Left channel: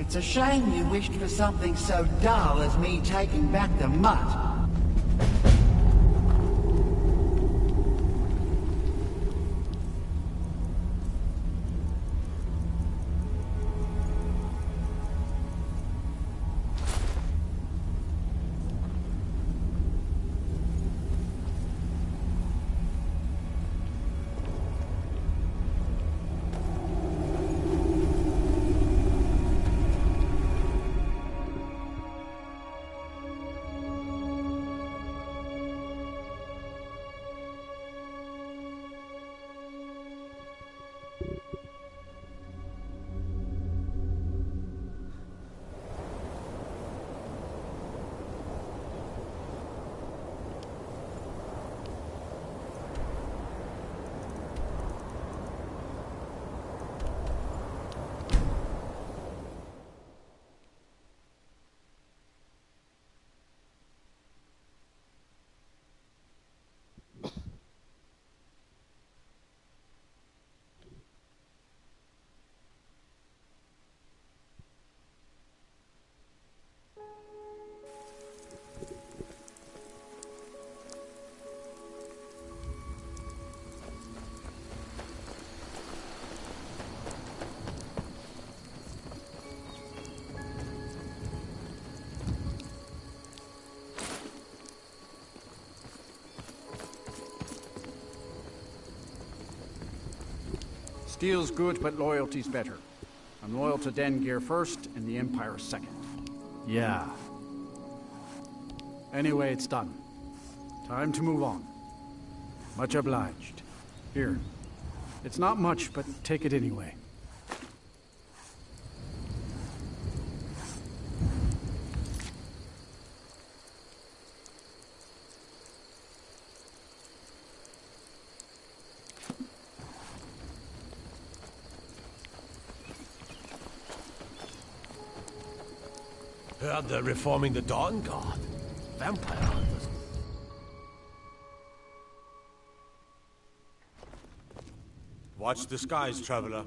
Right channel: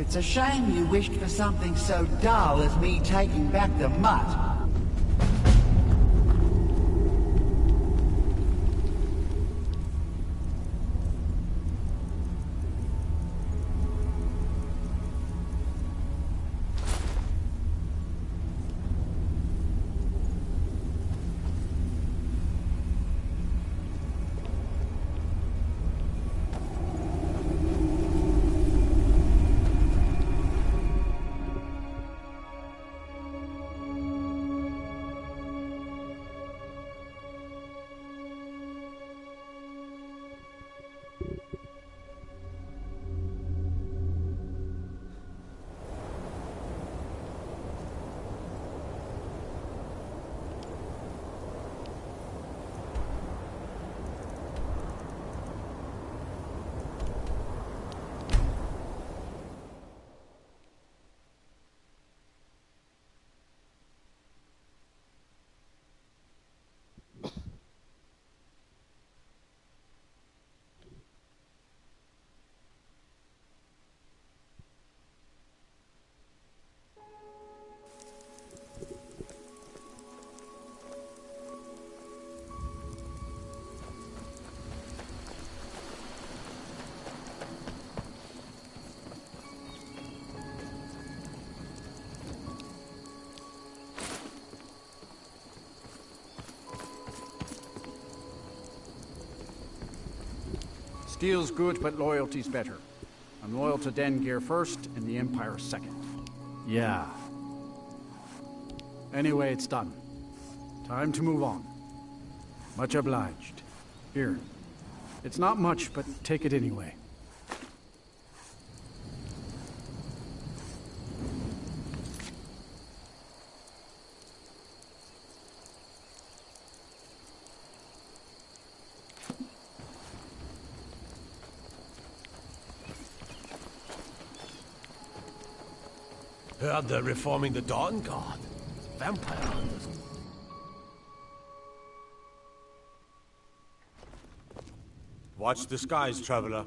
It's a shame you wished for something so dull as me taking back the mutt. Steel's good, but loyalty's better. I'm loyal to Dengear first, and the Empire second. Yeah. Anyway, it's done. Time to move on. Much obliged. Here. It's not much, but take it anyway. Heard they're reforming the Dawn Guard. Vampire hunters. Watch the skies, traveler.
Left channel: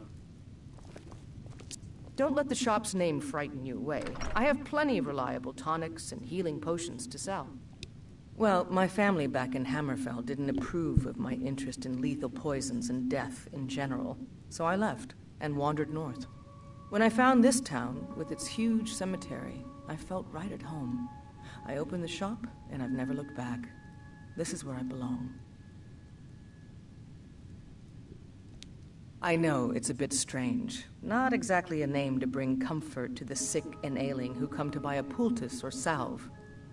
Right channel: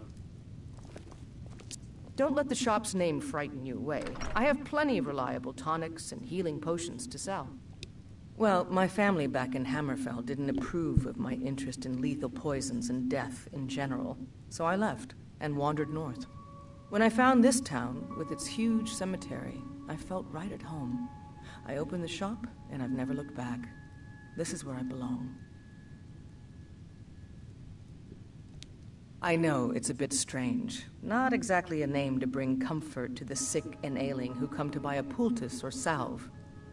Don't let the shop's name frighten you away. I have plenty of reliable tonics and healing potions to sell. Well, my family back in Hammerfell didn't approve of my interest in lethal poisons and death in general, so I left and wandered north. When I found this town, with its huge cemetery, I felt right at home. I opened the shop, and I've never looked back. This is where I belong. I know it's a bit strange. Not exactly a name to bring comfort to the sick and ailing who come to buy a poultice or salve.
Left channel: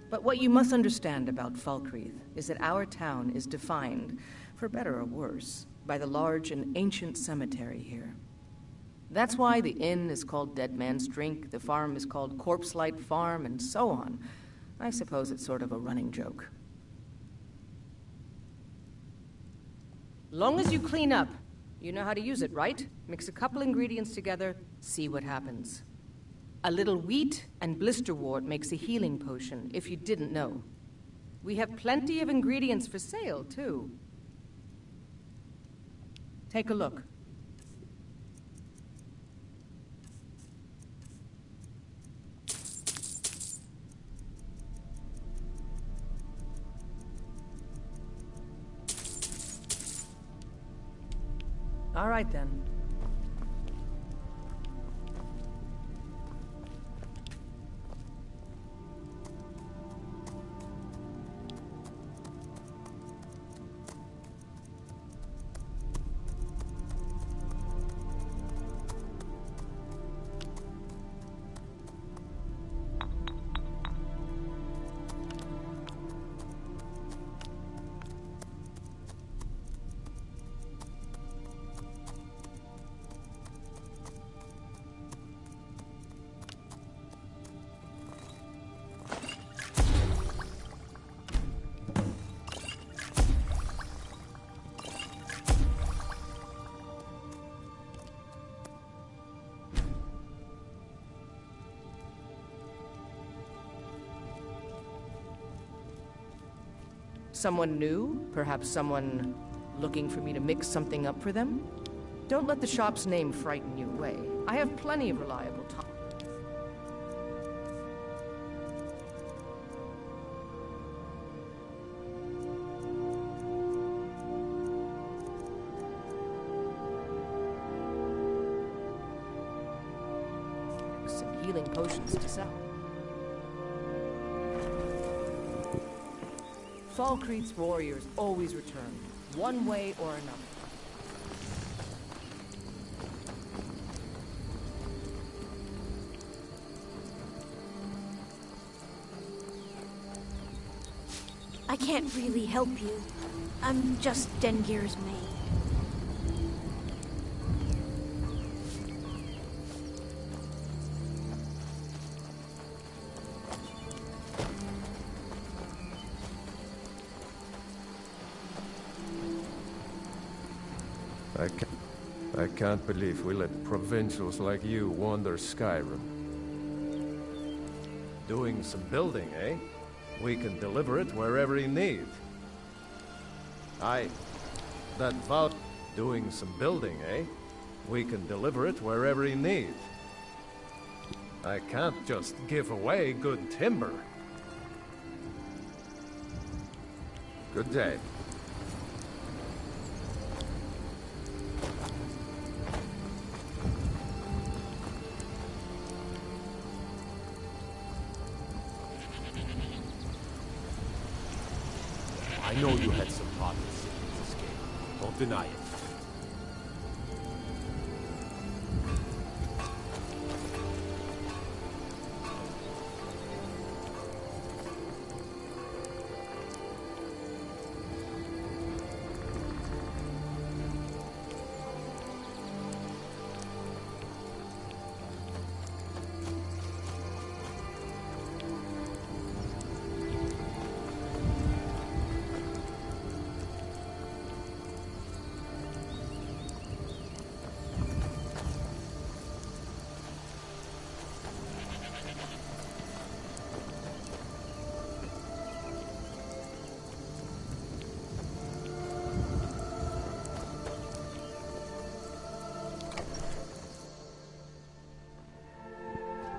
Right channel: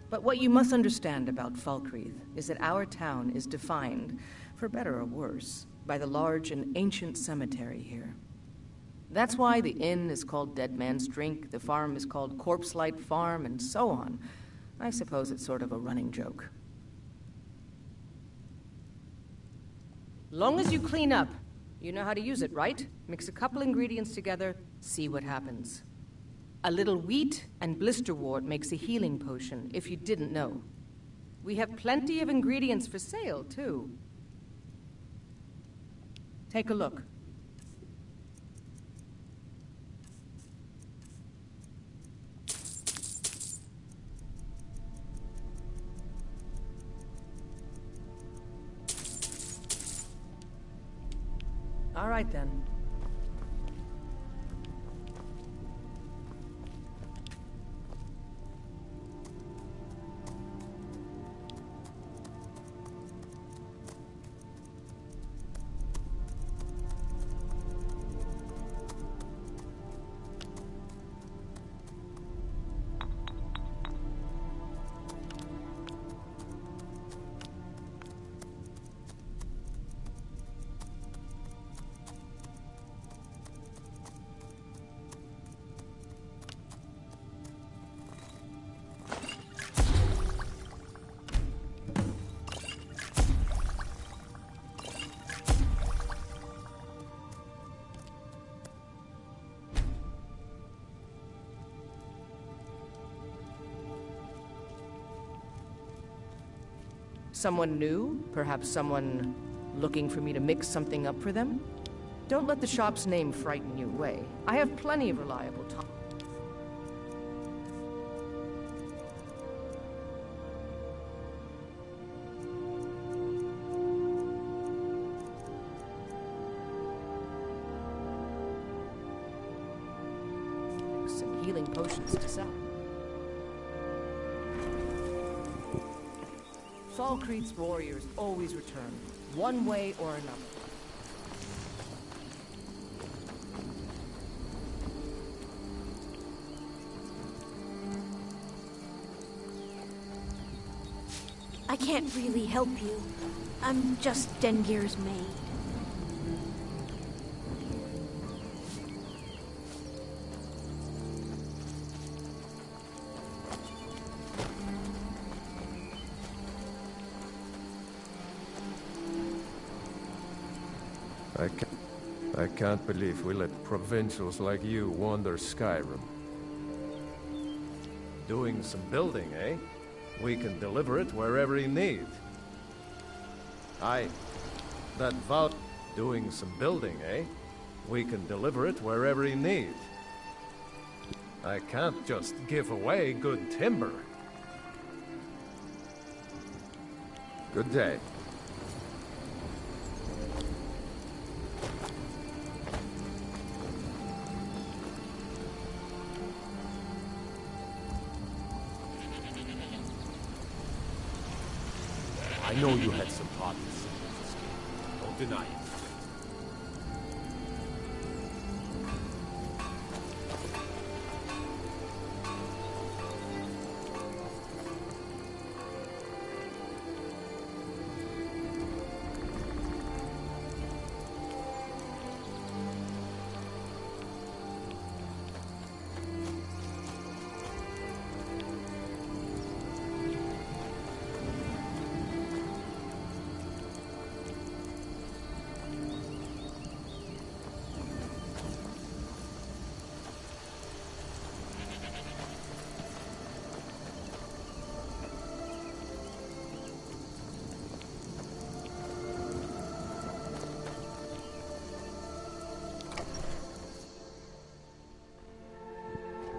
But what you must understand about Falkreath is that our town is defined, for better or worse, by the large and ancient cemetery here. That's why the inn is called Dead Man's Drink, the farm is called Corpse Light Farm, and so on. I suppose it's sort of a running joke. Long as you clean up. You know how to use it, right? Mix a couple ingredients together, see what happens. A little wheat and blisterwort makes a healing potion, if you didn't know. We have plenty of ingredients for sale, too. Take a look. All right, then. Someone new? Perhaps someone looking for me to mix something up for them? Don't let the shop's name frighten you away. I have plenty of reliable time. healing potions to sell. Falkreath's warriors always return, one way or another. I can't really help you. I'm just Dengir's maid. I can't believe we let provincials like you wander Skyrim. Doing some building, eh? We can deliver it wherever you need. That vow... Doing some building, eh? We can deliver it wherever you need. I can't just give away good timber. Good day. I know you had some part in Sigmund's escape. Don't deny it.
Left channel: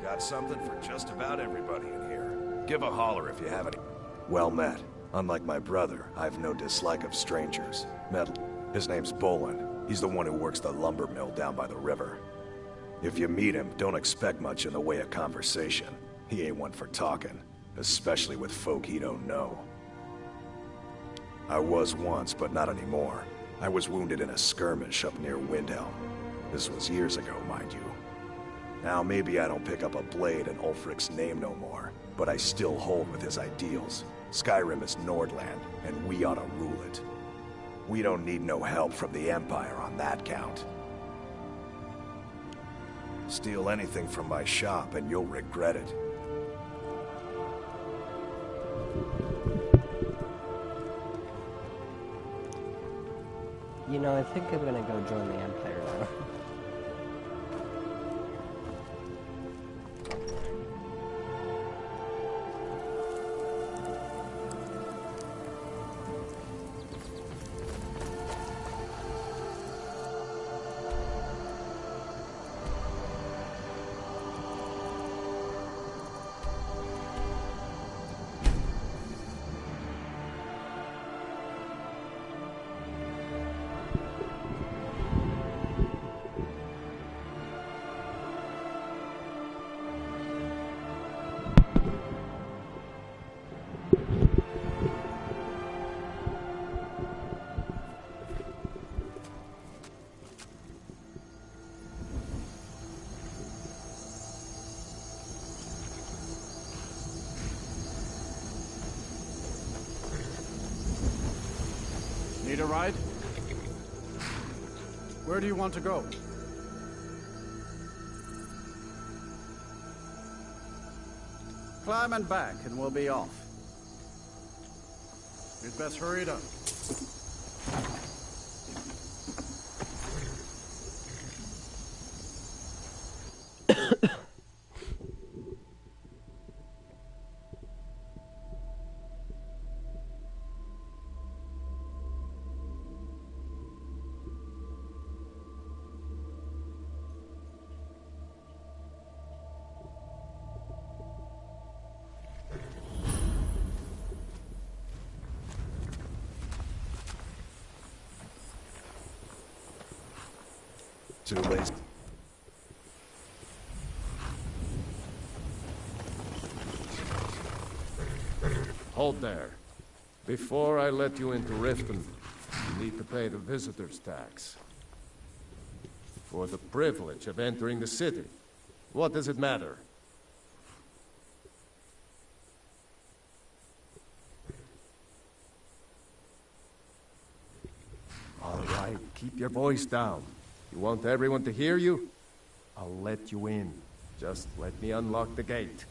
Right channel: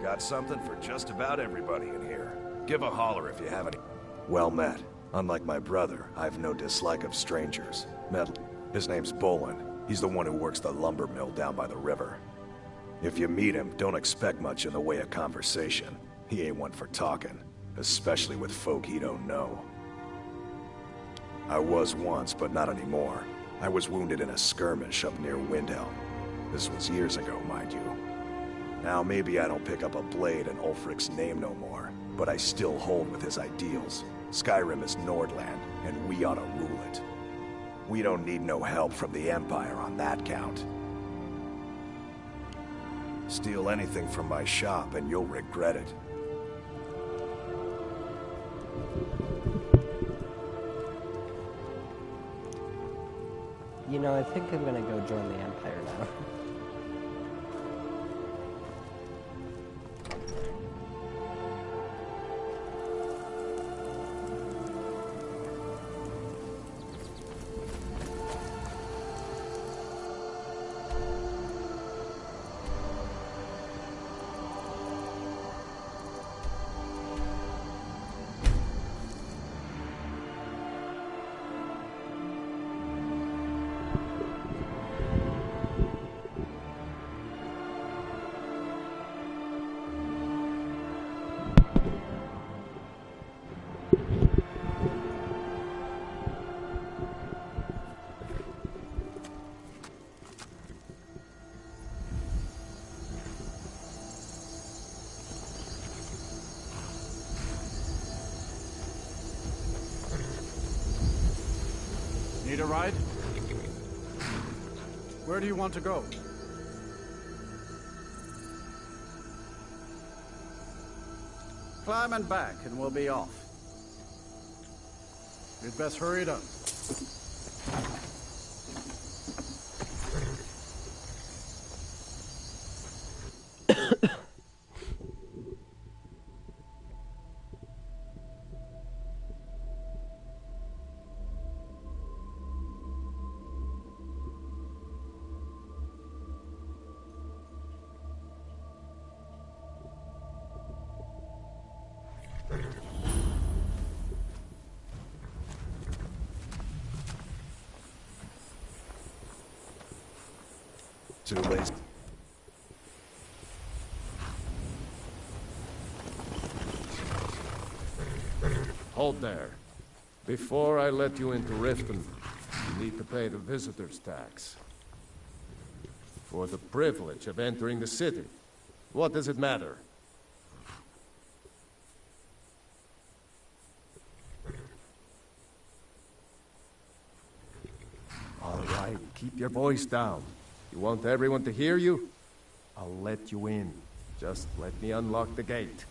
Got something for just about everybody in here. Give a holler if you have any. Well met. Unlike my brother, I've no dislike of strangers. His name's Bolin. He's the one who works the lumber mill down by the river. If you meet him, don't expect much in the way of conversation. He ain't one for talking, especially with folk he don't know. I was once, but not anymore. I was wounded in a skirmish up near Windhelm. This was years ago, mind you. Now, maybe I don't pick up a blade in Ulfric's name no more, but I still hold with his ideals. Skyrim is Nordland, and we ought to rule it. We don't need no help from the Empire on that count. Steal anything from my shop and you'll regret it. You know, I think I'm gonna go join the Empire now. Need a ride? Where do you want to go? Climb and back, and we'll be off. You'd best hurry it up. Too lazy. Hold there. Before I let you into Riften, you need to pay the visitor's tax. For the privilege of entering the city. What does it matter? All right, keep your voice down. You want everyone to hear you? I'll let you in. Just let me unlock the gate.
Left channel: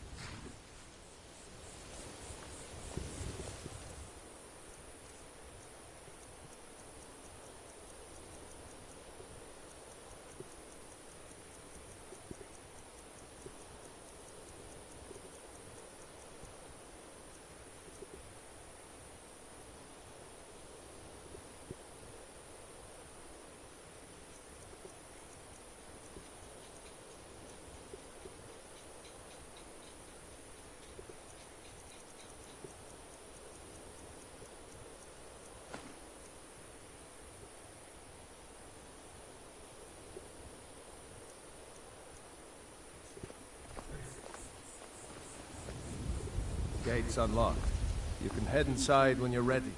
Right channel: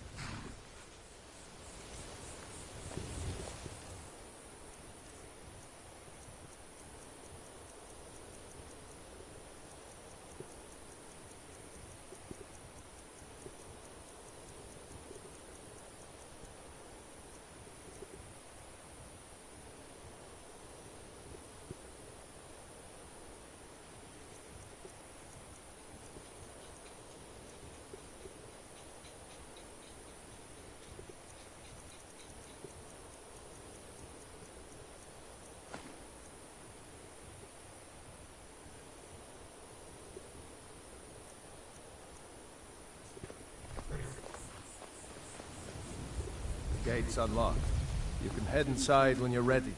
Gate's unlocked. You can head inside when you're ready.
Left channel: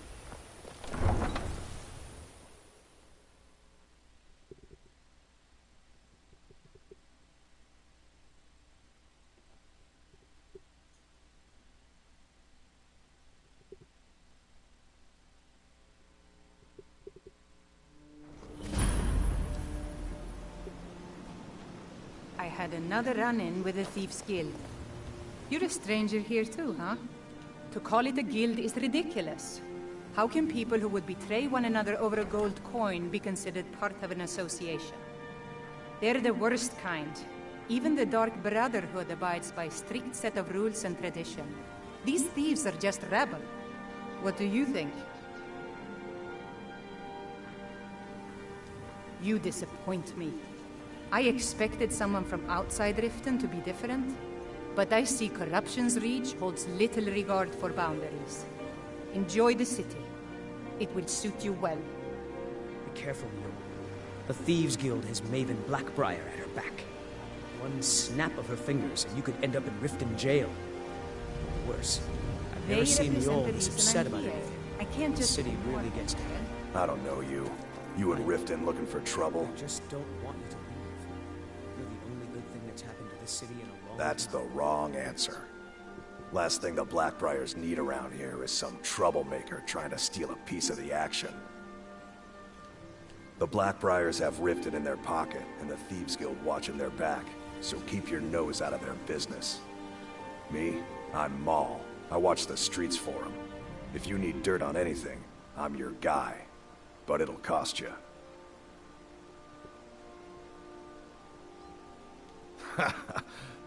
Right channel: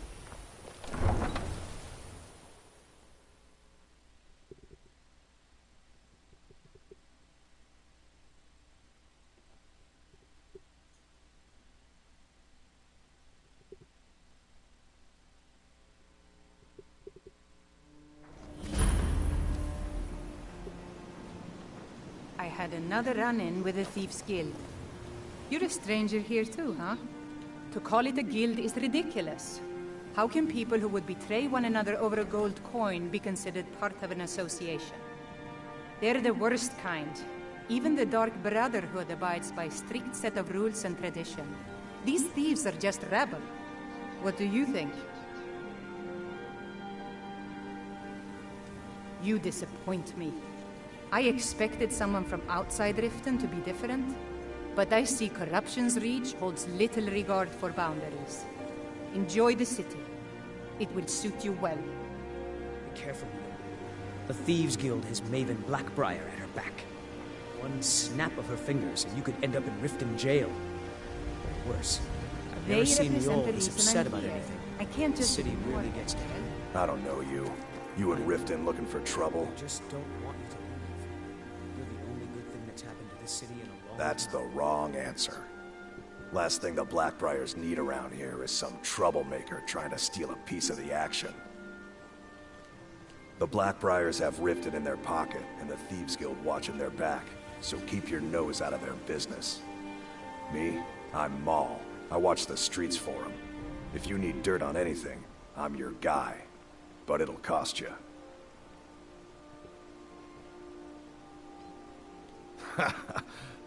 I had another run-in with the Thieves' Guild. You're a stranger here too, huh? To call it a guild is ridiculous. How can people who would betray one another over a gold coin be considered part of an association? They're the worst kind. Even the Dark Brotherhood abides by a strict set of rules and tradition. These thieves are just rabble. What do you think? You disappoint me. I expected someone from outside Riften to be different. But I see corruption's reach holds little regard for boundaries. Enjoy the city. It will suit you well. Be careful, Neil. The Thieves' Guild has Maven Blackbriar at her back. One snap of her fingers and you could end up in Riften jail. Or worse. I've never seen the old this upset about anything. I can't just... The city really gets to him. I don't know you. You and Riften looking for trouble? I just don't want you to leave. You're the only good thing that's happened to this city in a long That's time. the wrong answer. Last thing the Blackbriars need around here is some troublemaker trying to steal a piece of the action. The Blackbriars have Riften in their pocket, and the Thieves Guild watching their back, so keep your nose out of their business. Me? I'm Maul. I watch the streets for them. If you need dirt on anything, I'm your guy. But it'll cost you.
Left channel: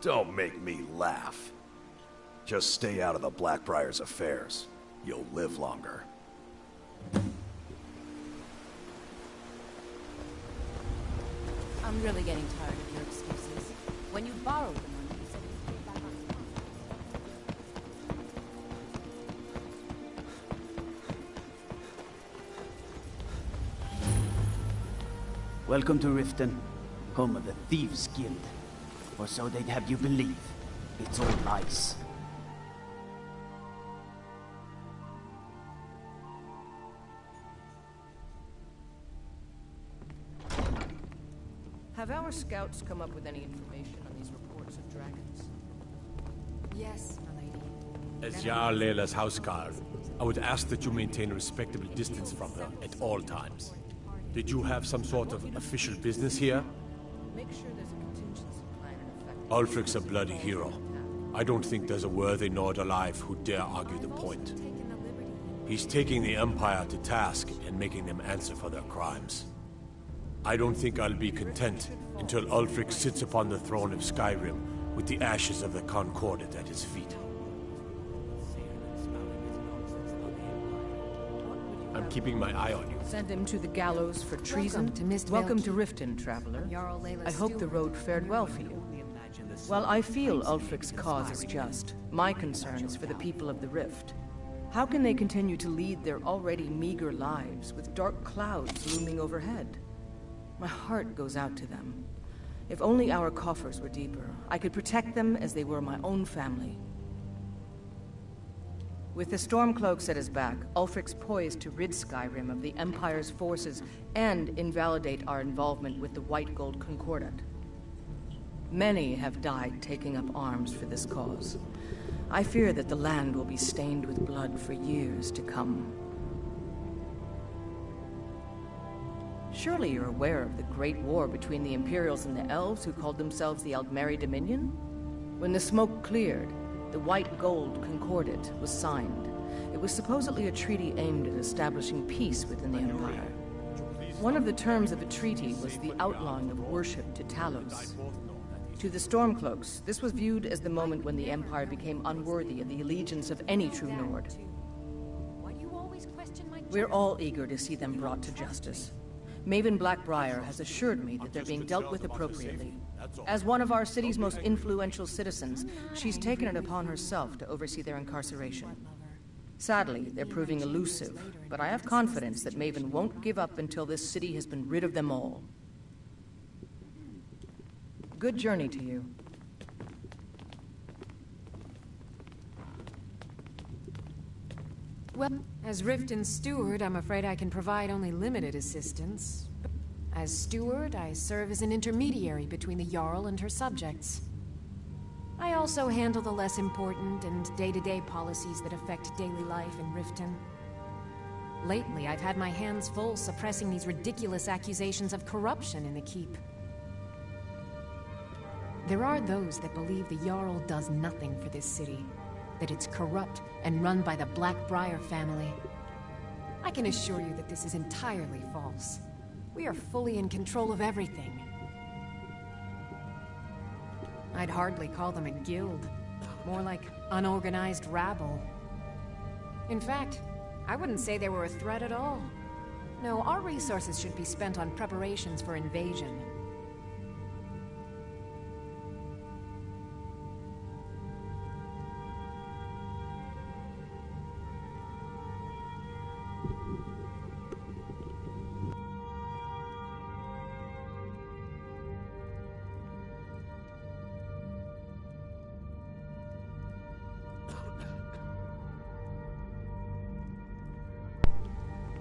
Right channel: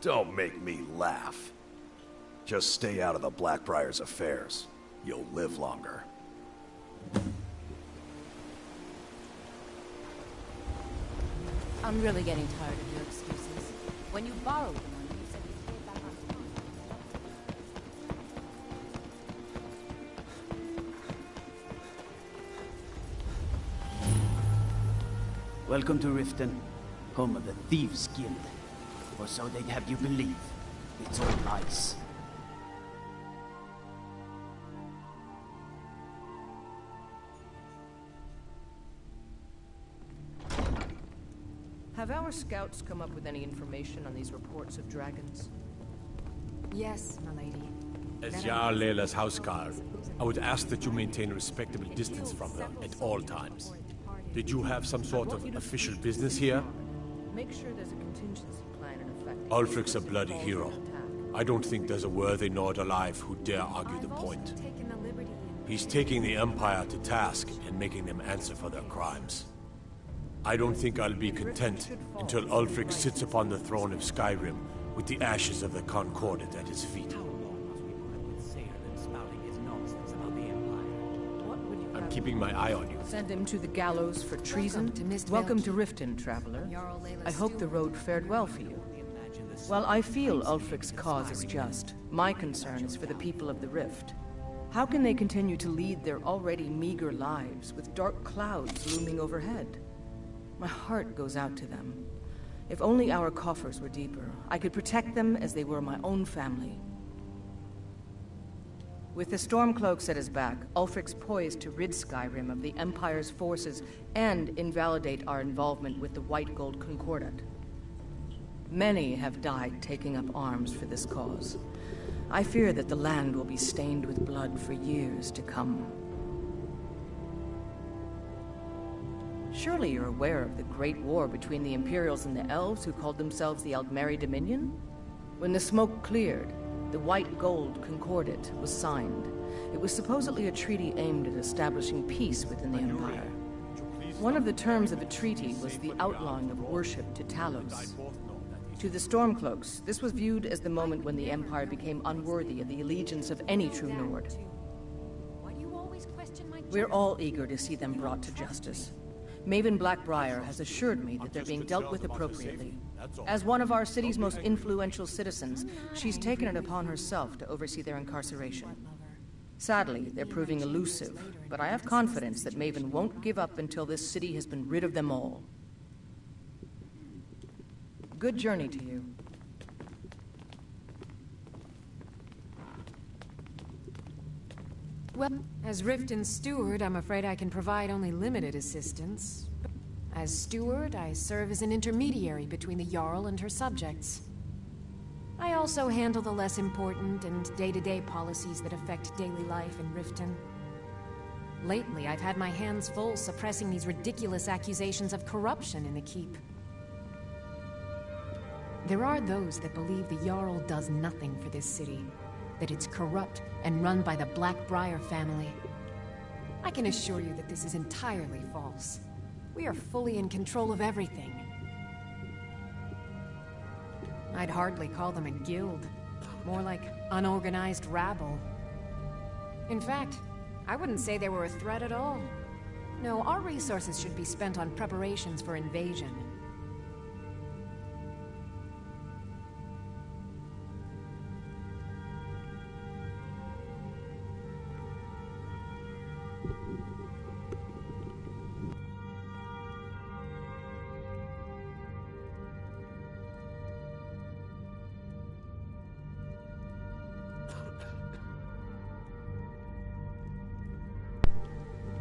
Don't make me laugh. Just stay out of the Blackbriar's affairs. You'll live longer. I'm really getting tired of your excuses. When you borrowed the money, you said you'd pay it back on time. Welcome to Riften, home of the Thieves' Guild. Or so they'd have you believe. It's all lies. Have our scouts come up with any information on these reports of dragons? Yes, my lady. As Jarl Leila's houseguard, I would ask that you maintain a respectable distance from her at all times. Did you have some sort of official business here? Make sure there's a contingency plan in effect. Ulfric's a bloody hero. I don't think there's a worthy Nord alive who dare argue the point. He's taking the Empire to task and making them answer for their crimes. I don't think I'll be content until Ulfric sits upon the throne of Skyrim with the ashes of the Concordat at his feet. I'm keeping my eye on you. Send him to the gallows for treason? Welcome to Riften, traveler. I hope the road fared well for you. While I feel Ulfric's cause is just, my concern is for the people of the Rift. How can they continue to lead their already meager lives with dark clouds looming overhead? My heart goes out to them. If only our coffers were deeper, I could protect them as they were my own family. With the Stormcloaks at his back, Ulfric's poised to rid Skyrim of the Empire's forces and invalidate our involvement with the White Gold Concordat. Many have died taking up arms for this cause. I fear that the land will be stained with blood for years to come. Surely you're aware of the Great War between the Imperials and the Elves who called themselves the Aldmeri Dominion? When the smoke cleared, the White Gold Concordat was signed. It was supposedly a treaty aimed at establishing peace within the Empire. One of the terms of the treaty was the outlawing of worship to Talos. To the Stormcloaks, this was viewed as the moment when the Empire became unworthy of the allegiance of any true Nord. We're all eager to see them brought to justice. Maven Blackbriar has assured me that they're being dealt with appropriately. As one of our city's most influential citizens, she's taken it upon herself to oversee their incarceration. Sadly, they're proving elusive, but I have confidence that Maven won't give up until this city has been rid of them all. Good journey to you. Well, as Riften's steward, I'm afraid I can provide only limited assistance. As steward, I serve as an intermediary between the Jarl and her subjects. I also handle the less important and day-to-day policies that affect daily life in Riften. Lately, I've had my hands full suppressing these ridiculous accusations of corruption in the keep. There are those that believe the Jarl does nothing for this city, that it's corrupt and run by the Blackbriar family. I can assure you that this is entirely false. We are fully in control of everything. I'd hardly call them a guild, more like unorganized rabble. In fact, I wouldn't say they were a threat at all. No, our resources should be spent on preparations for invasion.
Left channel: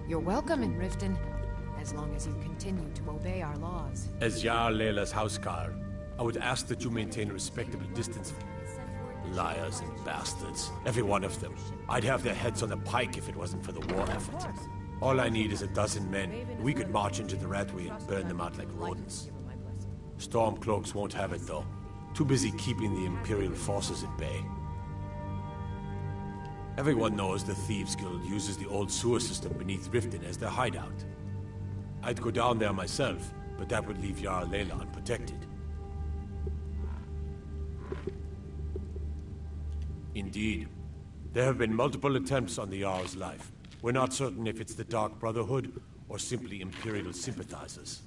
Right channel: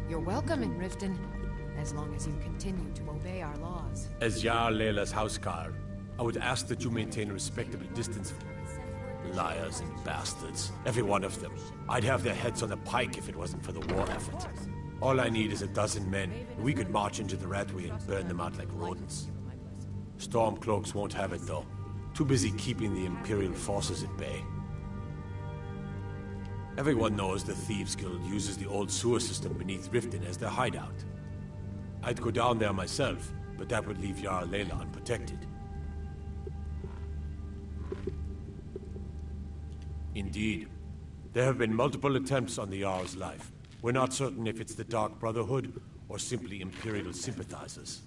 You're welcome in Riften, as long as you continue to obey our laws. As Jarl Leila's housecarl, I would ask that you maintain a respectable distance. Liars and bastards, every one of them. I'd have their heads on a pike if it wasn't for the war effort. All I need is a dozen men, and we could march into the Ratway and burn them out like rodents. Stormcloaks won't have it, though. Too busy keeping the Imperial forces at bay. Everyone knows the Thieves Guild uses the old sewer system beneath Riften as their hideout. I'd go down there myself, but that would leave Jarl Leila unprotected. Indeed. There have been multiple attempts on the Jarl's life. We're not certain if it's the Dark Brotherhood or simply Imperial sympathizers.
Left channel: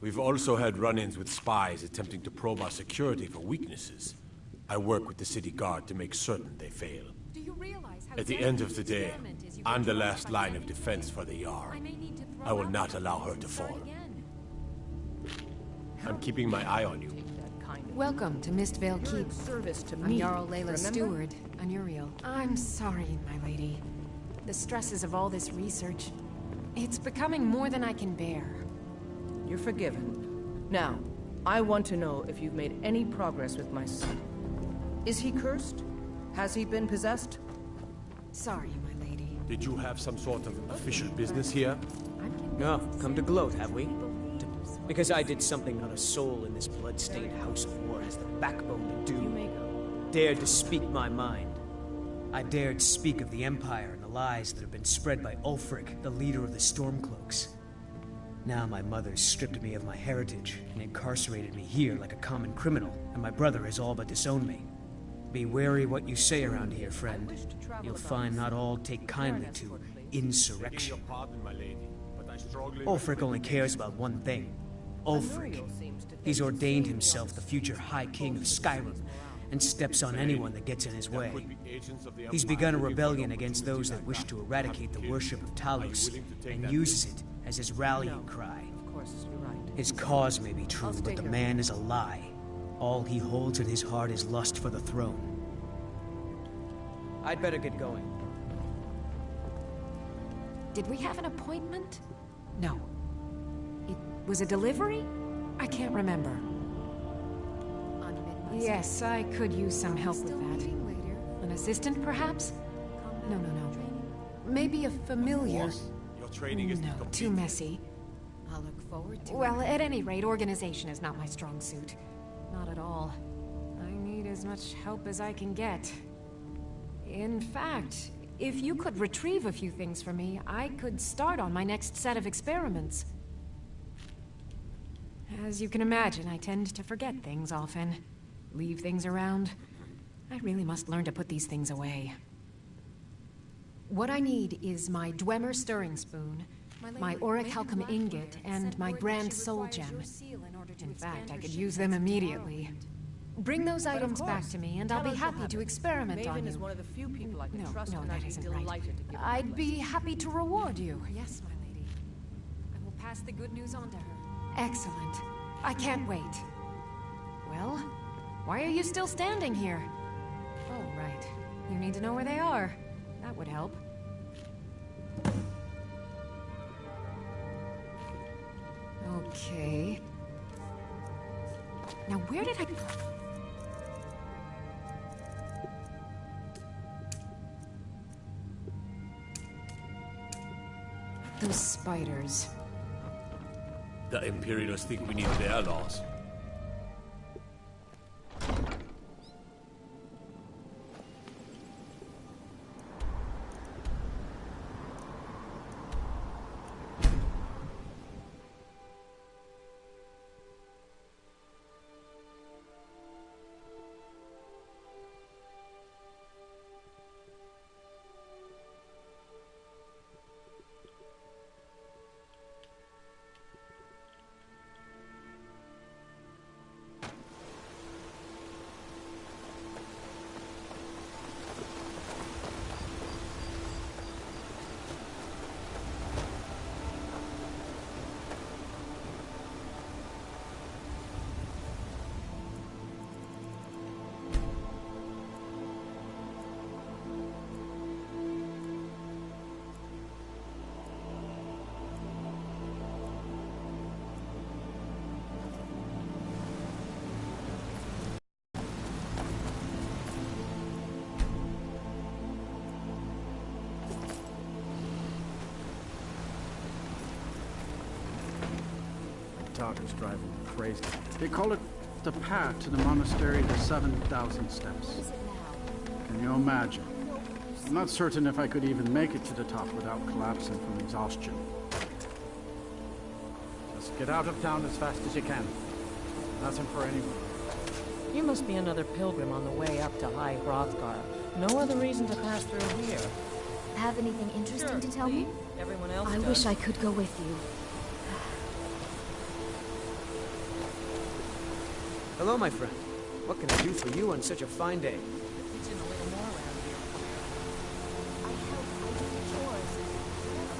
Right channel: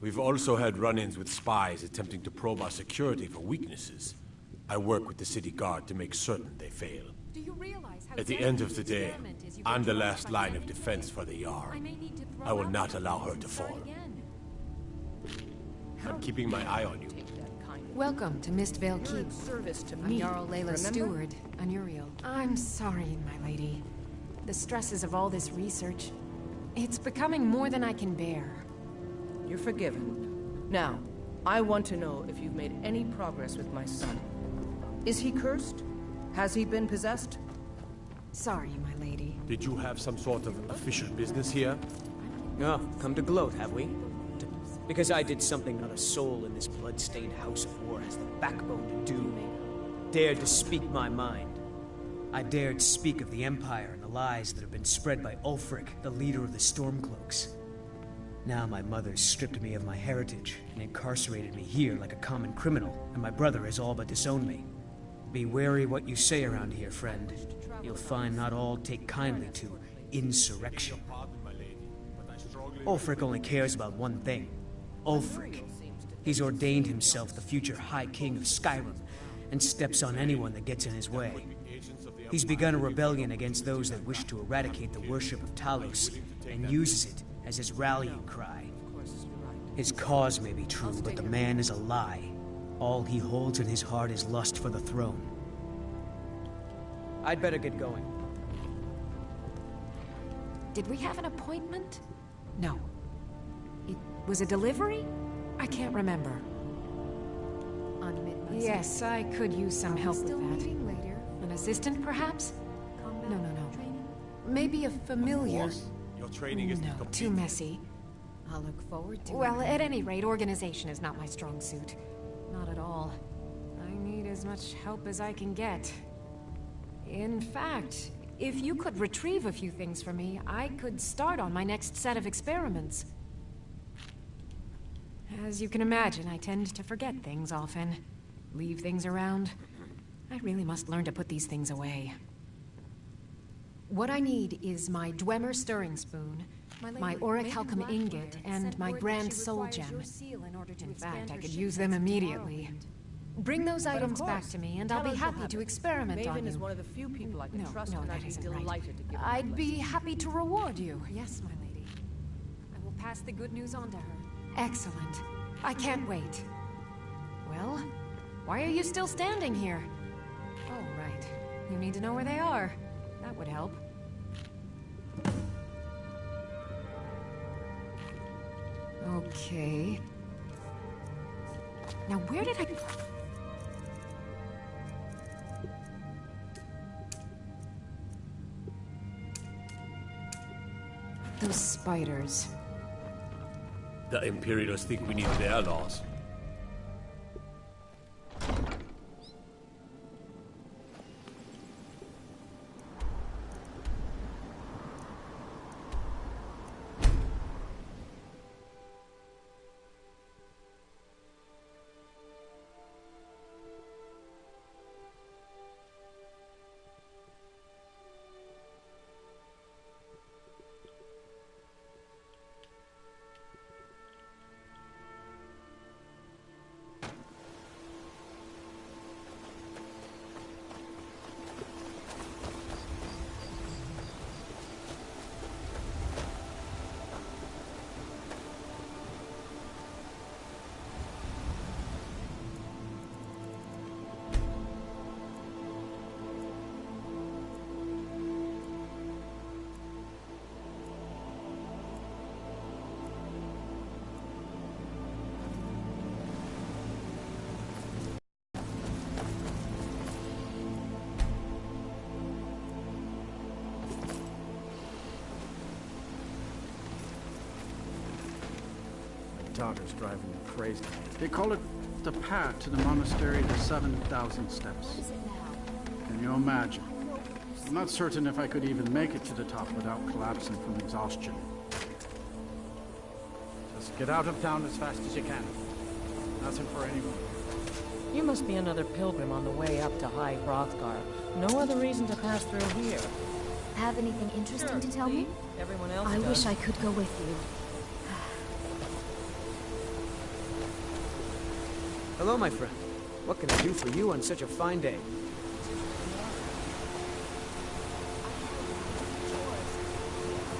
We've also had run-ins with spies attempting to probe our security for weaknesses. I work with the city guard to make certain they fail. At the end of the day, I'm the last line of defense for the Jarl. I will not allow her to fall. I'm keeping my eye on you. Welcome to Mistvale Keep. Service to I'm me. Jarl Leila's Remember? steward, Anuriel. I'm sorry, my lady. The stresses of all this research, it's becoming more than I can bear. You're forgiven. Now, I want to know if you've made any progress with my son. Is he cursed? Has he been possessed? Sorry, my lady. Did you have some sort of official business here? No, come to gloat, have we? Because I did something not a soul in this blood-stained house of war has the backbone to do. Dared to speak my mind. I dared speak of the Empire and the lies that have been spread by Ulfric, the leader of the Stormcloaks. Now my mother stripped me of my heritage and incarcerated me here like a common criminal, and my brother has all but disowned me. Be wary what you say around here, friend. You'll find not all take kindly to insurrection. Ulfric only cares about one thing. Ulfric. He's ordained himself the future High King of Skyrim, and steps on anyone that gets in his way. He's begun a rebellion against those that wish to eradicate the worship of Talos, and uses it as his rallying cry. His cause may be true, but the man is a lie. All he holds in his heart is lust for the throne. I'd better get going. Did we have an appointment? No. It was a delivery? I can't remember. Yes, I could use some help with that. An assistant, perhaps? No. Maybe a familiar. Boss, your training is No, too messy. I'll look forward to it. Well, at any rate, organization is not my strong suit. Not at all. I need as much help as I can get. In fact, if you could retrieve a few things for me, I could start on my next set of experiments. As you can imagine, I tend to forget things often. Leave things around. I really must learn to put these things away. What I need is my Dwemer stirring spoon, my orichalcum ingot, and my grand soul gem. In fact, I could use them immediately. Bring those items back to me, and I'll be happy to experiment on you. Maven is one of the few people I can trust, No, and that I'd be isn't right. delighted to give her I'd advice. be happy to reward you. Yes, my lady. I will pass the good news on to her. Excellent. I can't wait. Well, why are you still standing here? Oh, right. You need to know where they are. That would help. Okay. Now, where did I... Those spiders. The Imperials think we need their laws. Daughter's driving me crazy. They call it the path to the monastery to 7,000 steps. Can you imagine? I'm not certain if I could even make it to the top without collapsing from exhaustion. Just get out of town as fast as you can. Nothing for anyone. You must be another pilgrim on the way up to High Hrothgar. No other reason to pass through here. Have anything interesting Sure, to tell me? Everyone else I does. wish I could go with you. Hello, my friend. What can I do for you on such a fine day?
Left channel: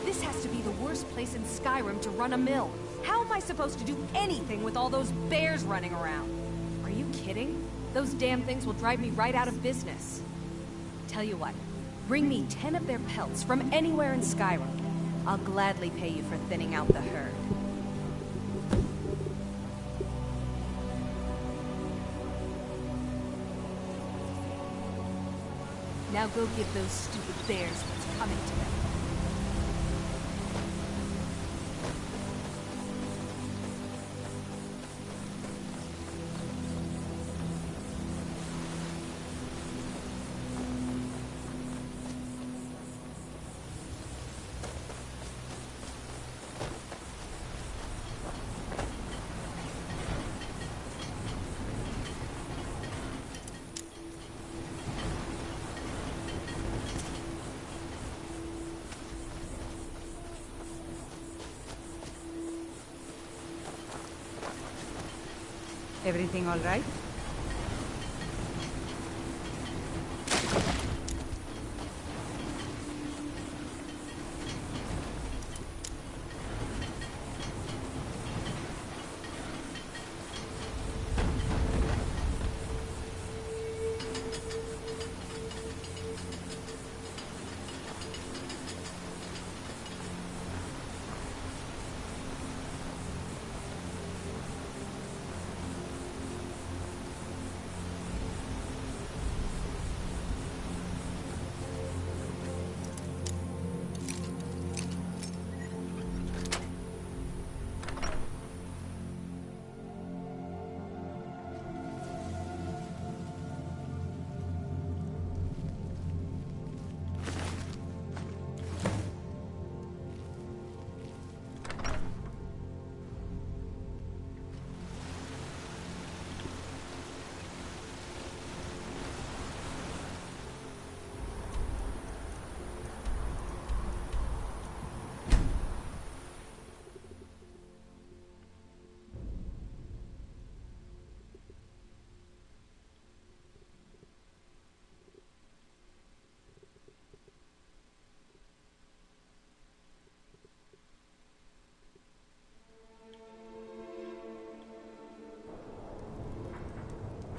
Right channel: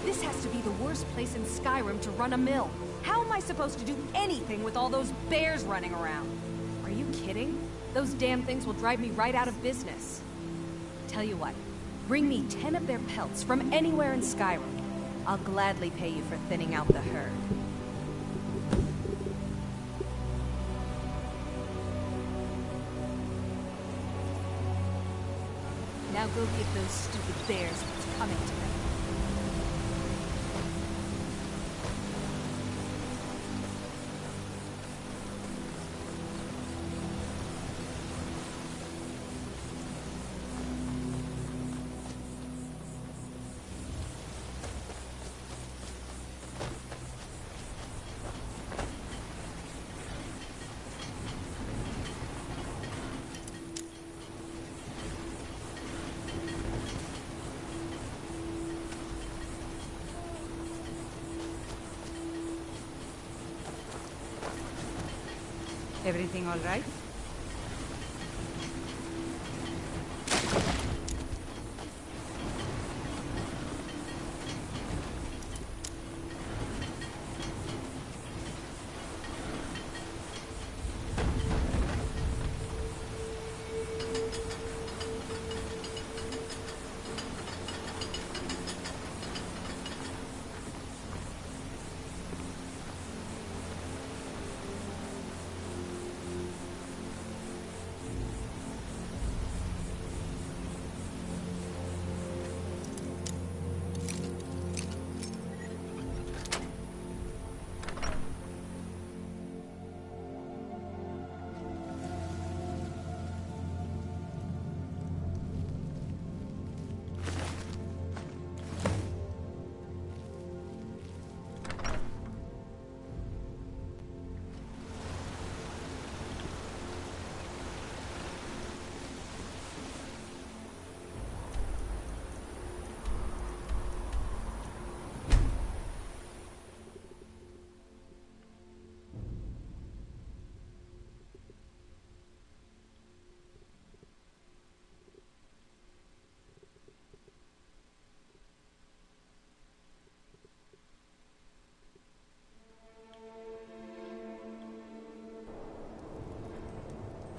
This has to be the worst place in Skyrim to run a mill. How am I supposed to do anything with all those bears running around? Are you kidding? Those damn things will drive me right out of business. Tell you what, bring me 10 of their pelts from anywhere in Skyrim. I'll gladly pay you for thinning out the herd. Now go give those stupid bears what's coming to them. Everything all right?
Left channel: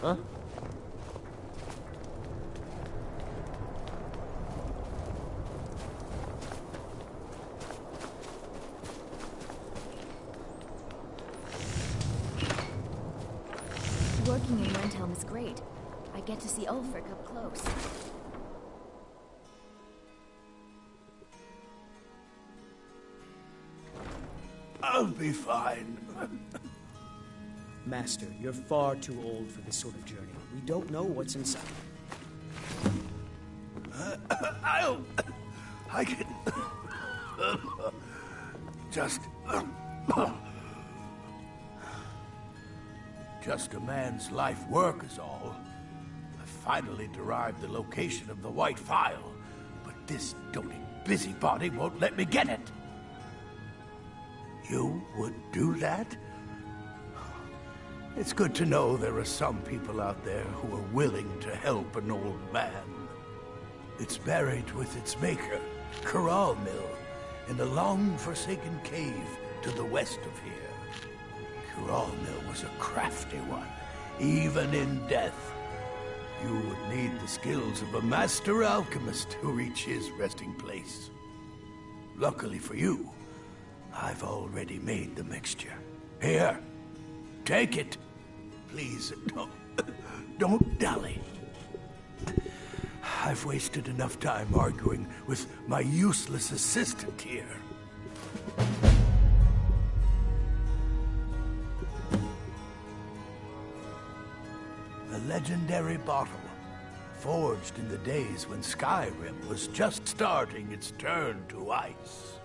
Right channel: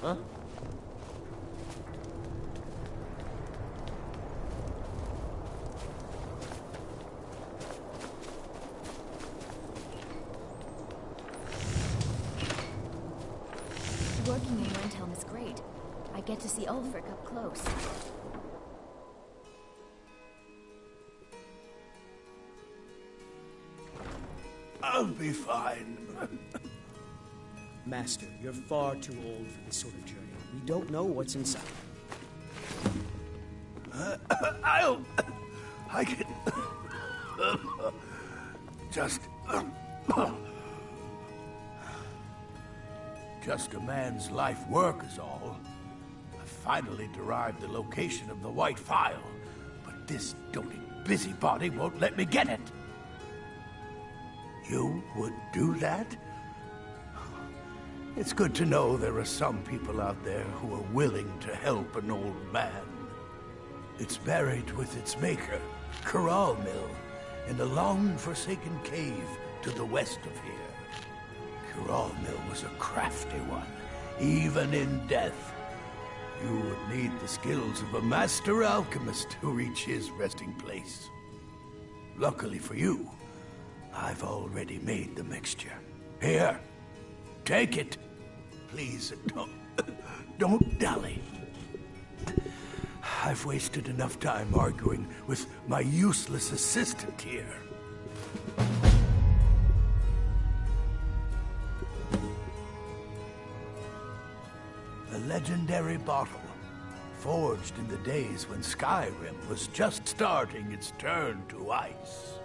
Huh? Working in Windhelm is great. I get to see Ulfric up close. I'll be fine. Master, you're far too old for this sort of journey. We don't know what's inside. I can... Just a man's life work is all. I finally derived the location of the White Phial, but this doting busybody won't let me get it. You would do that? It's good to know there are some people out there who are willing to help an old man. It's buried with its maker, Corral Mill, in a long-forsaken cave to the west of here. Corral Mill was a crafty one, even in death. You would need the skills of a master alchemist to reach his resting place. Luckily for you, I've already made the mixture. Here, take it. Please, don't dally. I've wasted enough time arguing with my useless assistant here. A legendary bottle, forged in the days when Skyrim was just starting its turn to ice.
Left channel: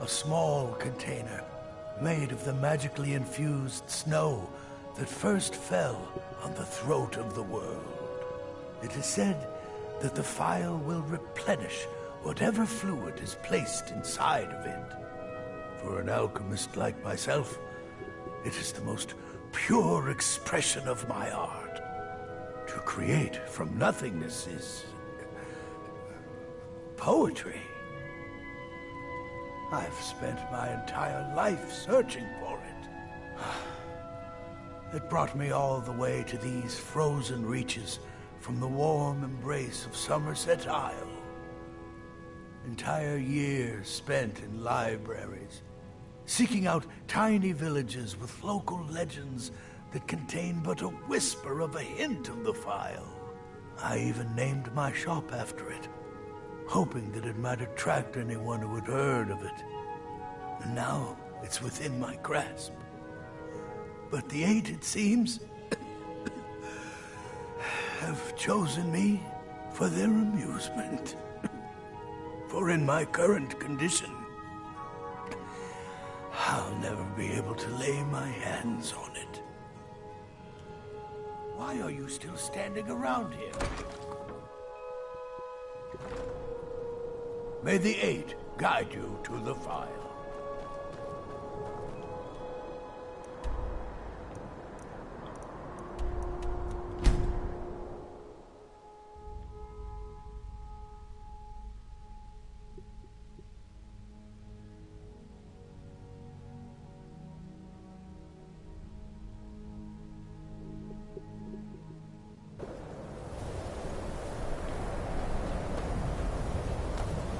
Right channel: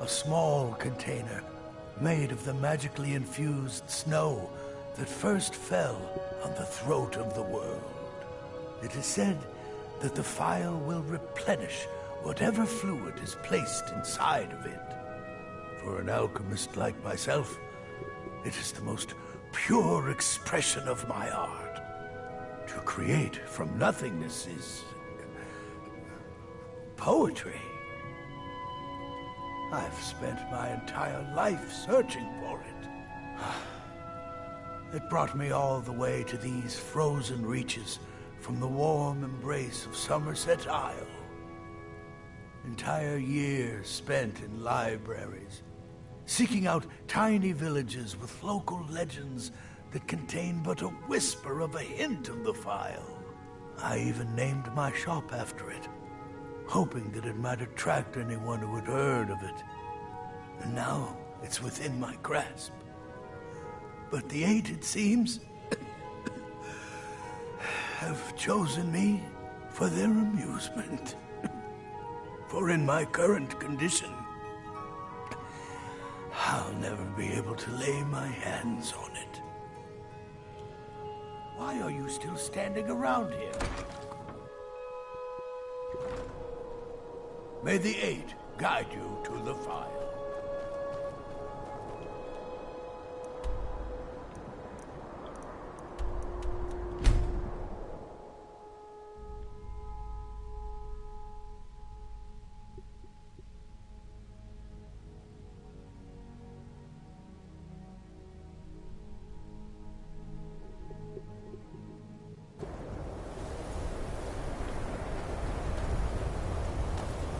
A small container made of the magically infused snow that first fell on the throat of the world. It is said that the phial will replenish whatever fluid is placed inside of it. For an alchemist like myself, it is the most pure expression of my art. To create from nothingness is poetry. I've spent my entire life searching for it. It brought me all the way to these frozen reaches from the warm embrace of Somerset Isle. Entire years spent in libraries, seeking out tiny villages with local legends that contain but a whisper of a hint of the phial. I even named my shop after it, hoping that it might attract anyone who had heard of it. And now it's within my grasp. But the Eight, it seems, have chosen me for their amusement. For in my current condition, I'll never be able to lay my hands on it. Why are you still standing around here? May the Eight guide you to the phial.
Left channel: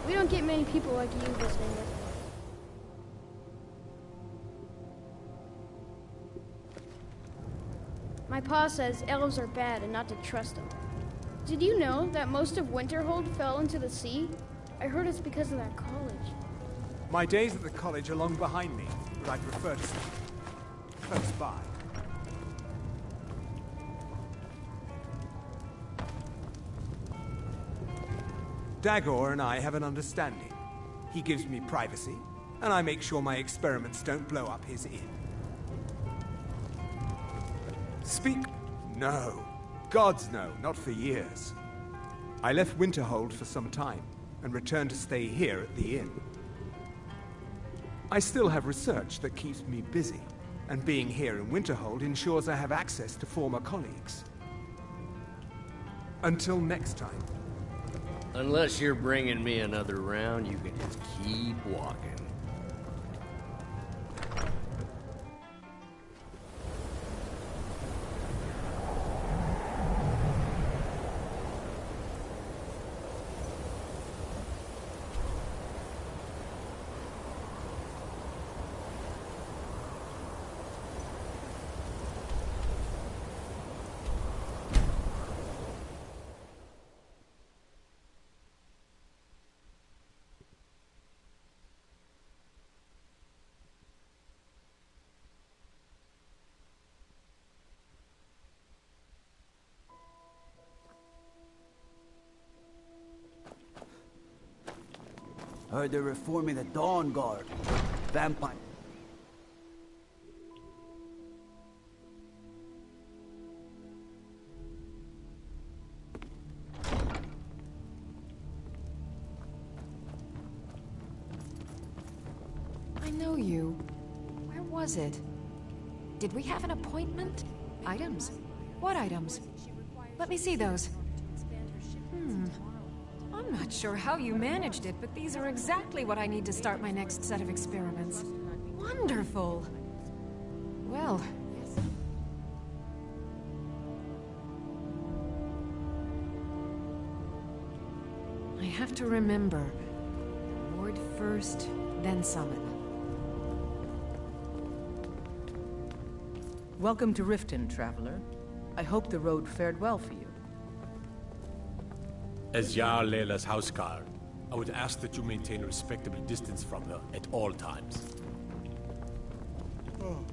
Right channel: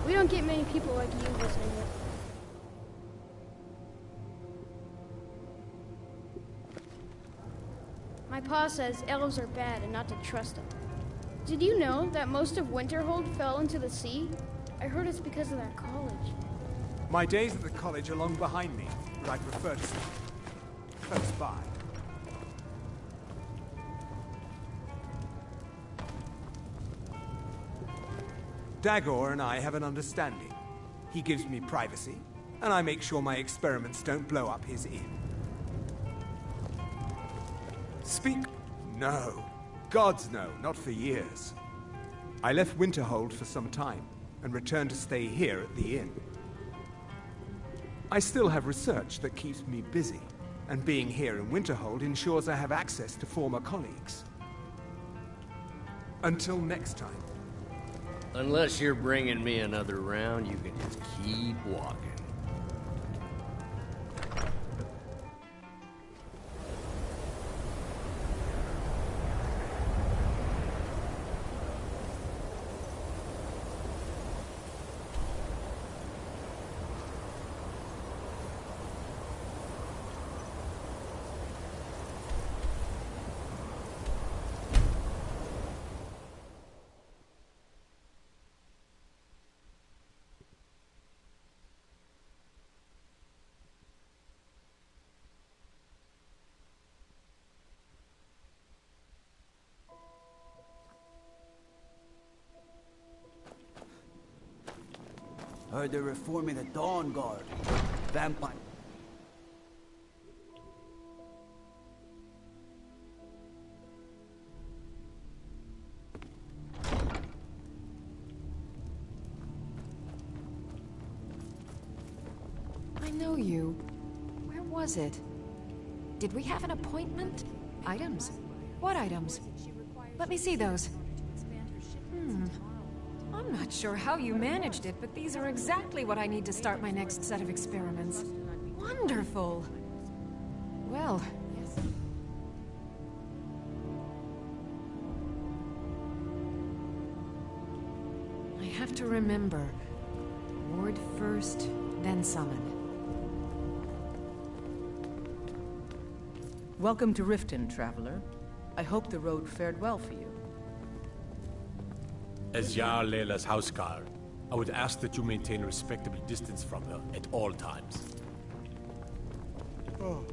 We don't get many people like you visiting it. My pa says elves are bad and not to trust them. Did you know that most of Winterhold fell into the sea? I heard it's because of that college. My days at the college are long behind me, but I prefer to stay close by. Dagor and I have an understanding. He gives me privacy, and I make sure my experiments don't blow up his inn. Speak? No. Gods no, not for years. I left Winterhold for some time, and returned to stay here at the inn. I still have research that keeps me busy, and being here in Winterhold ensures I have access to former colleagues. Until next time. Unless you're bringing me another round, you can just keep walking. Heard they're reforming the Dawn Guard. Vampire. I know you. Where was it? Did we have an appointment? Items? What items? Let me see those. I'm not sure how you managed it, but these are exactly what I need to start my next set of experiments. Wonderful! Well... I have to remember. Ward first, then summon. Welcome to Riften, traveler. I hope the road fared well for you. As Jarl Layla's houseguard, I would ask that you maintain a respectable distance from her at all times. Oh.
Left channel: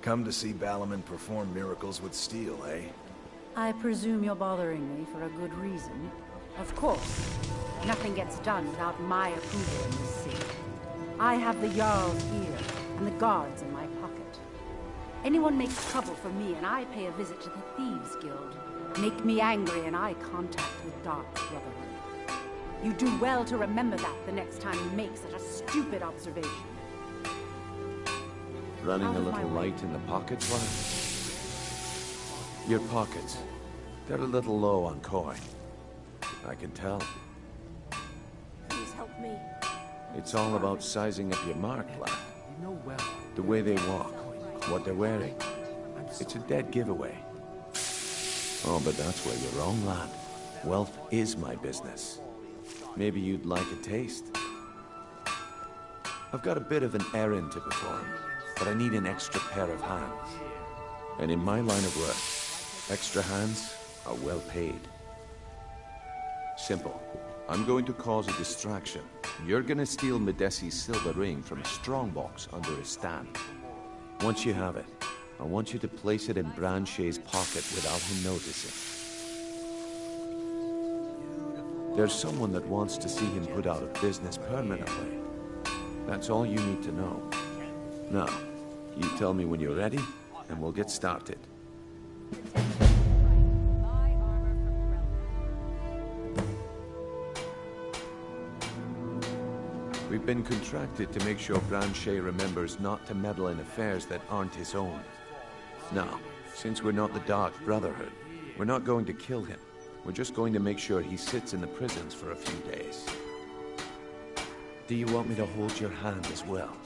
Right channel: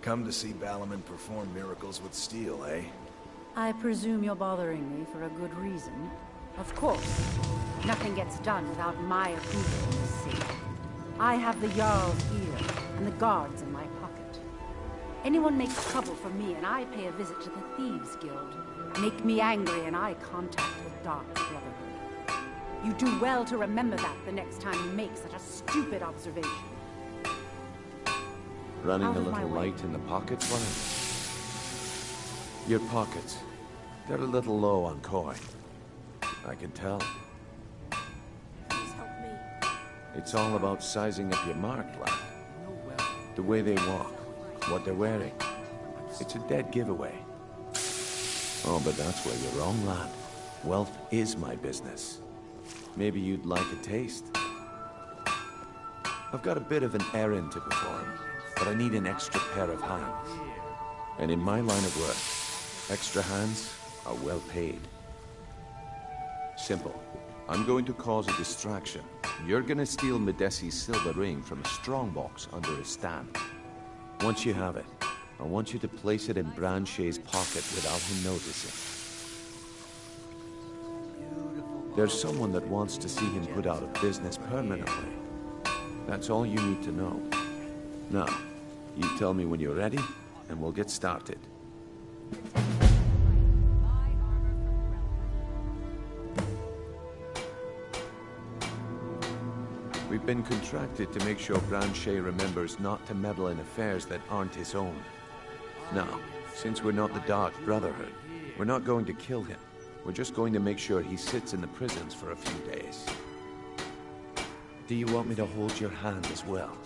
Come to see Balaman perform miracles with steel, eh? I presume you're bothering me for a good reason. Of course. Nothing gets done without my approval in this city. I have the Jarl's ear, and the guards in my pocket. Anyone makes trouble for me, and I pay a visit to the Thieves Guild. Make me angry, and I contact the Dark Brotherhood. You do well to remember that the next time you make such a stupid observation. Running a little light in the pockets, Ryan? Your pockets. They're a little low on coin. I can tell. Please help me. It's all about sizing up your mark, lad. The way they walk, what they're wearing. It's a dead giveaway. Oh, but that's where you're wrong, lad. Wealth is my business. Maybe you'd like a taste. I've got a bit of an errand to perform, but I need an extra pair of hands. And in my line of work, extra hands are well paid. Simple. I'm going to cause a distraction. You're gonna steal Medesi's silver ring from a strongbox under a stand. Once you have it, I want you to place it in Branche's pocket without him noticing. There's someone that wants to see him put out of business permanently. That's all you need to know. Now, you tell me when you're ready, and we'll get started. We've been contracted to make sure Branche remembers not to meddle in affairs that aren't his own. Now, since we're not the Dark Brotherhood, we're not going to kill him. We're just going to make sure he sits in the prisons for a few days. Do you want me to hold your hand as well?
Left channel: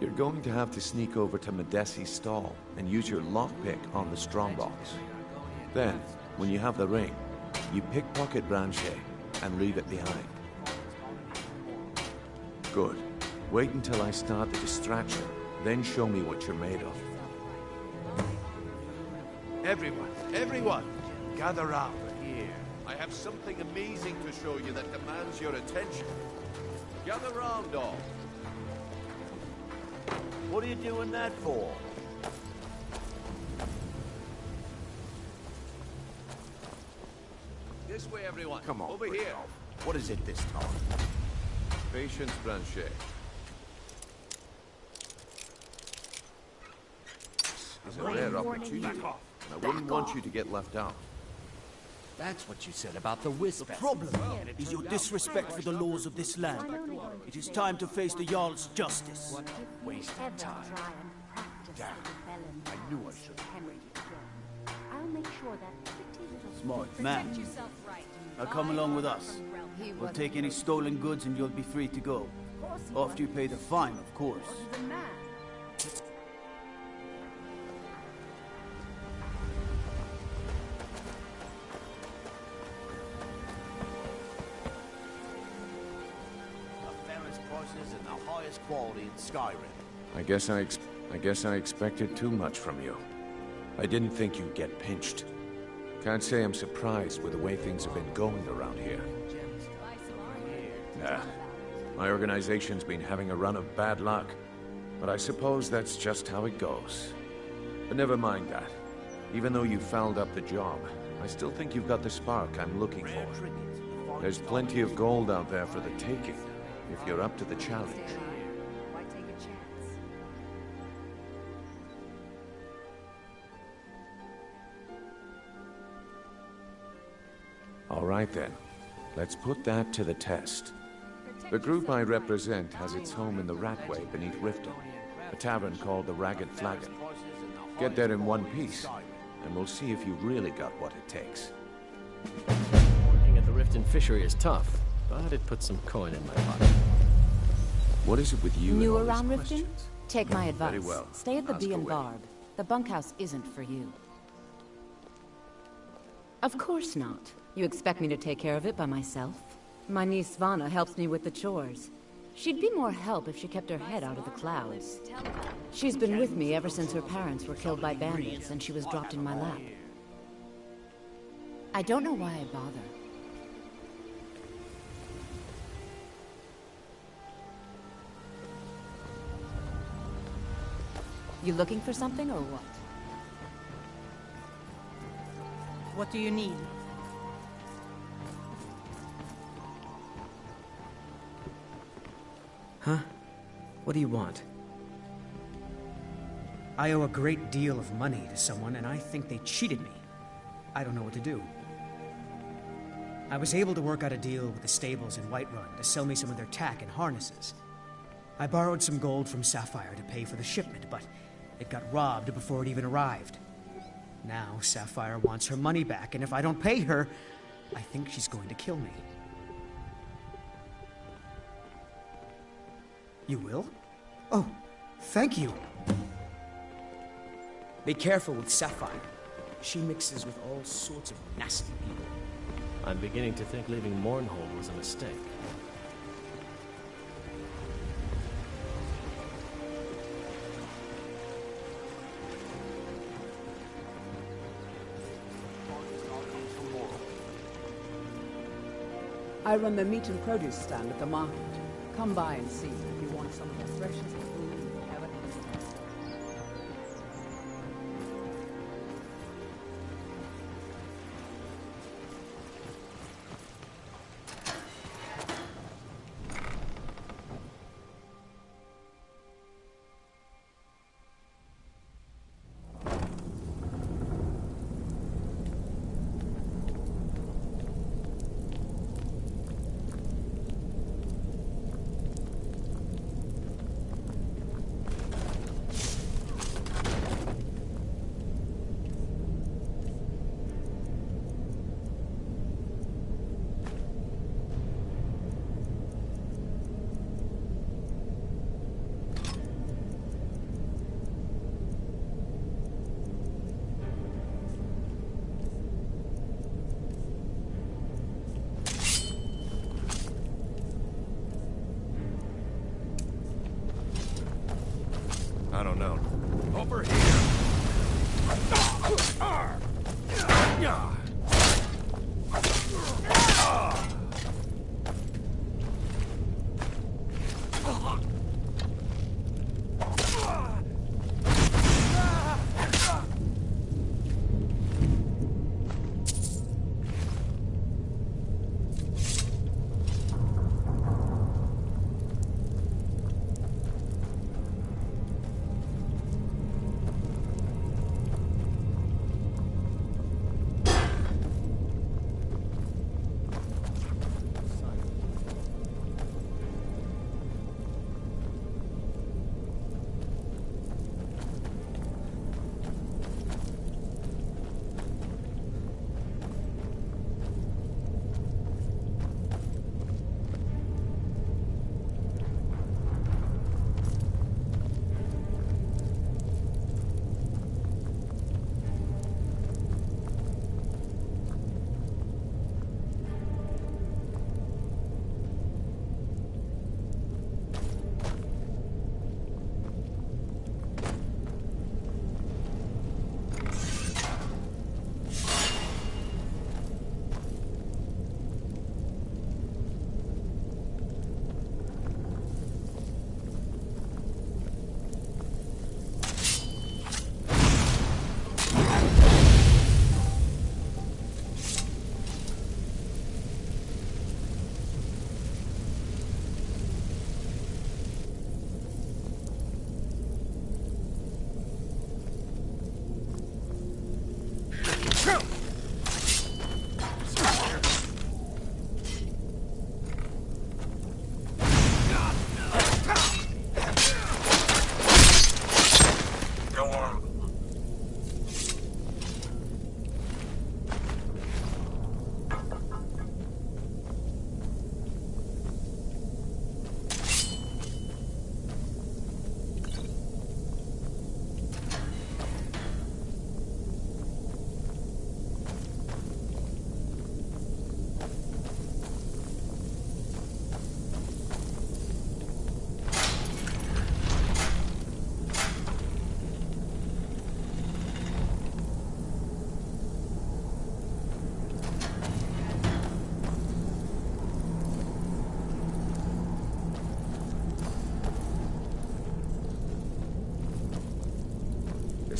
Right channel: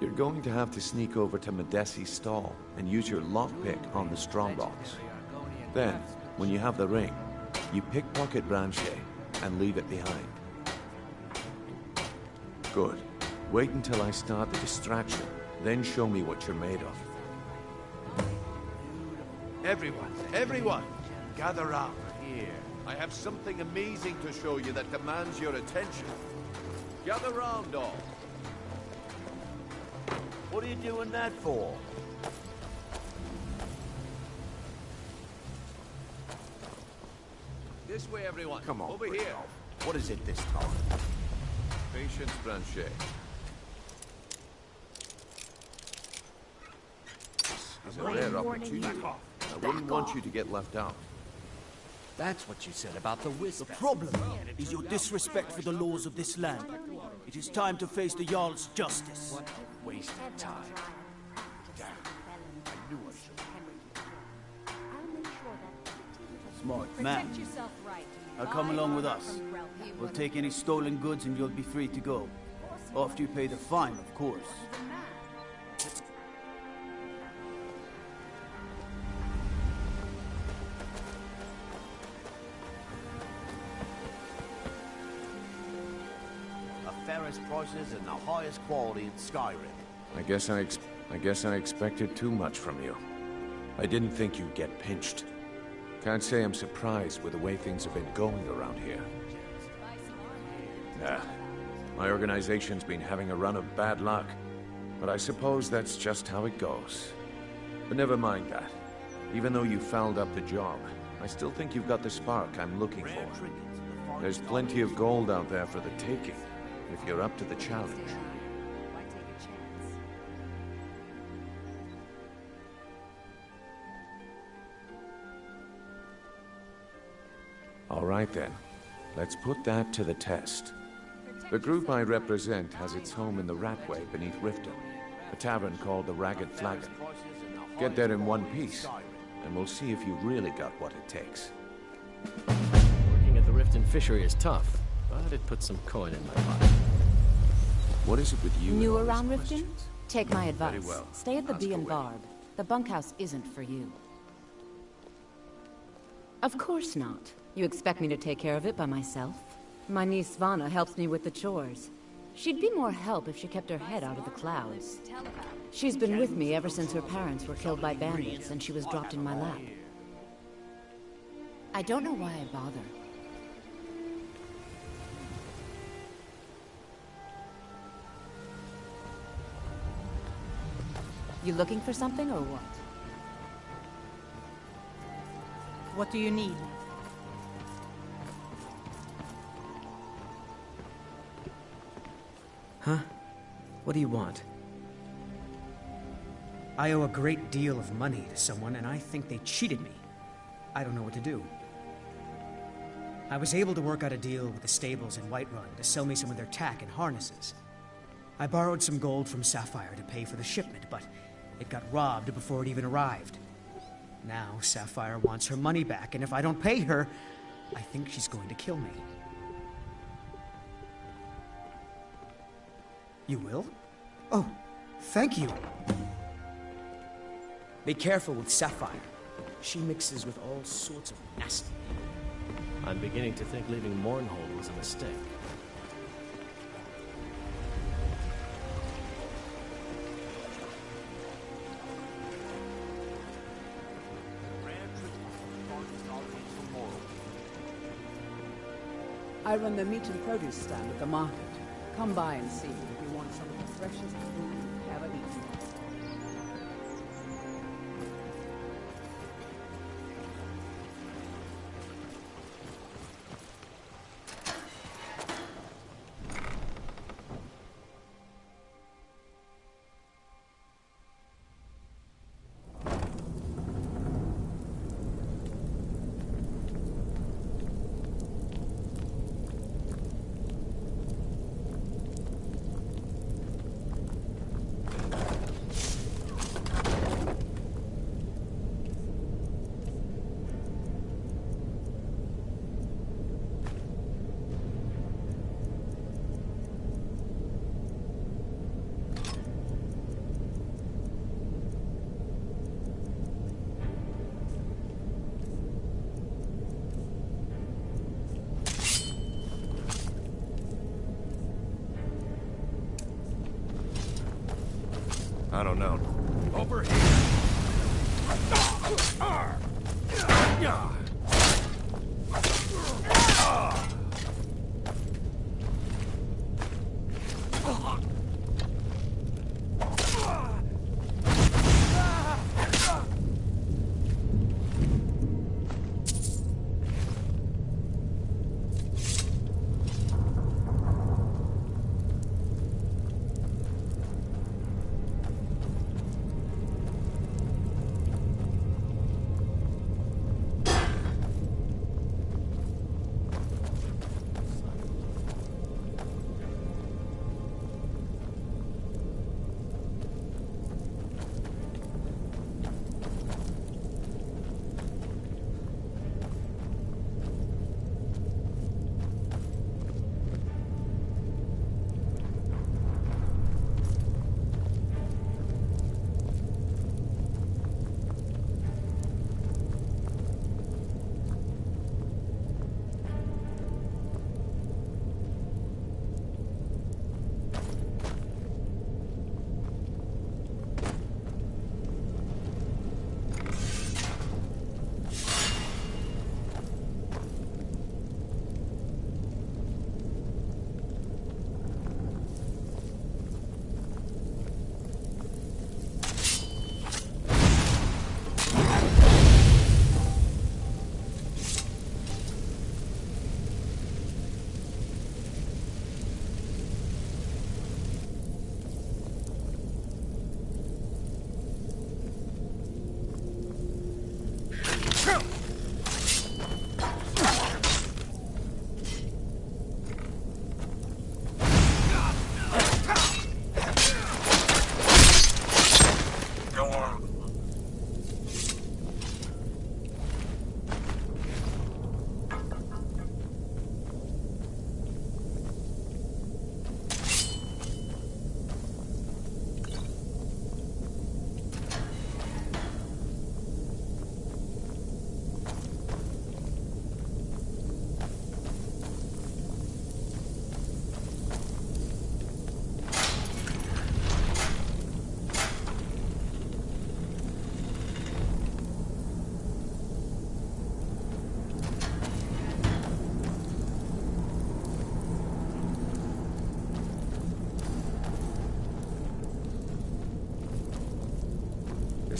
You're going to have to sneak over to Medesi's stall and use your lockpick on the strongbox. Then, when you have the ring, you pickpocket Branche and leave it behind. Good. Wait until I start the distraction, then show me what you're made of. Everyone, gather round here. I have something amazing to show you that demands your attention. Gather round, all. What are you doing that for? This way, everyone. Come on, over here. What is it this time? Patience, Branche. This is a rare opportunity. I wouldn't want you to get left out. That's what you said about the wisp. The problem is your disrespect for the laws of this land. It is time to face the Jarl's justice. What a waste of time. Damn. I knew I should. Smart man. Now come along with us. We'll take any stolen goods and you'll be free to go. After you pay the fine, of course. fairest prices and the highest quality in Skyrim. I guess I expected too much from you. I didn't think you'd get pinched. Can't say I'm surprised with the way things have been going around here. Nah, my organization's been having a run of bad luck. But I suppose that's just how it goes. But never mind that. Even though you fouled up the job, I still think you've got the spark I'm looking for. There's plenty of gold out there for the taking, if you're up to the challenge. All right then, let's put that to the test. The group I represent has its home in the Ratway beneath Riften, a tavern called the Ragged Flagon. Get there in one piece, and we'll see if you've really got what it takes. Working at the Riften fishery is tough, but it puts some coin in my pocket. What is it with you? New and all around these Riften? questions? Take my advice. Very well. Stay at the Ask Bee and away. Barb. The bunkhouse isn't for you. Of course not. You expect me to take care of it by myself? My niece Svana helps me with the chores. She'd be more help if she kept her head out of the clouds. She's been with me ever since her parents were killed by bandits and she was dropped in my lap. I don't know why I bother. You looking for something or what? What do you need? Huh? What do you want? I owe a great deal of money to someone, and I think they cheated me. I don't know what to do. I was able to work out a deal with the stables in Whiterun to sell me some of their tack and harnesses. I borrowed some gold from Sapphire to pay for the shipment, but it got robbed before it even arrived. Now Sapphire wants her money back, and if I don't pay her, I think she's going to kill me. You will? Oh, thank you. Be careful with Sapphire. She mixes with all sorts of nasty people. I'm beginning to think leaving Mournhold was a mistake. I run the meat and produce stand at the market. Come by and see if you want some of the freshest food you've ever eaten. I don't know. Over here!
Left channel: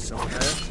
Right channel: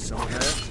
somewhere.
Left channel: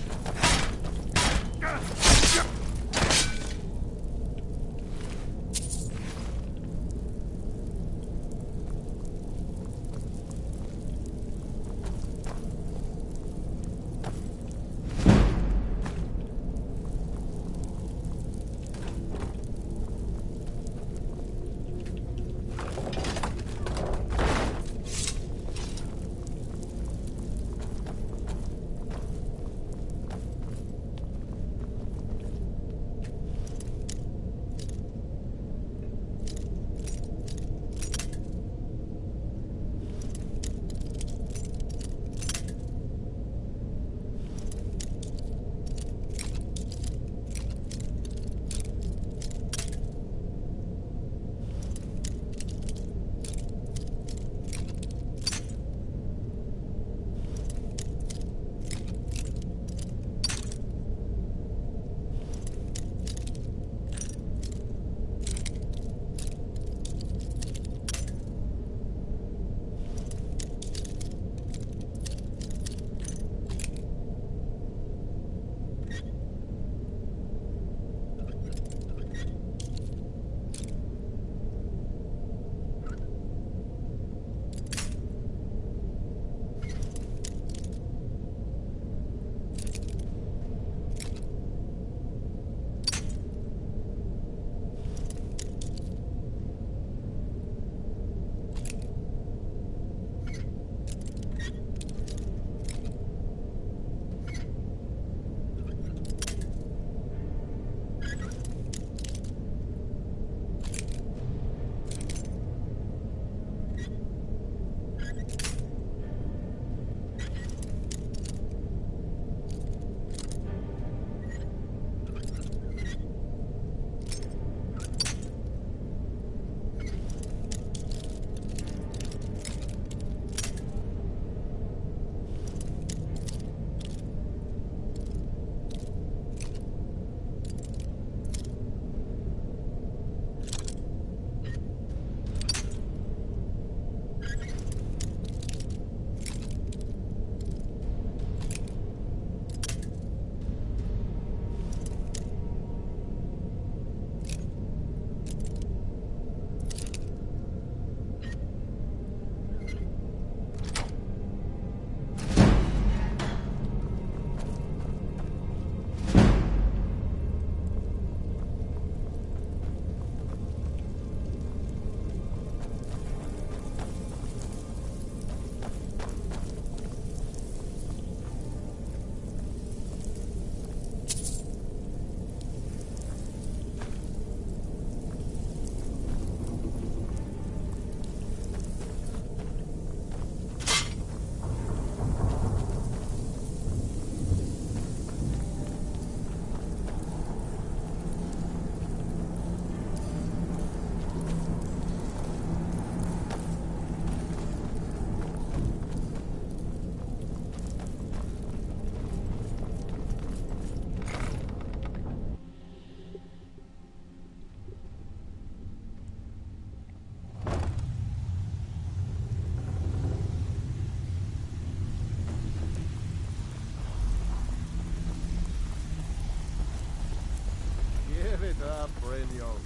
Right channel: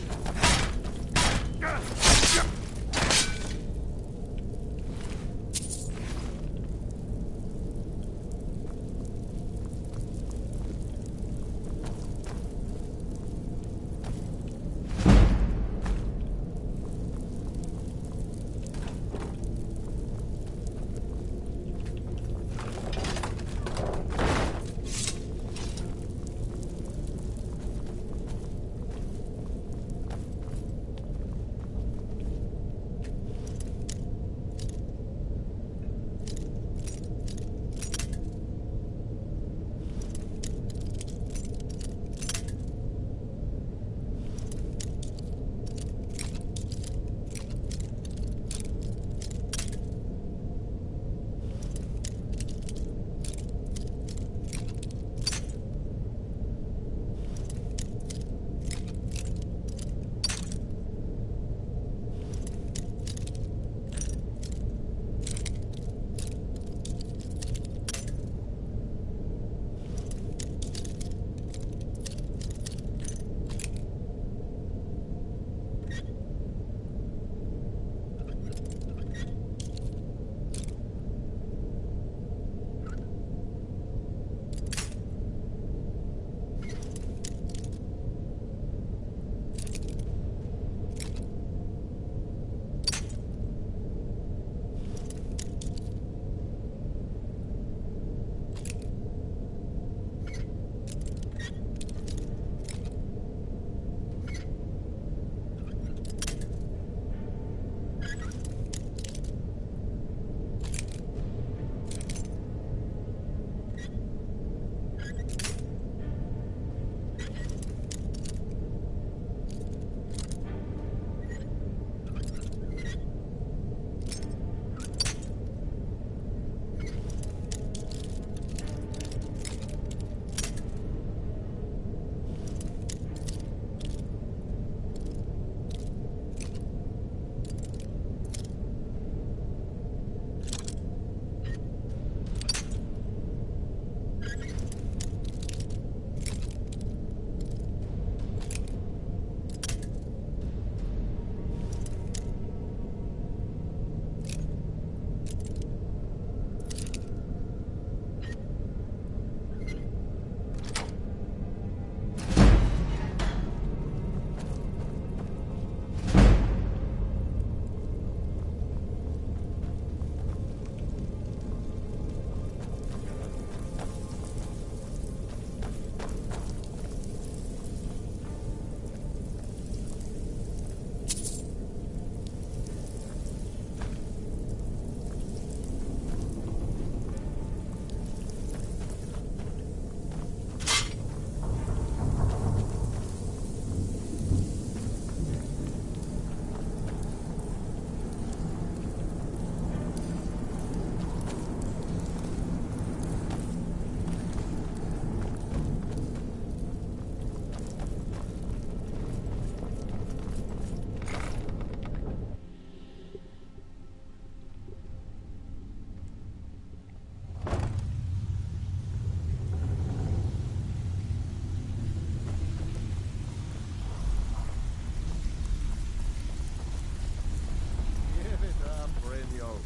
Brynio.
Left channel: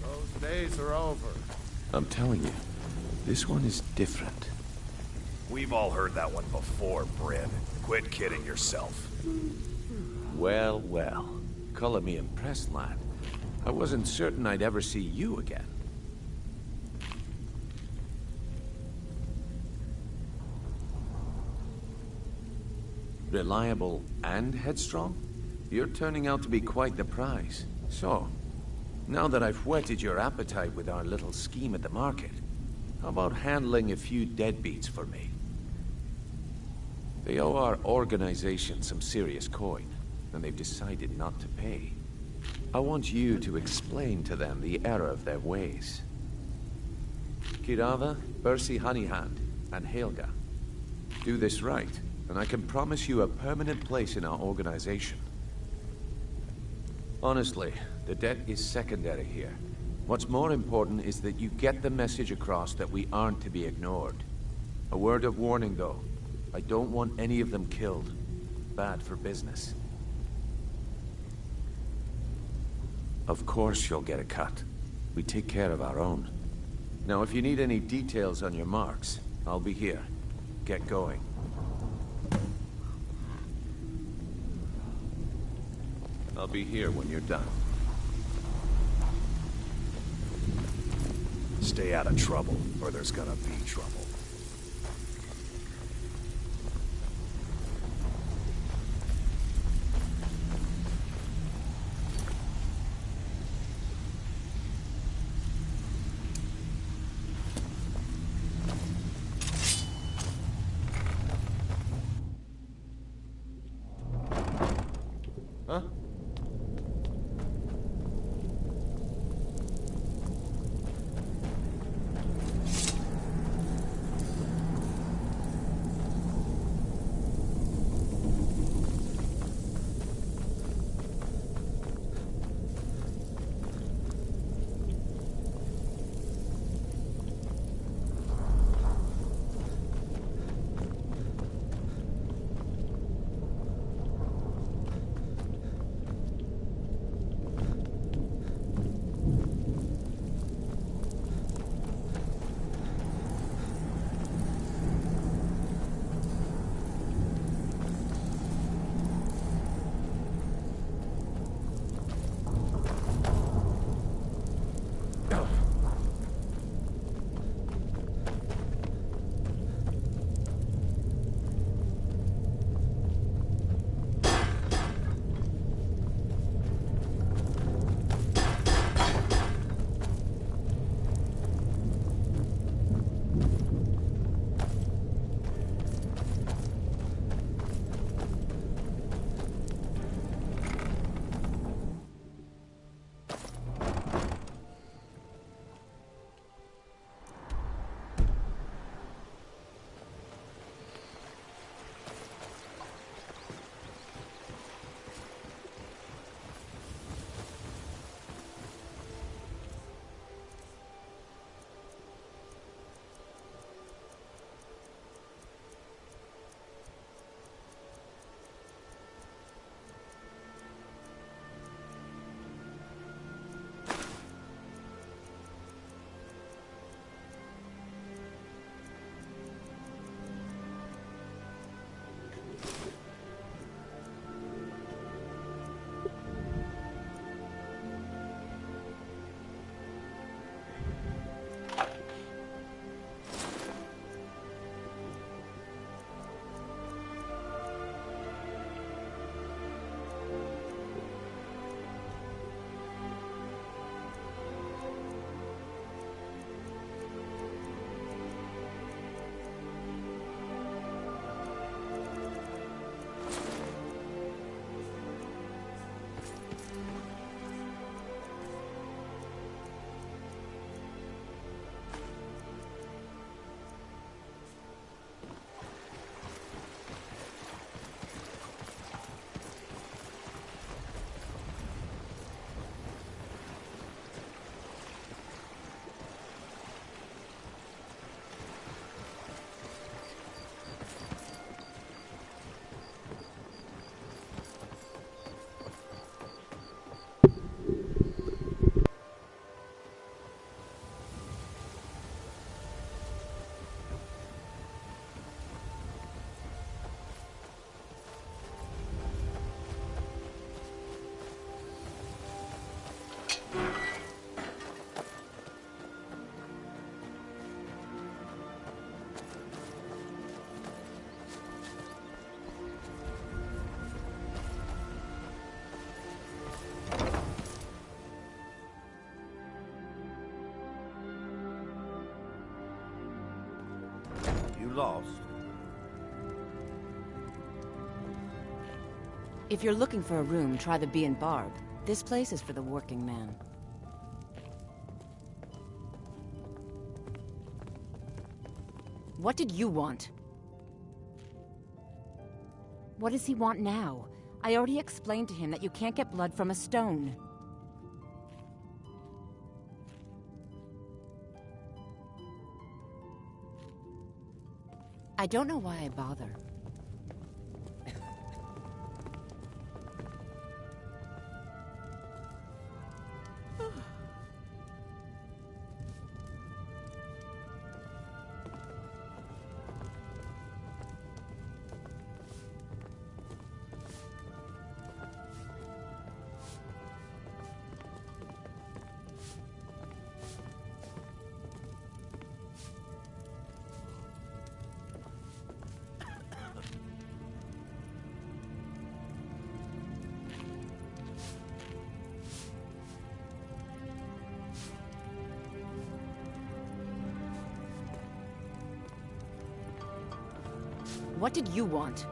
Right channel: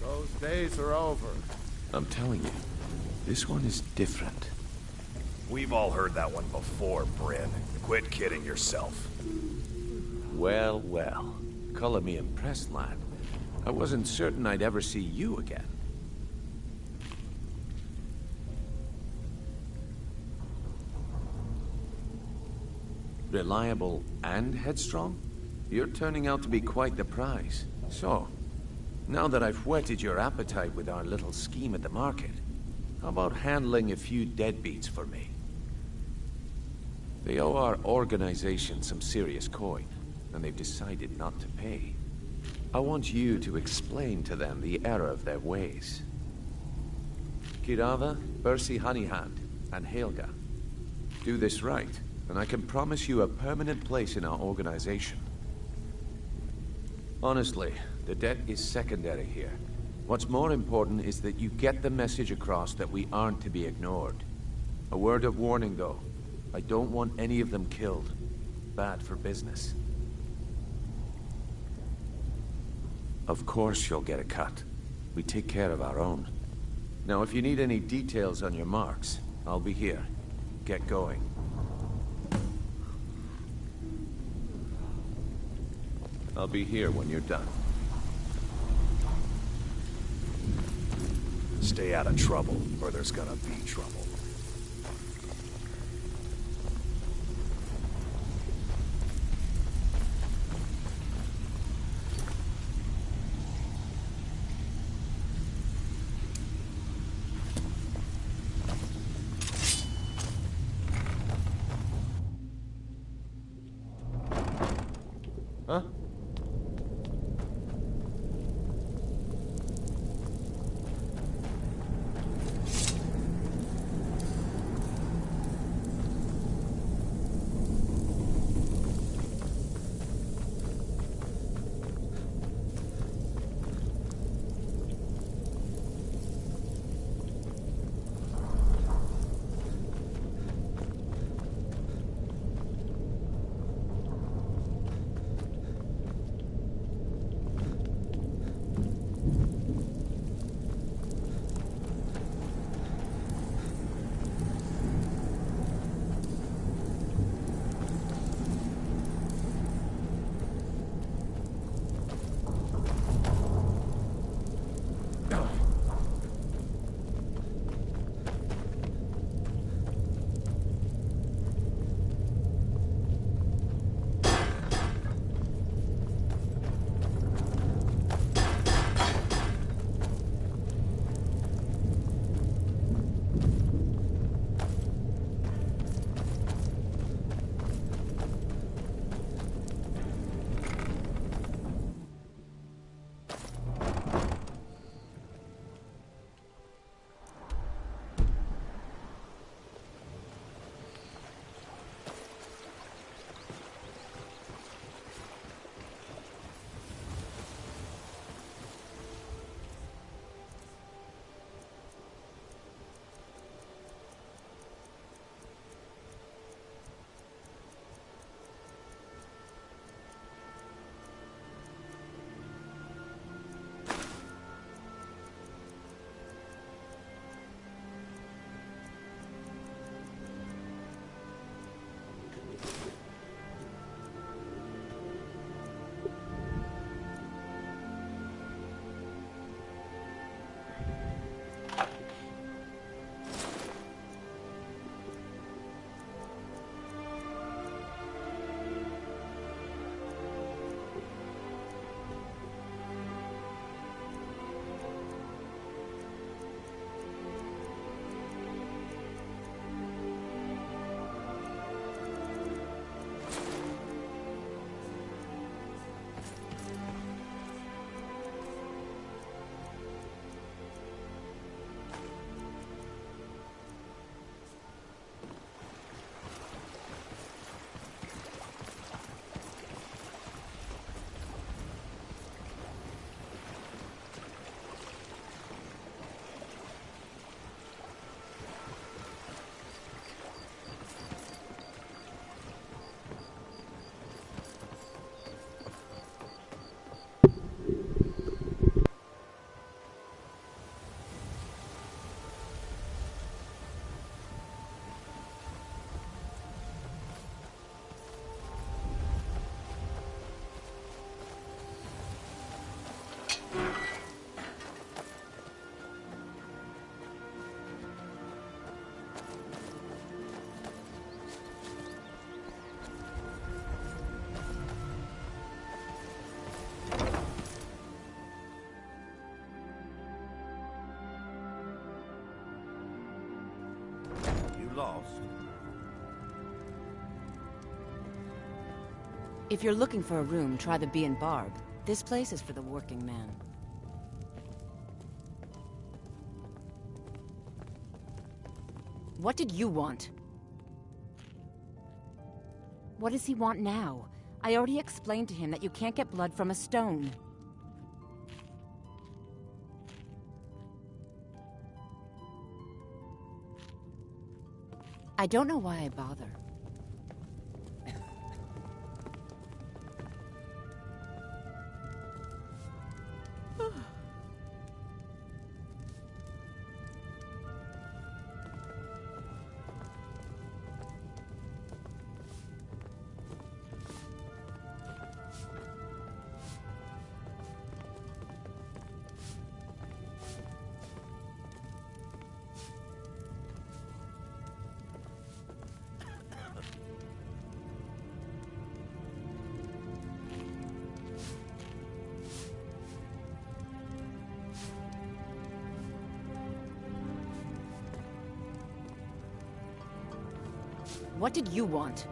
Those days are over. I'm telling you, this one is different. We've all heard that one before, Bryn. Quit kidding yourself. Well, well. Color me impressed, lad. I wasn't certain I'd ever see you again. Reliable and headstrong? You're turning out to be quite the prize. So, now that I've whetted your appetite with our little scheme at the market, how about handling a few deadbeats for me? They owe our organization some serious coin, and they've decided not to pay. I want you to explain to them the error of their ways. Kirava, Bersi Honeyhand, and Helga. Do this right, and I can promise you a permanent place in our organization. Honestly, the debt is secondary here. What's more important is that you get the message across that we aren't to be ignored. A word of warning, though. I don't want any of them killed. Bad for business. Of course you'll get a cut. We take care of our own. Now, if you need any details on your marks, I'll be here. Get going. I'll be here when you're done. Stay out of trouble, or there's gonna be trouble. Huh? Lost? If you're looking for a room, try the Bee and Barb. This place is for the working man. What did you want? What does he want now? I already explained to him that you can't get blood from a stone. I don't know why I bother. What did you want?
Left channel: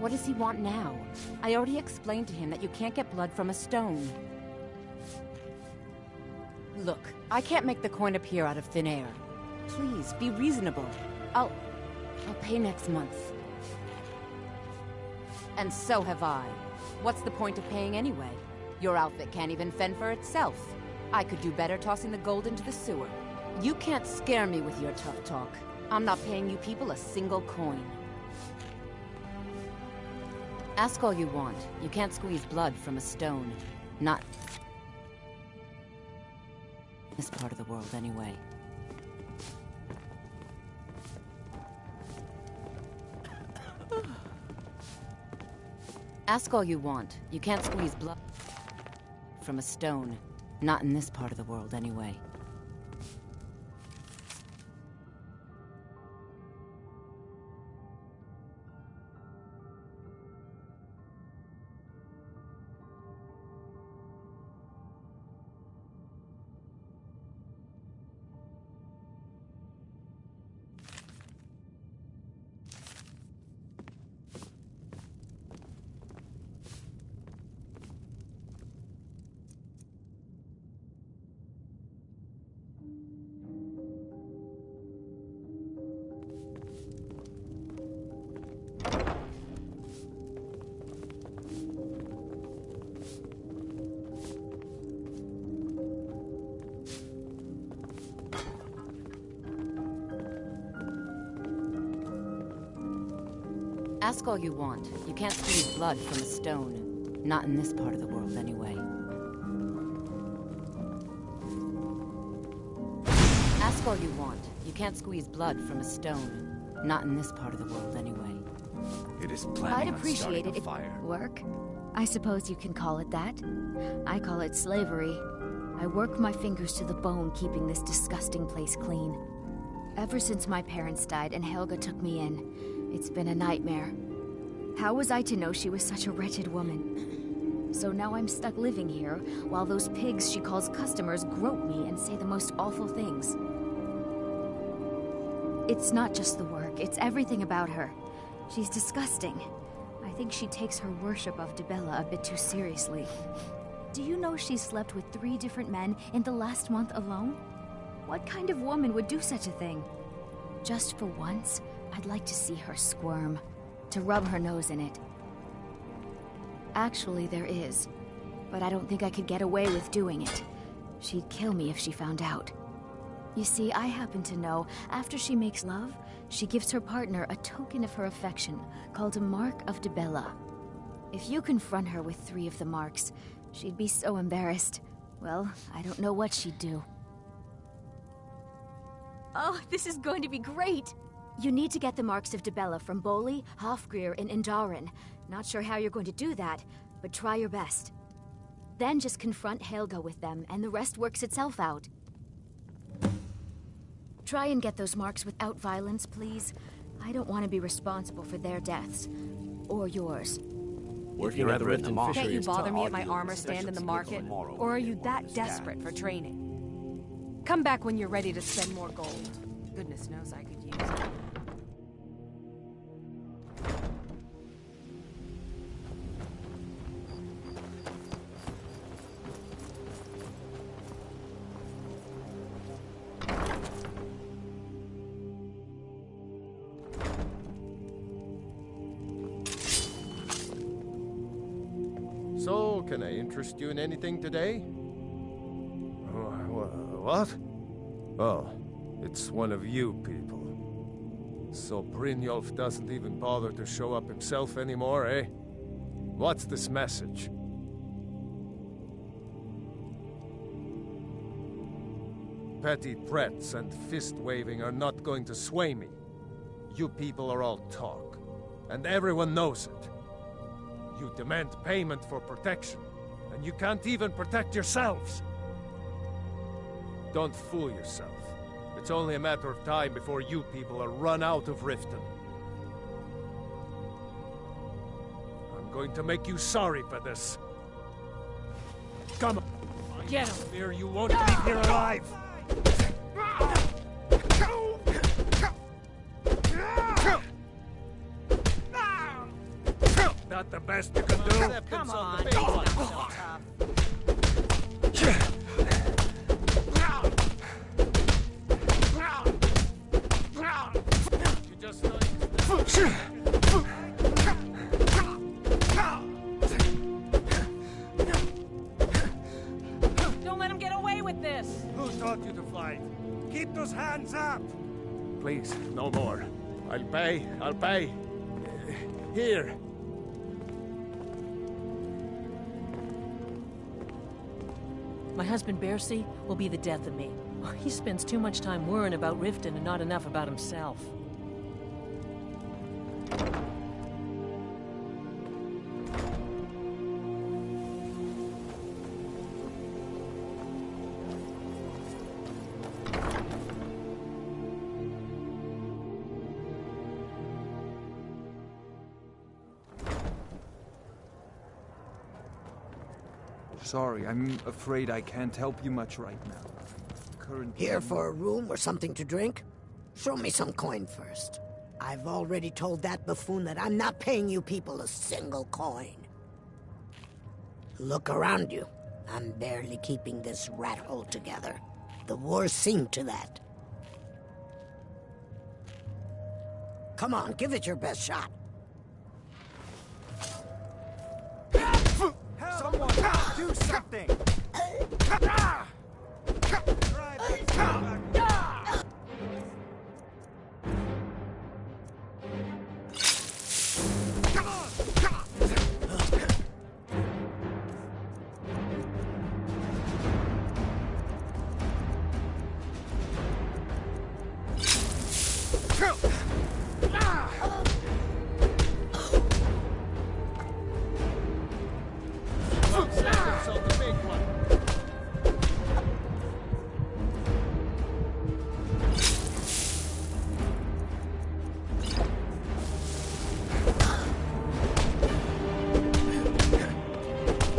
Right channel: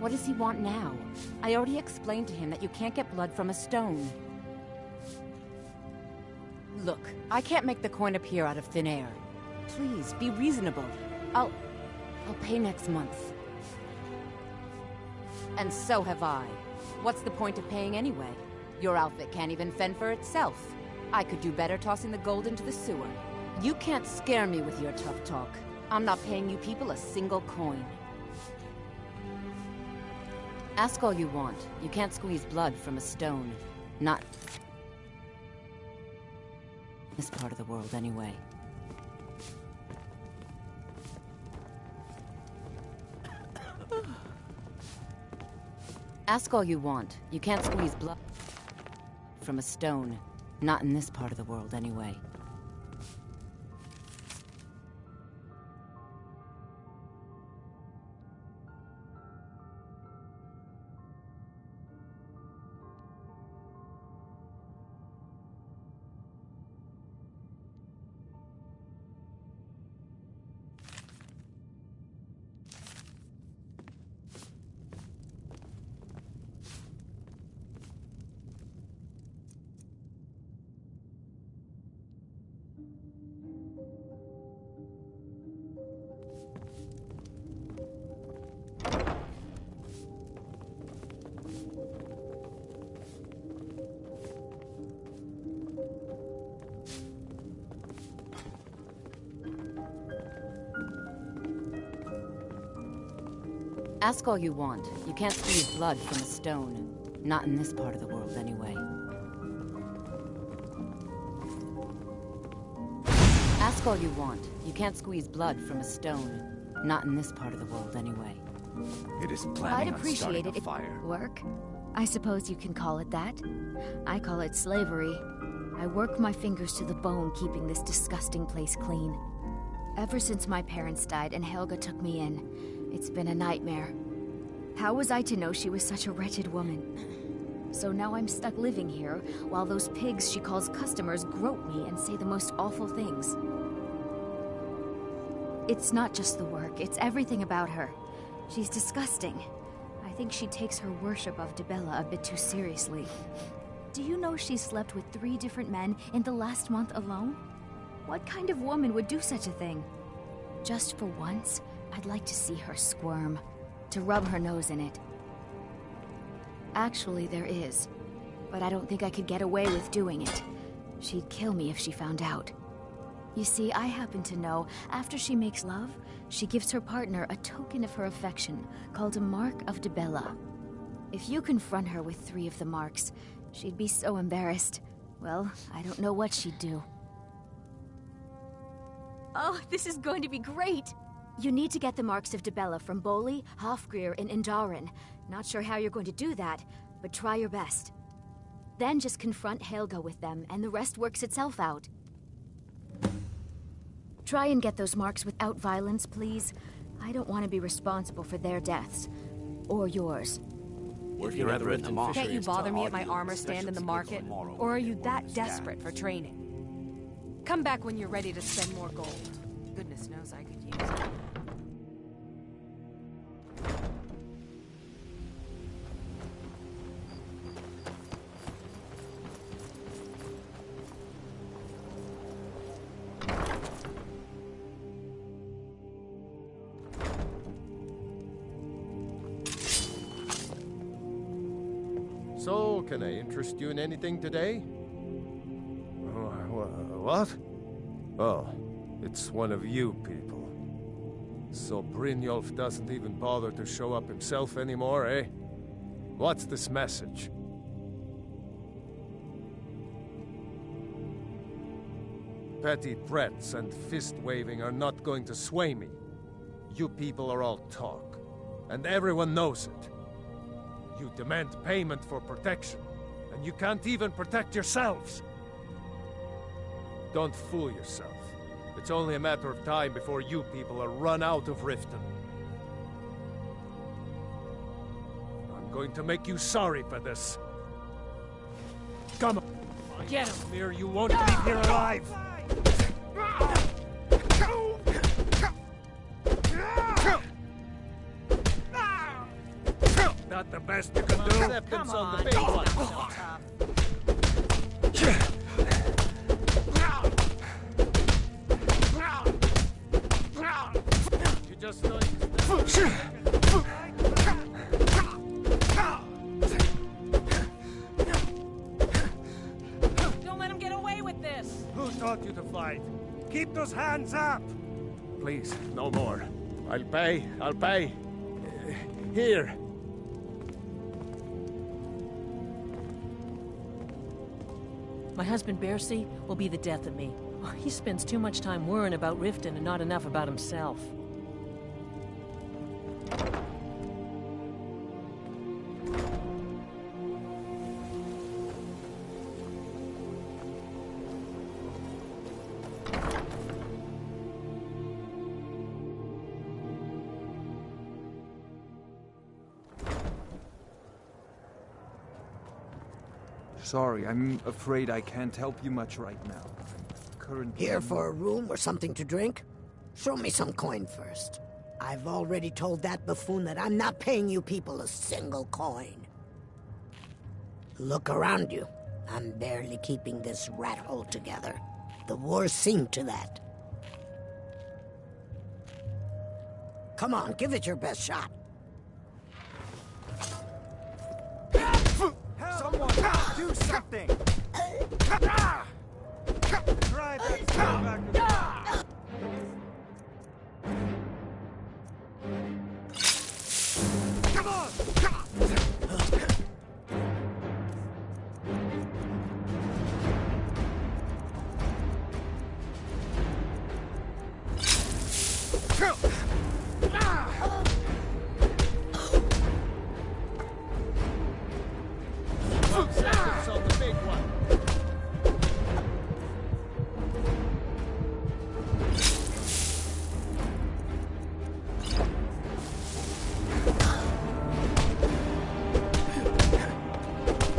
What does he want now? I already explained to him that you can't get blood from a stone. Look, I can't make the coin appear out of thin air. Please, be reasonable. I'll pay next month. And so have I. What's the point of paying anyway? Your outfit can't even fend for itself. I could do better tossing the gold into the sewer. You can't scare me with your tough talk. I'm not paying you people a single coin. Ask all you want. You can't squeeze blood from a stone. Not this part of the world, anyway. Ask all you want. You can't squeeze blood from a stone. Not in this part of the world, anyway. Ask all you want. You can't squeeze blood from a stone. Not in this part of the world, anyway. Ask all you want. You can't squeeze blood from a stone. Not in this part of the world, anyway. It is I'd planning on appreciate starting it a if fire. work. I suppose you can call it that. I call it slavery. I work my fingers to the bone keeping this disgusting place clean. Ever since my parents died and Helga took me in, it's been a nightmare. How was I to know she was such a wretched woman? So now I'm stuck living here, while those pigs she calls customers grope me and say the most awful things. It's not just the work, it's everything about her. She's disgusting. I think she takes her worship of Dibella a bit too seriously. Do you know she slept with 3 different men in the last month alone? What kind of woman would do such a thing? Just for once, I'd like to see her squirm, to rub her nose in it. Actually, there is, but I don't think I could get away with doing it. She'd kill me if she found out. You see, I happen to know, after she makes love, she gives her partner a token of her affection, called a Mark of Dibella. If you confront her with 3 of the marks, she'd be so embarrassed. Well, I don't know what she'd do. Oh, this is going to be great! You need to get the marks of Dibella from Boli, Hofgrir, and Indaren. Not sure how you're going to do that, but try your best. Then just confront Helga with them, and the rest works itself out. Try and get those marks without violence, please. I don't want to be responsible for their deaths. Or yours. Working at the Riften Fishery. Can't you bother me at my armor stand in the market? Or are you that desperate for training? Come back when you're ready to spend more gold. Goodness knows I could use it. So, can I interest you in anything today? What? Oh, it's one of you people. So Brynjolf doesn't even bother to show up himself anymore, eh? What's this message? Petty threats and fist-waving are not going to sway me. You people are all talk, and everyone knows it. You demand payment for protection, and you can't even protect yourselves. Don't fool yourself. It's only a matter of time before you people are run out of Riften. I'm going to make you sorry for this. Come on. Get him! Fear you won't leave here alive. that the best you can do? Come on, it's not so tough. You just don't... Don't let him get away with this! Who taught you to fight? Keep those hands up! Please, no more. I'll pay. Here. My husband Bercy will be the death of me. He spends too much time worrying about Riften and not enough about himself. Sorry, I'm afraid I can't help you much right now. Currently... Here for a room or something to drink? Show me some coin first. I've already told that buffoon that I'm not paying you people a single coin. Look around you. I'm barely keeping this rat hole together. The war's seen to that. Come on, give it your best shot. Someone, do something! Try that back. Come on! On the big one.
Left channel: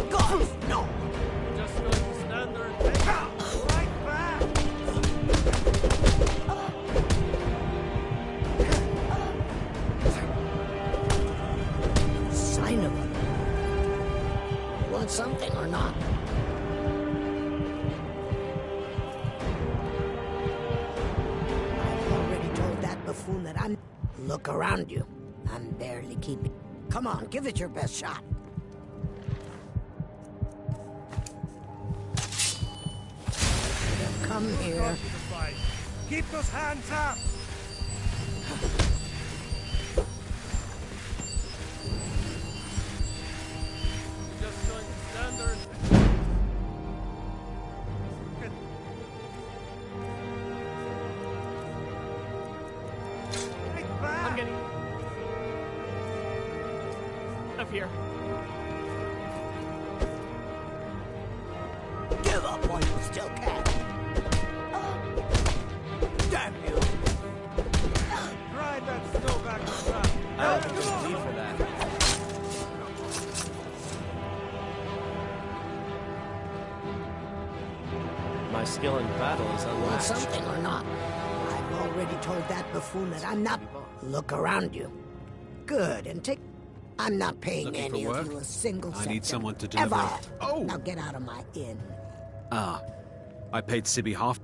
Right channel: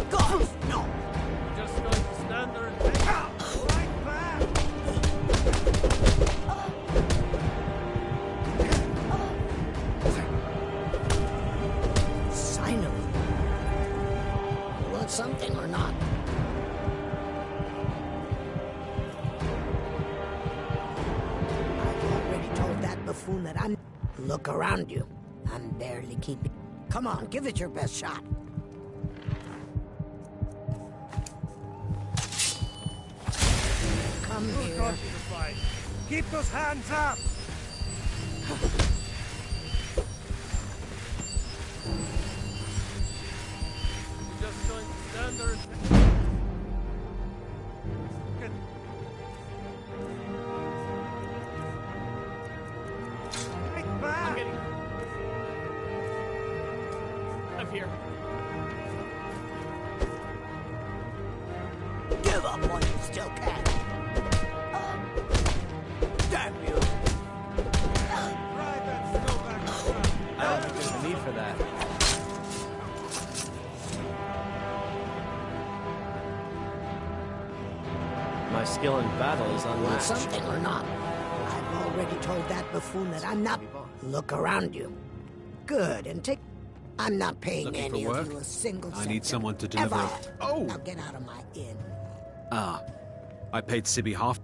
God, no! Just going to stand there and take right back. Sign of him. You want something or not? I've already told that buffoon that I'm... Look around you. I'm barely keeping... Come on, give it your best shot. Come here. Keep those hands up! Just going to stand there and... I'm getting... up here. Give up while you still can. Damn you! Ride that snow back to trap. I don't think there's a need for that. My skill in battle is unmatched. Want something or not? I've already told that buffoon that I'm not... Look around you. Good, and take... I'm not paying Looking any for of work? you a single cent. I need someone to deliver. Ever. Oh! Now get out of my inn. Ah. I paid Sibby half.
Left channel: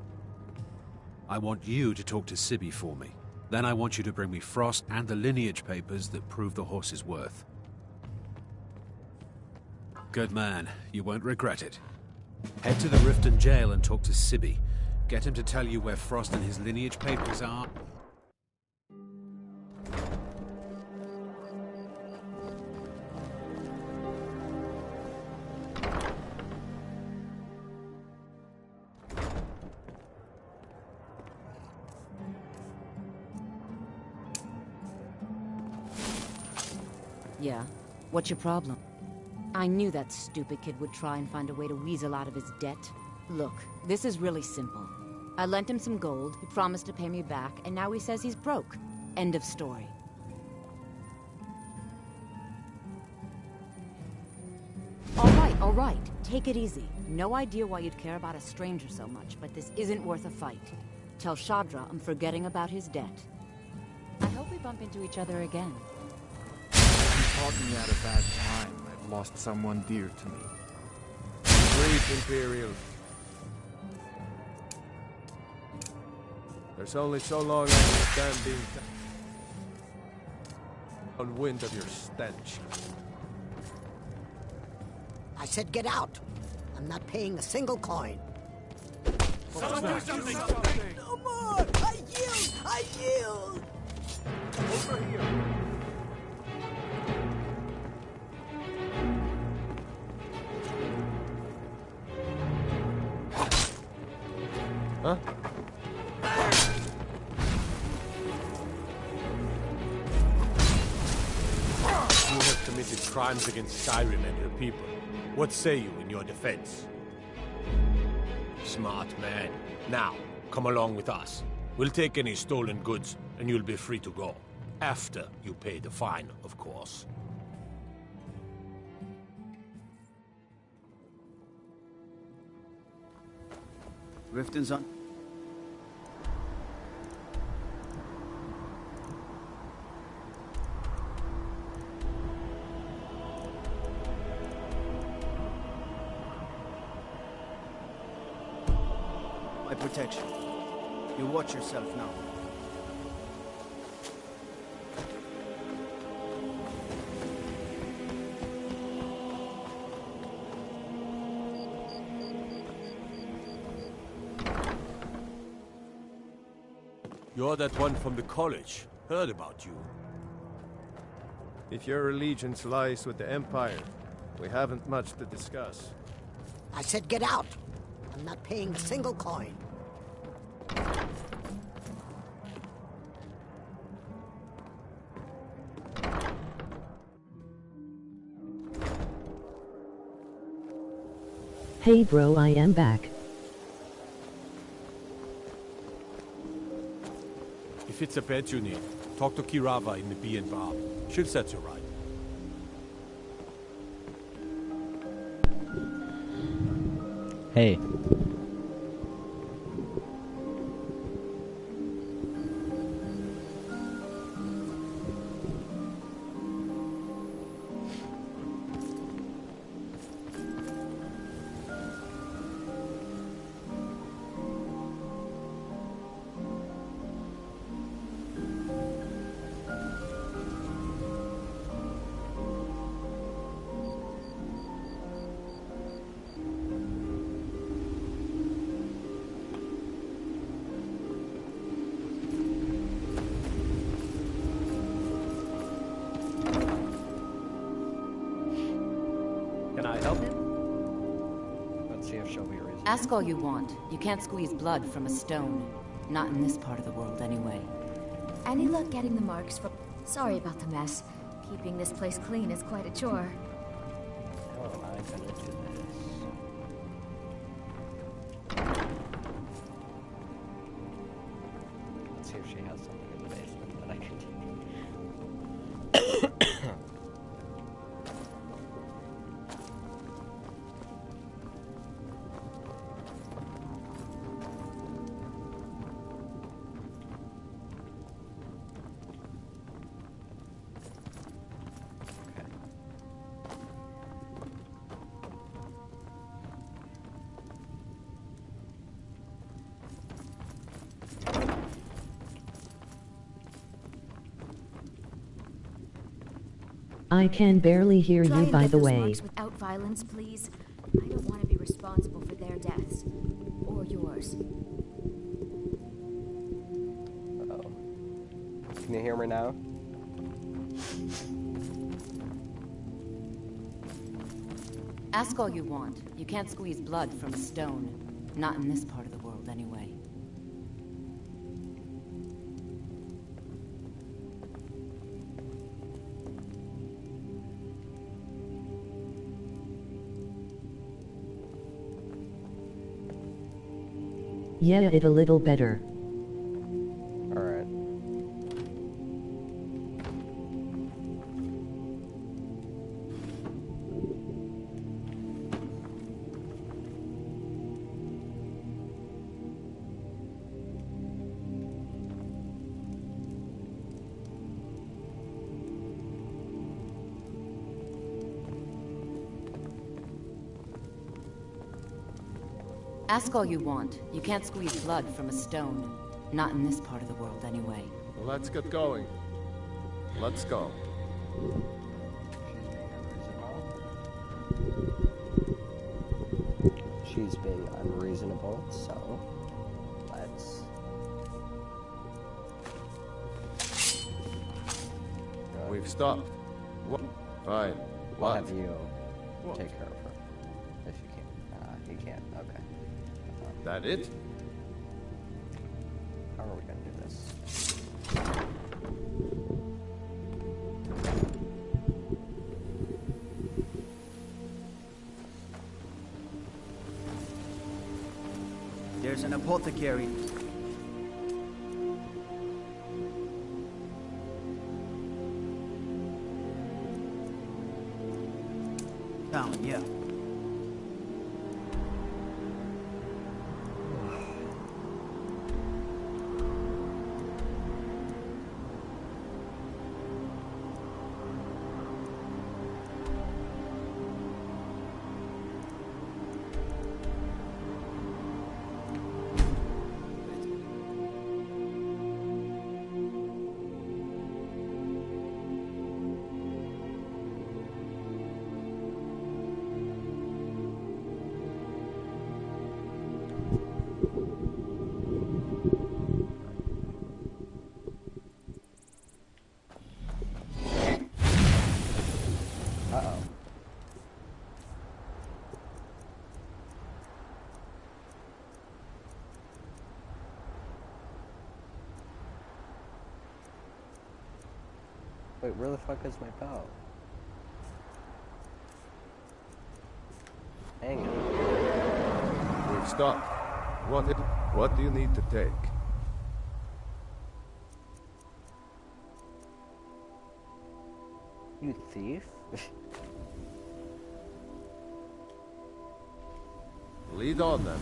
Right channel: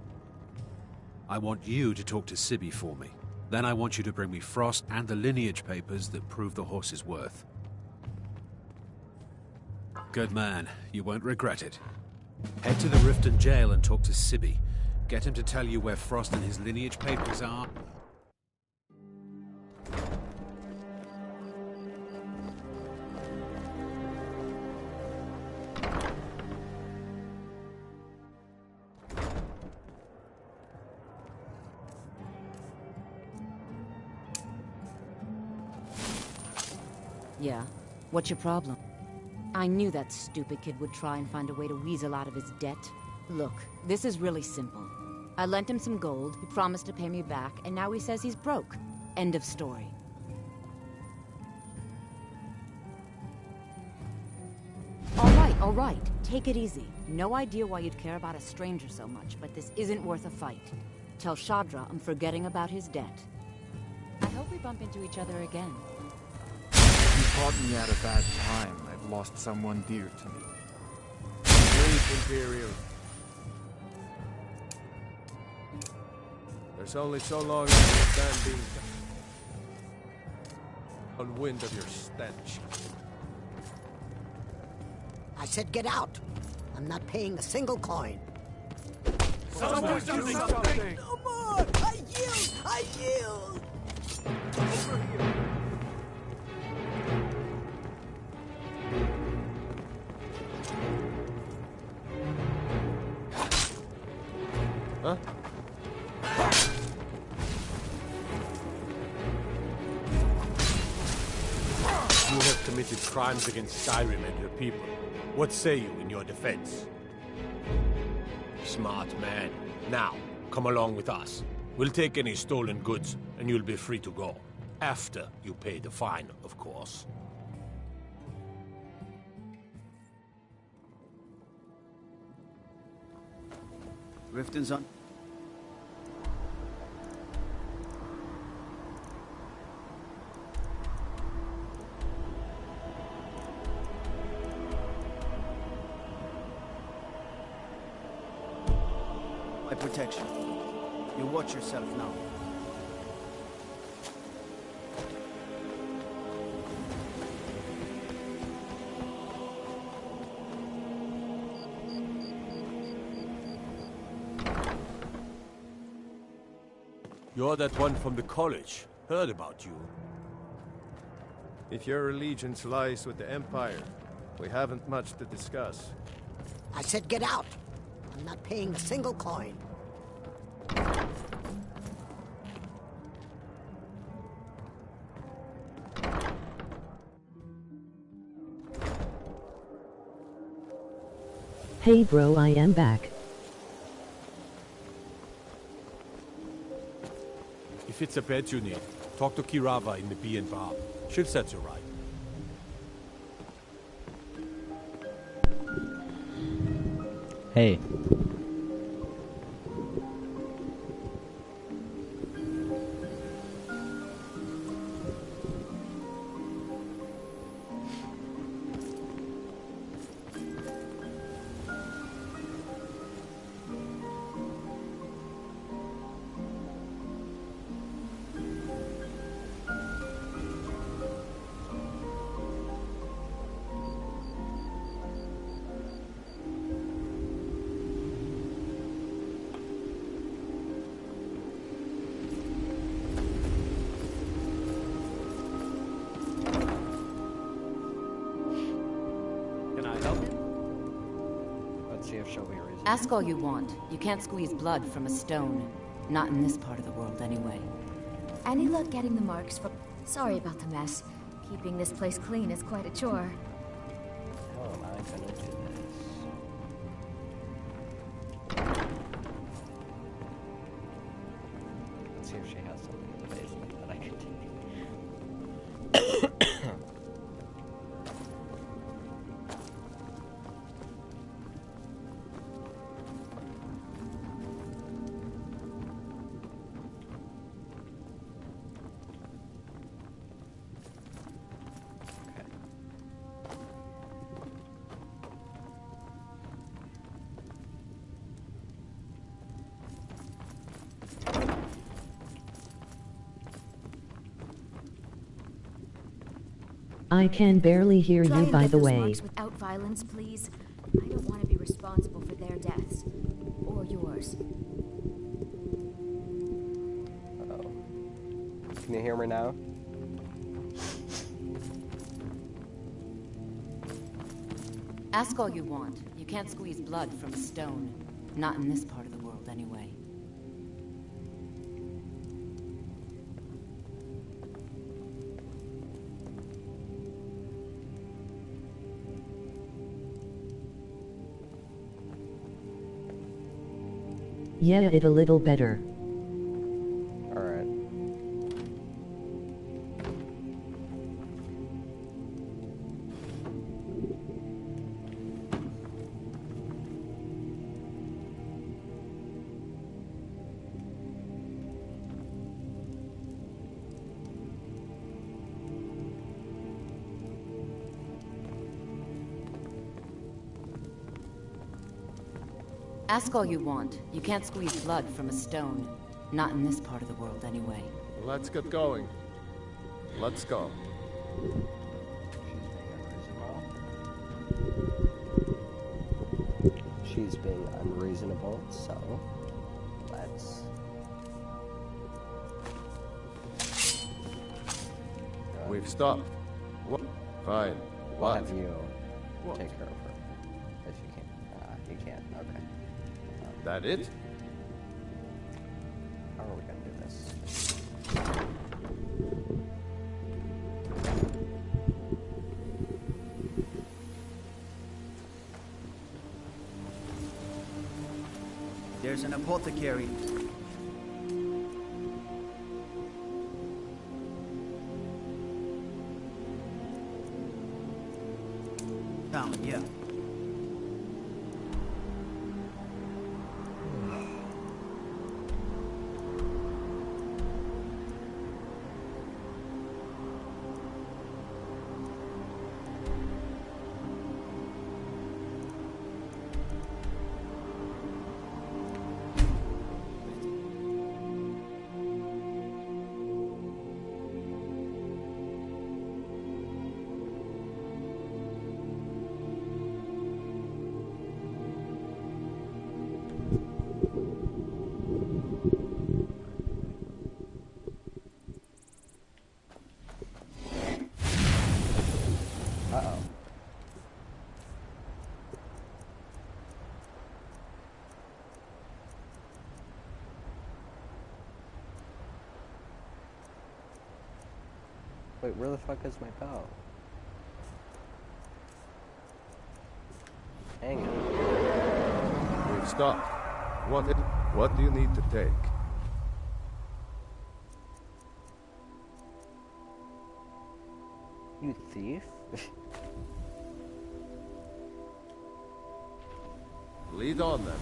I want you to talk to Sibby for me. Then I want you to bring me Frost and the lineage papers that prove the horse's worth. Good man. You won't regret it. Head to the Riften jail and talk to Sibby. Get him to tell you where Frost and his lineage papers are. Yeah? What's your problem? I knew that stupid kid would try and find a way to weasel out of his debt. Look, this is really simple. I lent him some gold, he promised to pay me back, and now he says he's broke. End of story. All right. Take it easy. No idea why you'd care about a stranger so much, but this isn't worth a fight. Tell Shadra I'm forgetting about his debt. I hope we bump into each other again. caught me at a bad time. I've lost someone dear to me. Great Imperial. There's only so long I can stand being on wind of your stench. I said get out. I'm not paying a single coin. Something! No more! I yield! I yield! Over here! Huh? You have committed crimes against Skyrim and her people. What say you in your defense? Smart man. Now, come along with us. We'll take any stolen goods, and you'll be free to go. After you pay the fine, of course. Riften's on. My protection. You watch yourself now. You're that one from the college. Heard about you. If your allegiance lies with the Empire, we haven't much to discuss. I said get out. I'm not paying a single coin. Hey bro, I am back. If it's a bed you need, talk to Kirava in the Bee and Bar. She'll set you right. Hey. Ask all you want. You can't squeeze blood from a stone. Not in this part of the world, anyway. Any luck getting the marks from... Sorry about the mess. Keeping this place clean is quite a chore. How am I gonna do this? Let's see if she has something in the basement that I can take. I can barely hear Try you, and by get the those way. marks without violence, please. I don't want to be responsible for their deaths. Or yours. Uh-oh. Can you hear me now? Ask all you want. You can't squeeze blood from a stone. Not in this part of the world, anyway. Yeah, it a little better. Alright. Ask all you want. You can't squeeze blood from a stone. Not in this part of the world, anyway. Let's get going. Let's go. She's being unreasonable, so let's... We've stopped. What? Fine. We'll What? have you take care of her. If you can. You can't. Okay. That it? How are we gonna do this? There's an apothecary. Down, yeah. Uh-oh. Wait, where the fuck is my bow? Hang on. We've stopped. What do you need to take? You thief? Lead on then.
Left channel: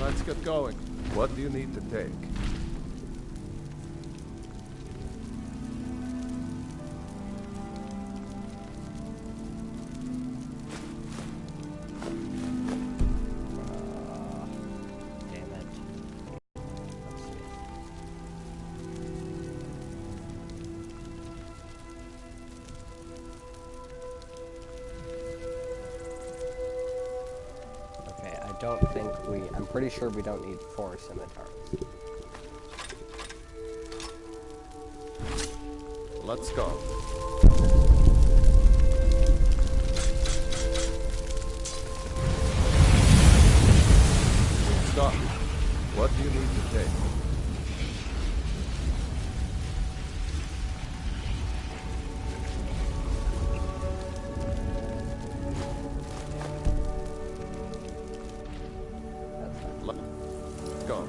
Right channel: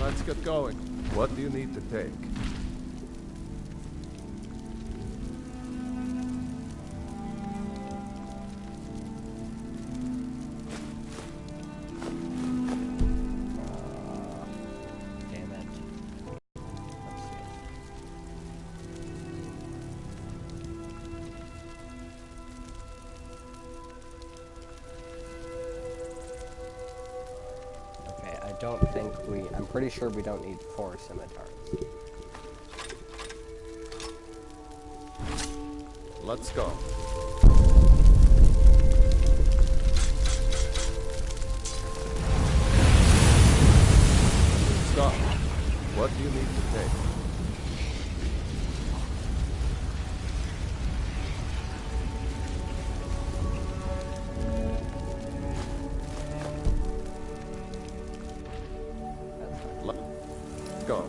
Let's get going. What do you need to take? Damn it. Let's see. Okay, I don't think I'm pretty sure we don't need 4 scimitars. Let's go. Stop. What do you need to take? Let's go.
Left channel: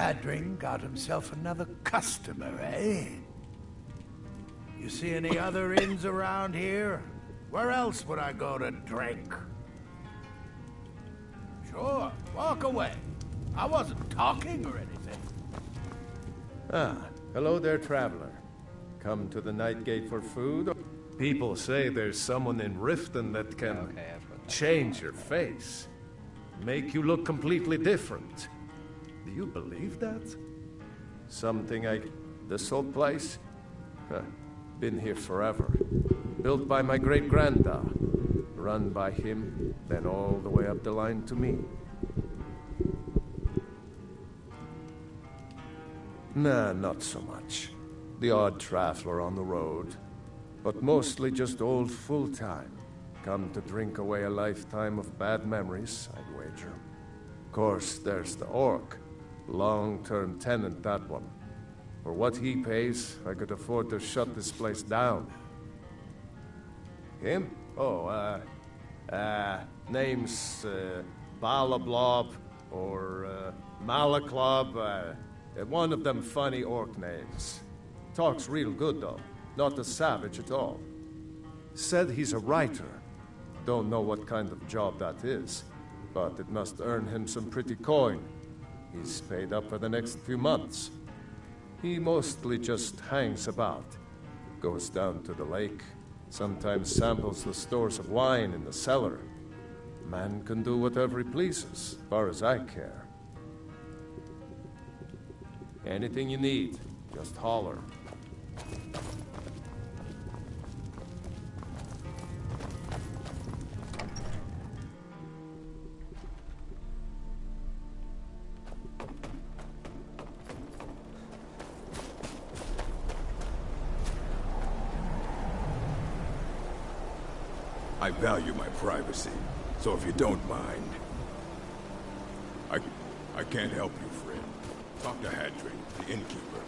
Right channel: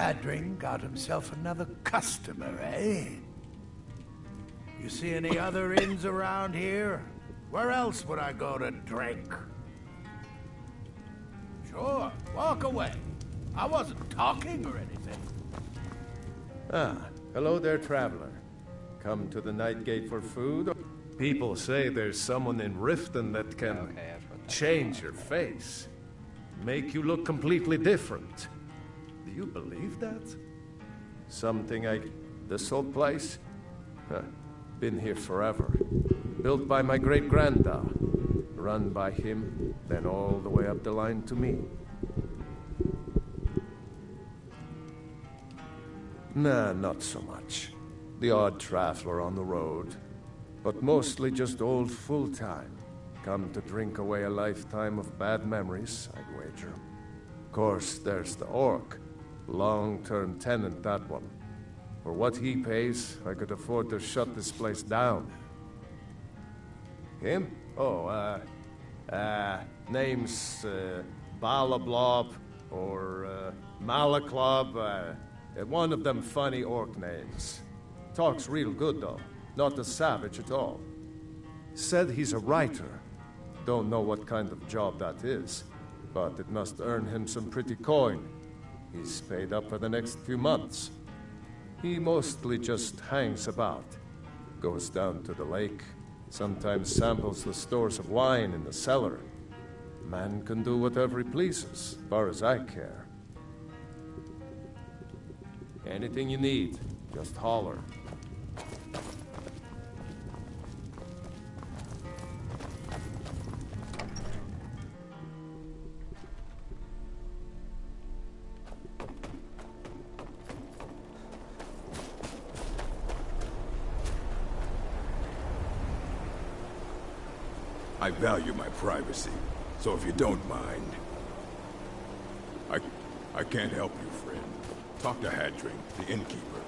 Hadring got himself another customer, eh? You see any other inns around here? Where else would I go to drink? Sure, walk away. I wasn't talking or anything. Ah, hello there, traveler. Come to the Night Gate for food? People say there's someone in Riften that can change your face. Make you look completely different. Do you believe that? Something like this old place? Huh. Been here forever. Built by my great-granddad. Run by him, then all the way up the line to me. Nah, not so much. The odd traveler on the road. But mostly just old full-time. Come to drink away a lifetime of bad memories, I'd wager. Of course, there's the orc. Long-term tenant, that one. For what he pays, I could afford to shut this place down. Him? Oh, name's, Balablob, or, Malaklob, one of them funny orc names. Talks real good, though. Not a savage at all. Said he's a writer. Don't know what kind of job that is, but it must earn him some pretty coin. He's paid up for the next few months. He mostly just hangs about. Goes down to the lake, sometimes samples the stores of wine in the cellar. Man can do whatever he pleases, as far as I care. Anything you need, just holler. I value my privacy, so if you don't mind... I can't help you, friend. Talk to Hadring, the innkeeper.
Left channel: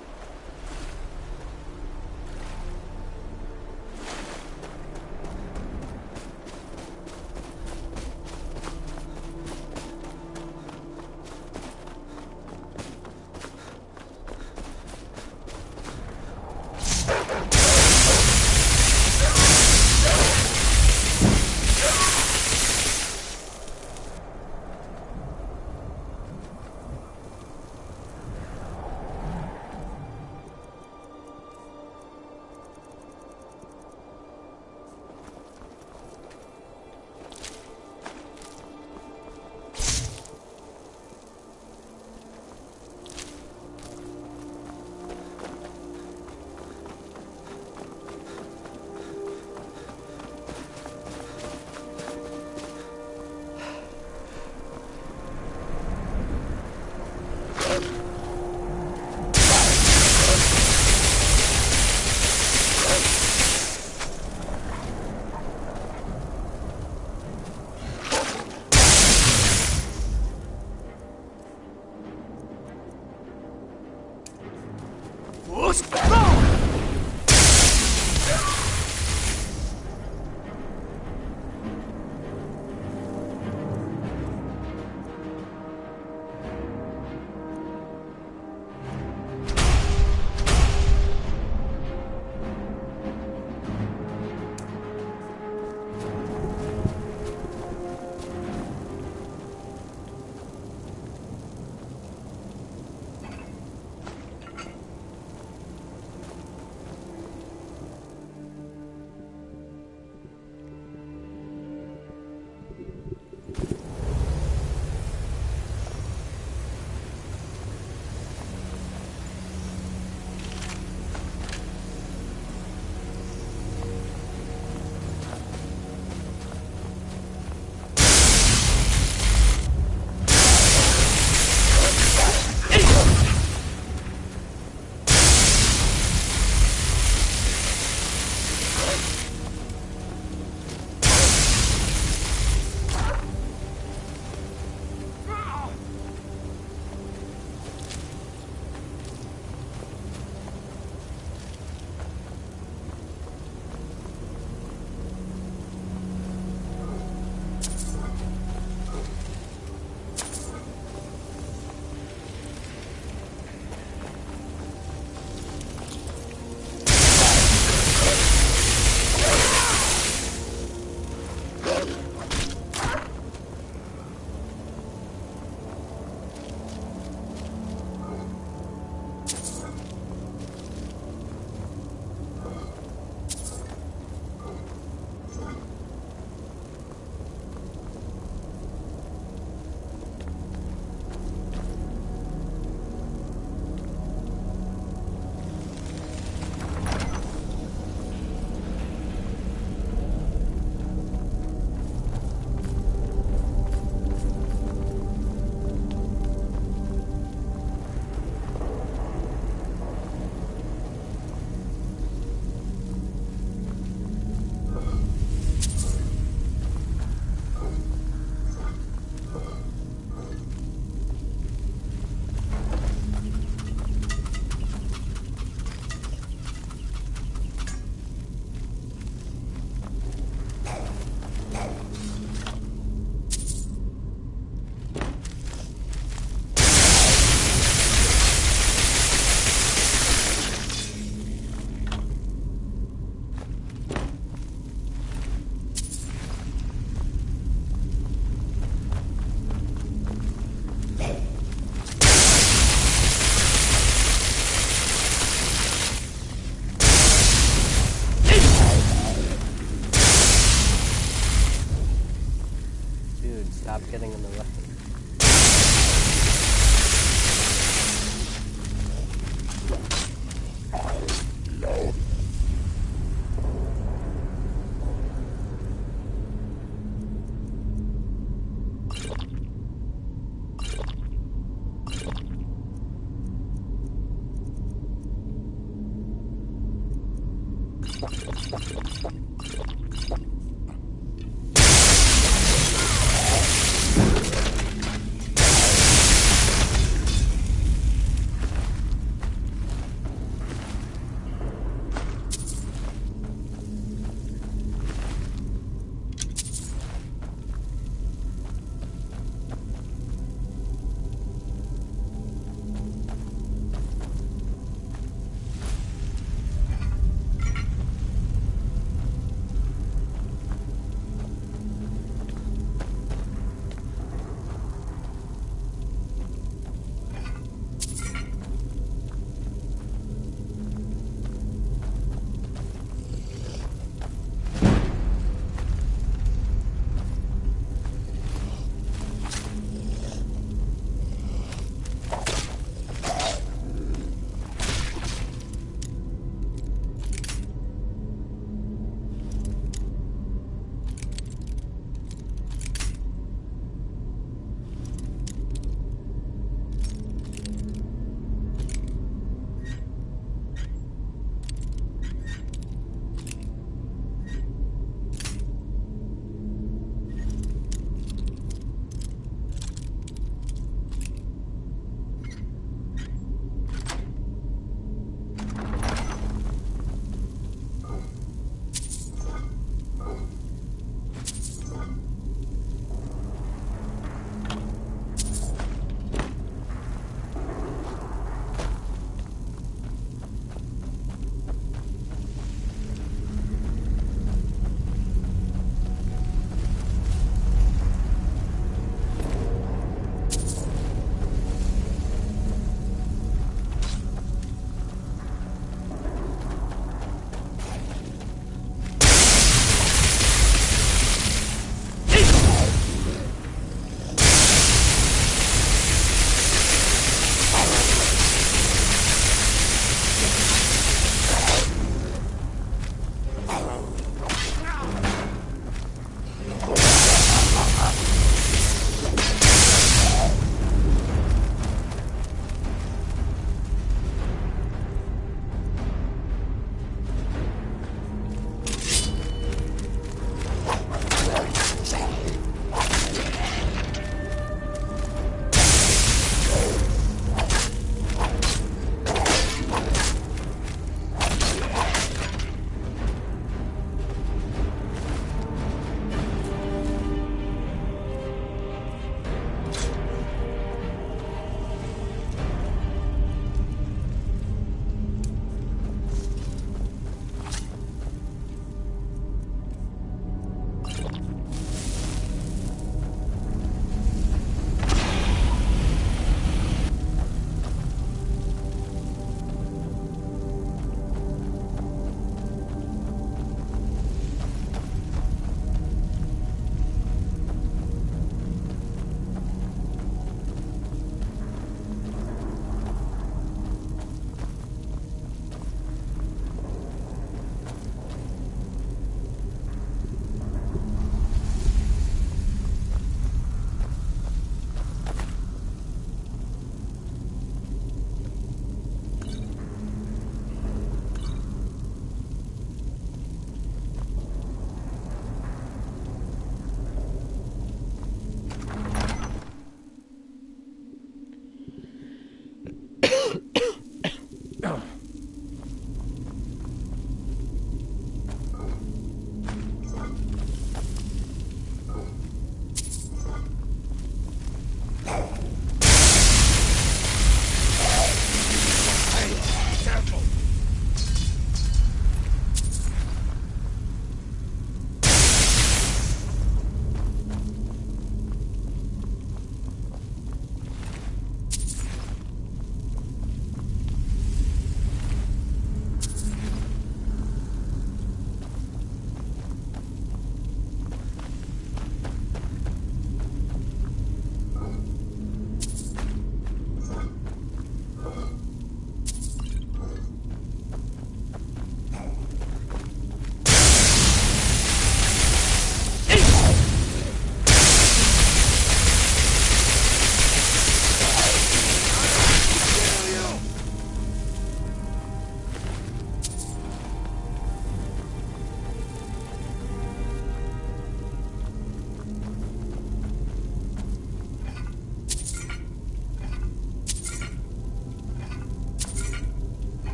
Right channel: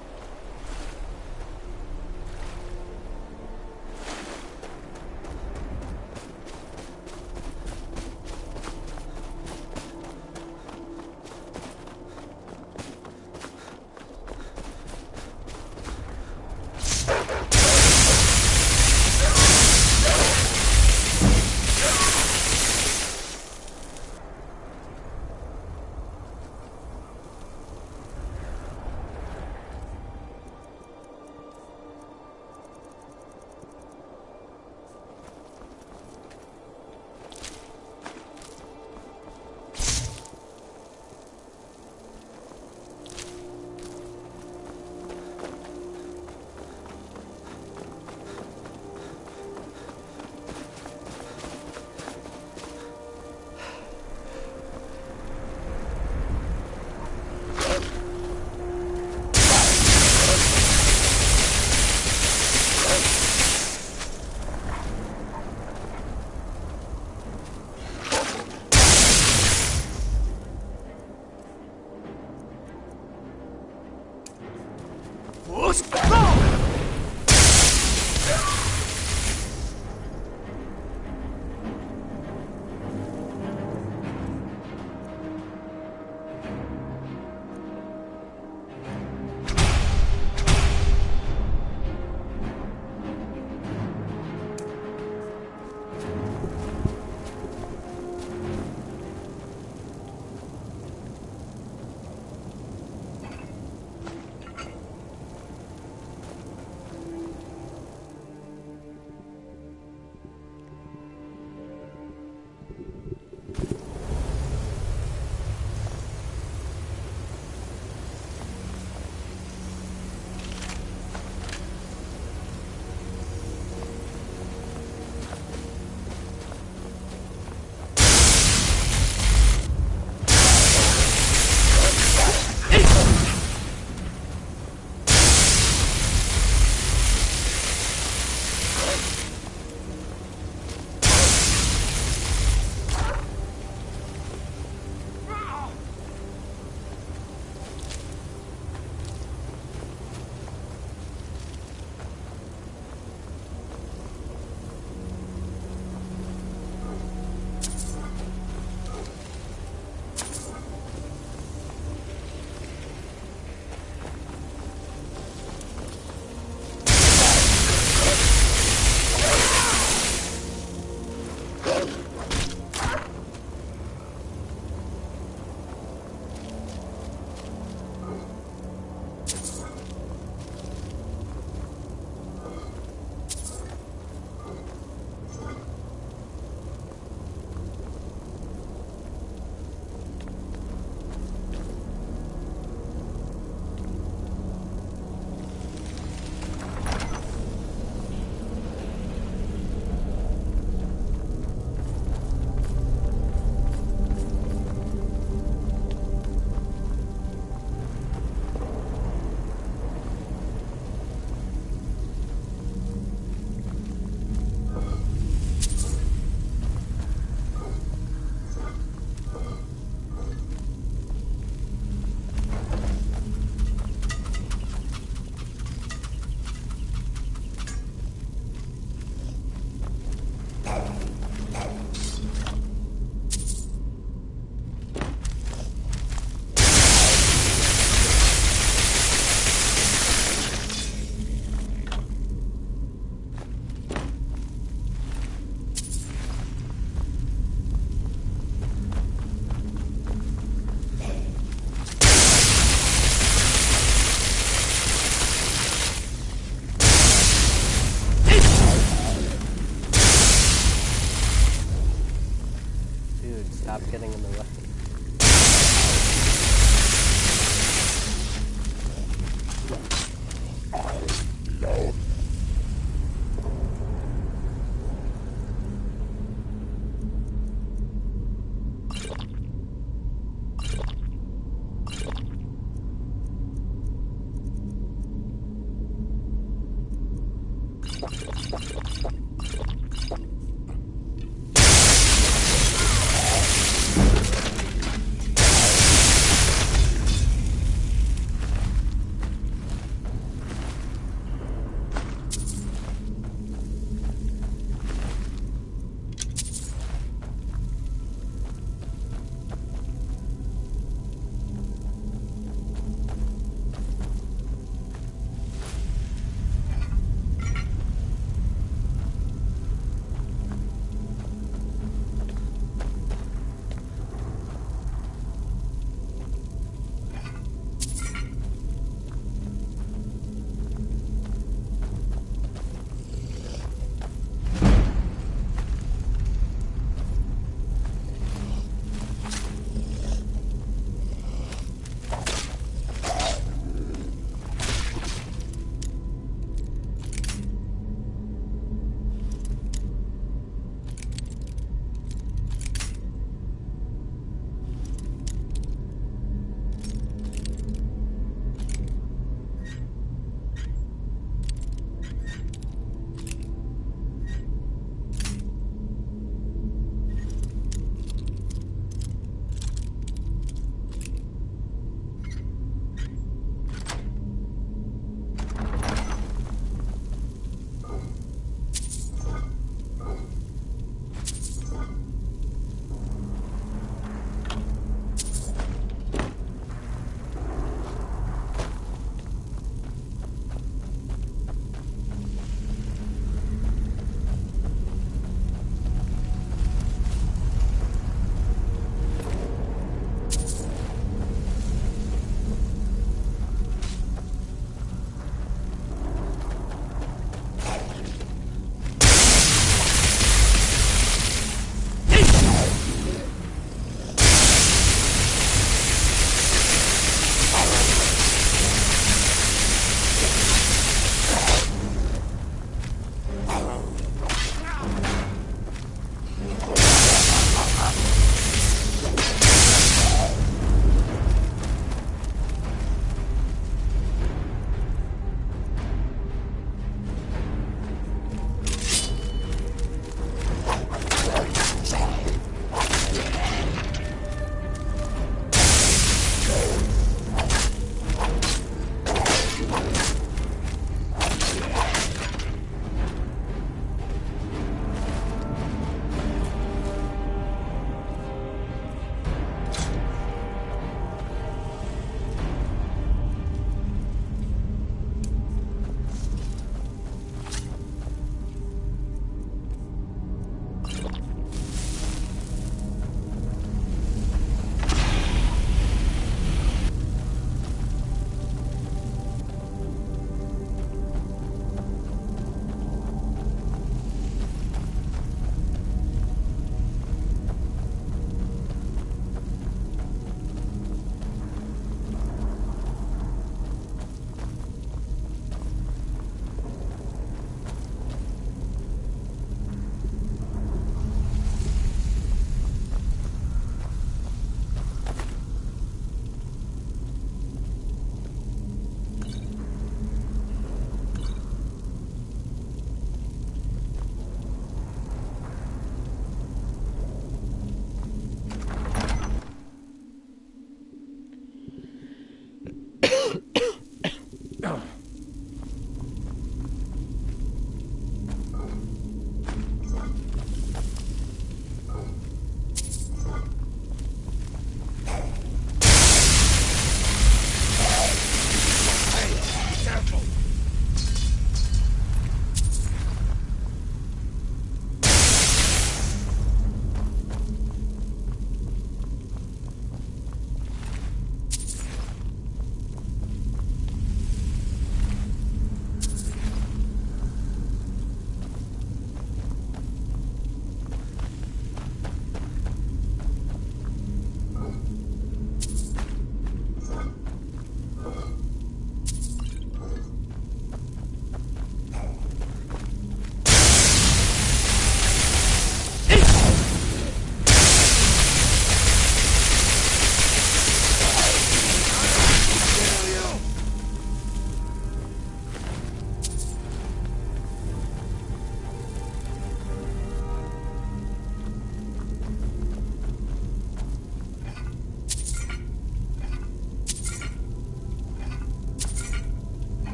Dude, stop getting in the way.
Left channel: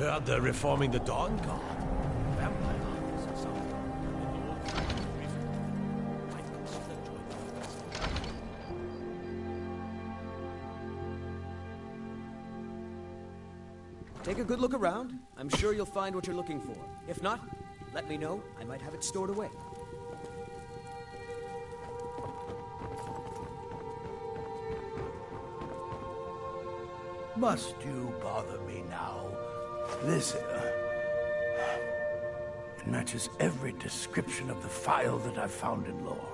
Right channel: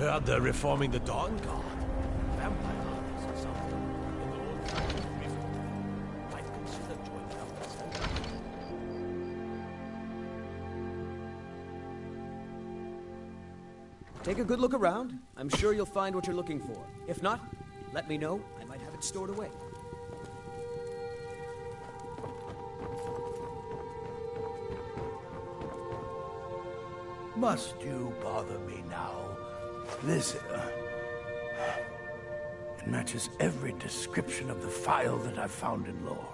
Heard they're reforming the Dawn Guard. Vampire hunters or something. In the old Rift. Might consider joining up as Take a good look around. I'm sure you'll find what you're looking for. If not, let me know. I might have it stored away. Must you bother me now? This, it matches every description of the file that I've found in lore.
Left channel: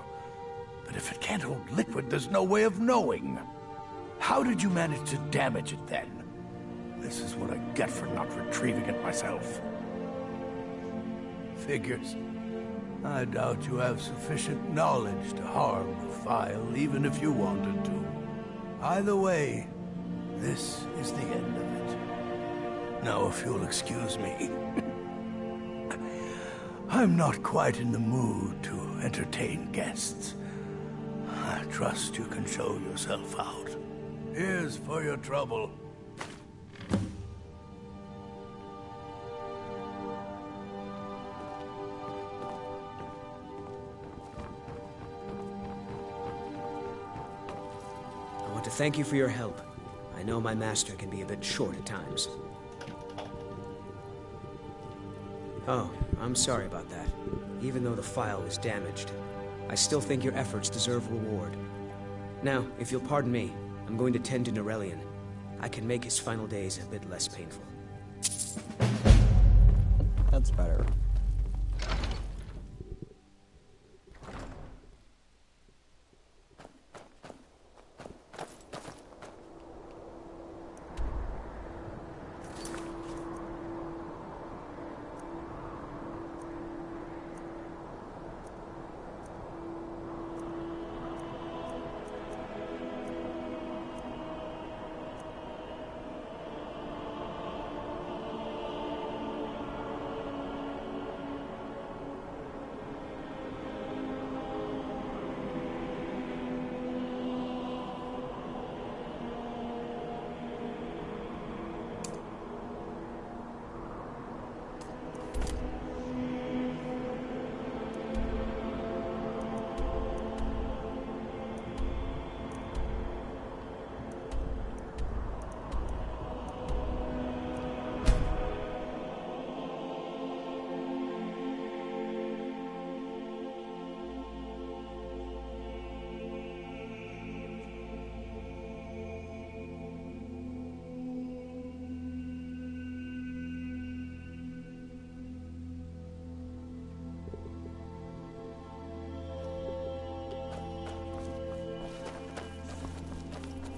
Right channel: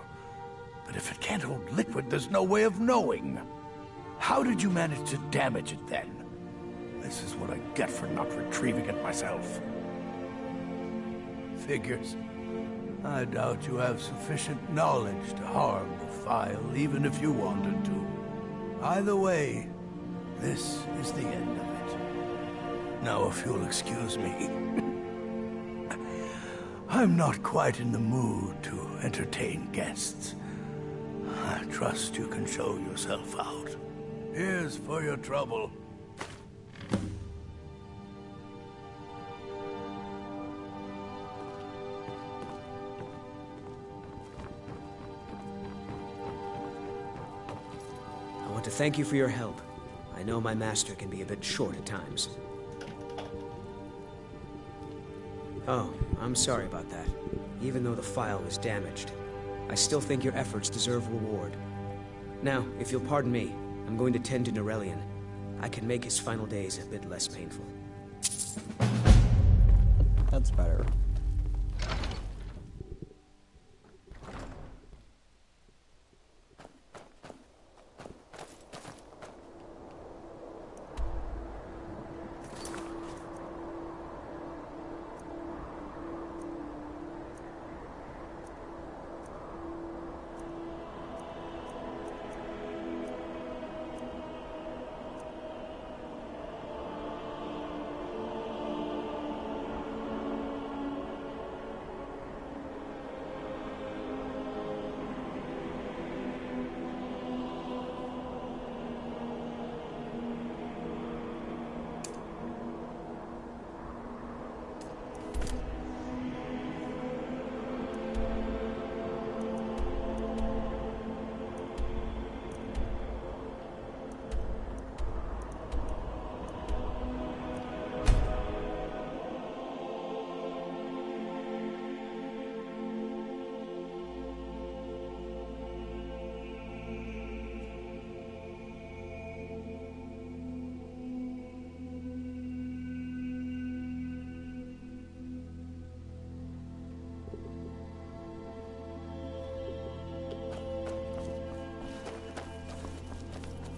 But if it can't hold liquid, there's no way of knowing. How did you manage to damage it then? This is what I get for not retrieving it myself. Figures. I doubt you have sufficient knowledge to harm the file, even if you wanted to. Either way, this is the end of it. Now, if you'll excuse me, I'm not quite in the mood to entertain guests. I trust you can show yourself out. Here's for your trouble. I want to thank you for your help. I know my master can be a bit short at times. Oh, I'm sorry about that. Even though the file was damaged, I still think your efforts deserve reward. Now, if you'll pardon me, I'm going to tend to Norellian. I can make his final days a bit less painful. That's better.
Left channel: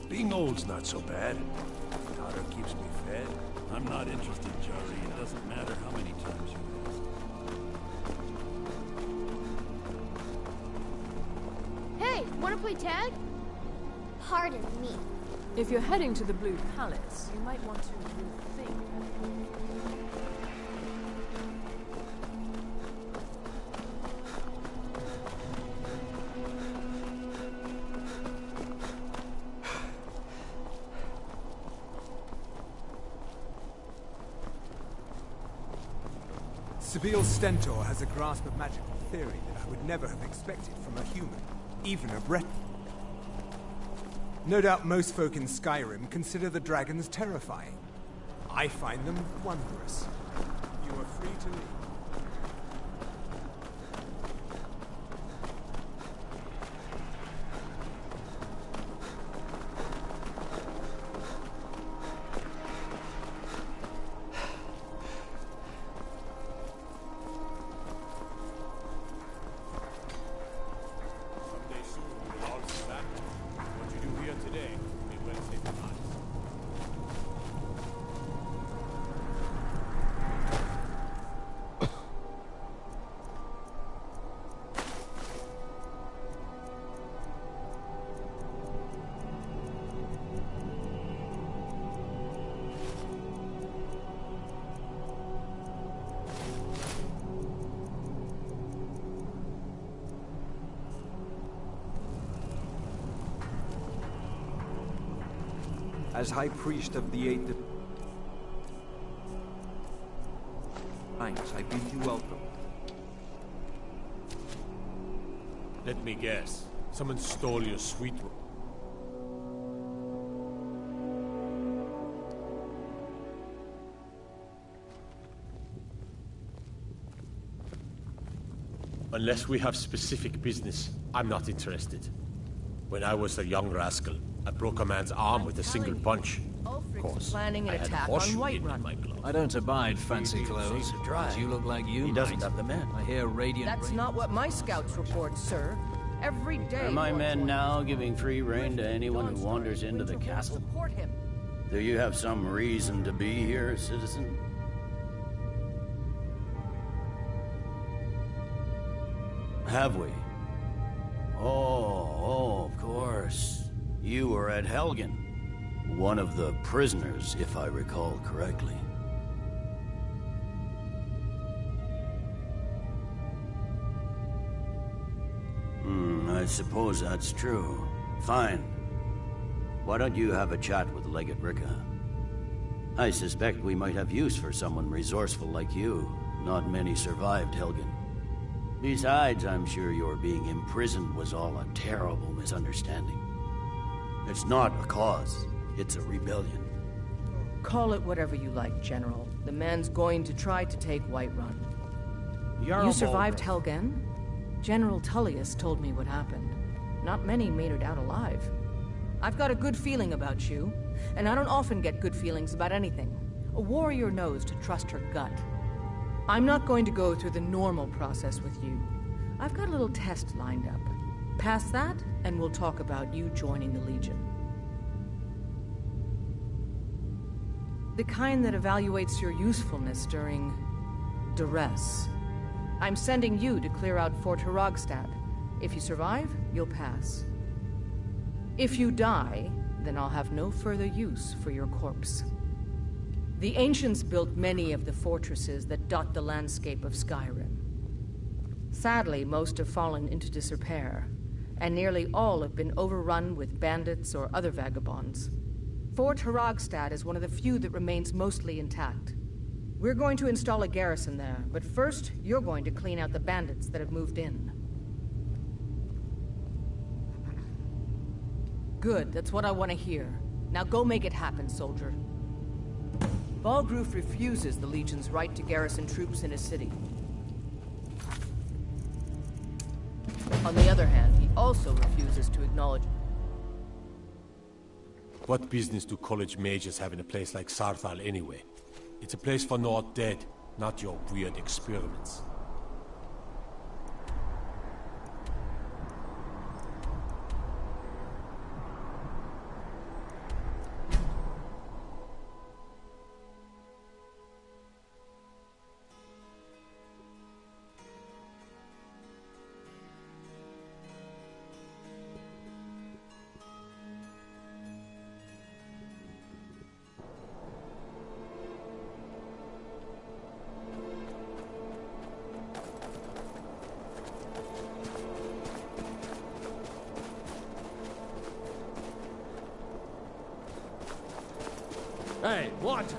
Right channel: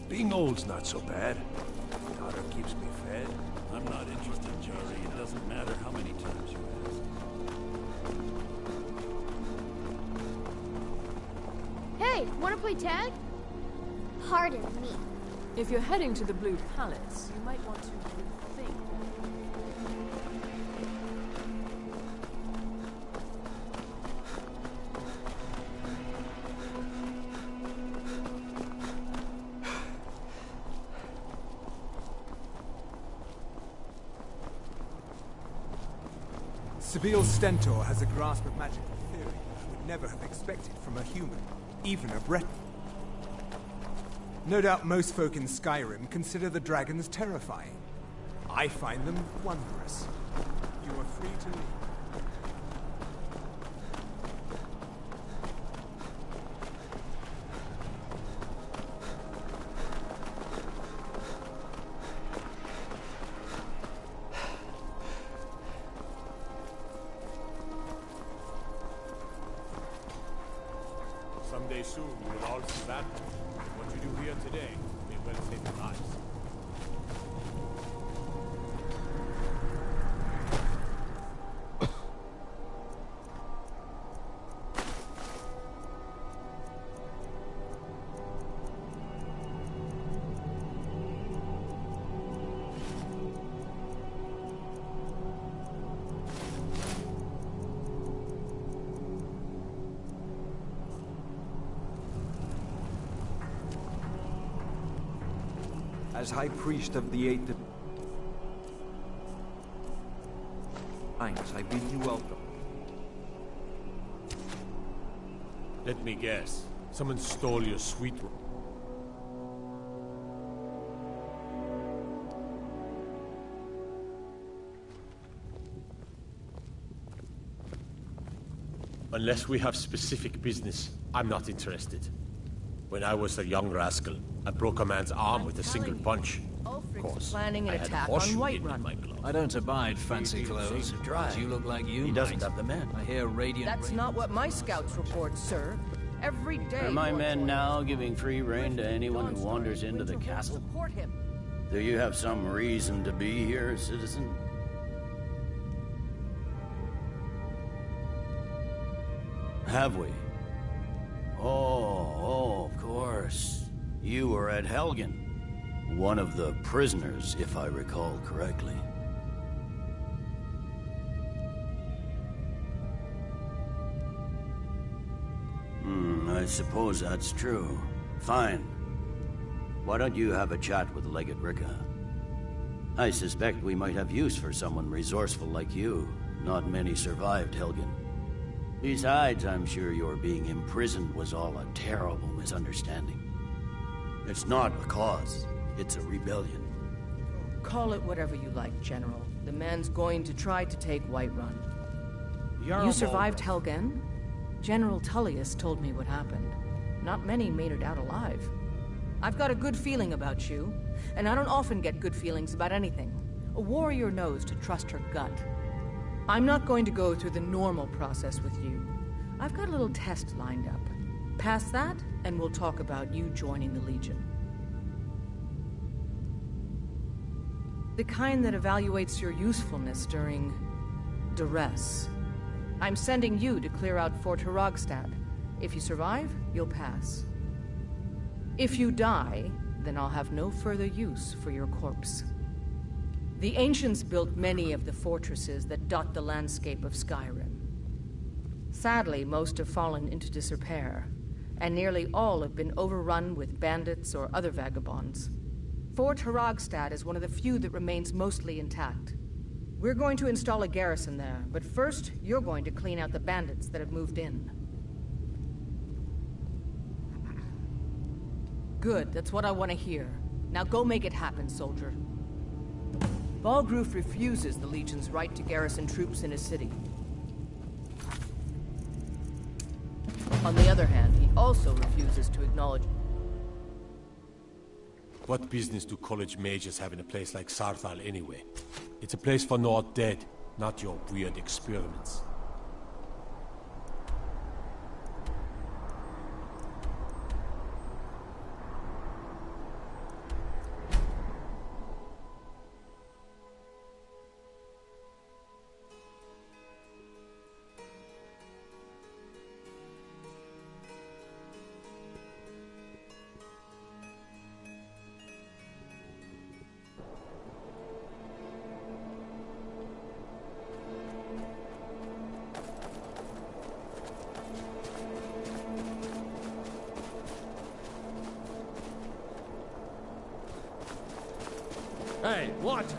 Being old's not so bad. Daughter keeps me fed. I'm not interested, Jari. It doesn't matter how many times you ask. Hey, wanna play tag? Pardon me. If you're heading to the Blue Palace, you might want to rethink that. Sabine Stentor has a grasp of magical theory that I would never have expected from a human, even a Breton. No doubt most folk in Skyrim consider the dragons terrifying. I find them wondrous. You are free to leave. Someday soon you will all see that. What you do here today may well save your lives. As High Priest of the Eighth... I bid you welcome. Let me guess. Someone stole your sweet... Unless we have specific business, I'm not interested. When I was a young rascal, I broke a man's arm with a single punch. Of course. Planning an I had a attack on horseshoe Whiterun. in my glove. I don't abide fancy clothes, but you look like you He doesn't might. have the men. I hear radiant... That's not what my scouts report, sir. Every day... Are my more men join now us. giving free rein to anyone who Dawnstar wanders and into the Winterhold castle? Support him. Do you have some reason to be here, citizen? Have we? Oh, of course. You were at Helgen. One of the prisoners, if I recall correctly. I suppose that's true. Fine. Why don't you have a chat with Legate Ricka? I suspect we might have use for someone resourceful like you. Not many survived Helgen. Besides, I'm sure your being imprisoned was all a terrible misunderstanding. It's not a cause. It's a rebellion. Call it whatever you like, General. The man's going to try to take Whiterun. You survived Helgen? General Tullius told me what happened. Not many made it out alive. I've got a good feeling about you, and I don't often get good feelings about anything. A warrior knows to trust her gut. I'm not going to go through the normal process with you. I've got a little test lined up. Pass that, and we'll talk about you joining the Legion. The kind that evaluates your usefulness during duress. I'm sending you to clear out Fort Hrogstad. If you survive, you'll pass. If you die, then I'll have no further use for your corpse. The ancients built many of the fortresses that dot the landscape of Skyrim. Sadly, most have fallen into disrepair, and nearly all have been overrun with bandits or other vagabonds. Fort Hrogstad is one of the few that remains mostly intact. We're going to install a garrison there, but first, you're going to clean out the bandits that have moved in. Good, that's what I want to hear. Now go make it happen, soldier. Balgruf refuses the Legion's right to garrison troops in his city. On the other hand, he also refuses to acknowledge... What business do college mages have in a place like Sarthal anyway? It's a place for not dead, not your weird experiments. Hey, watch it!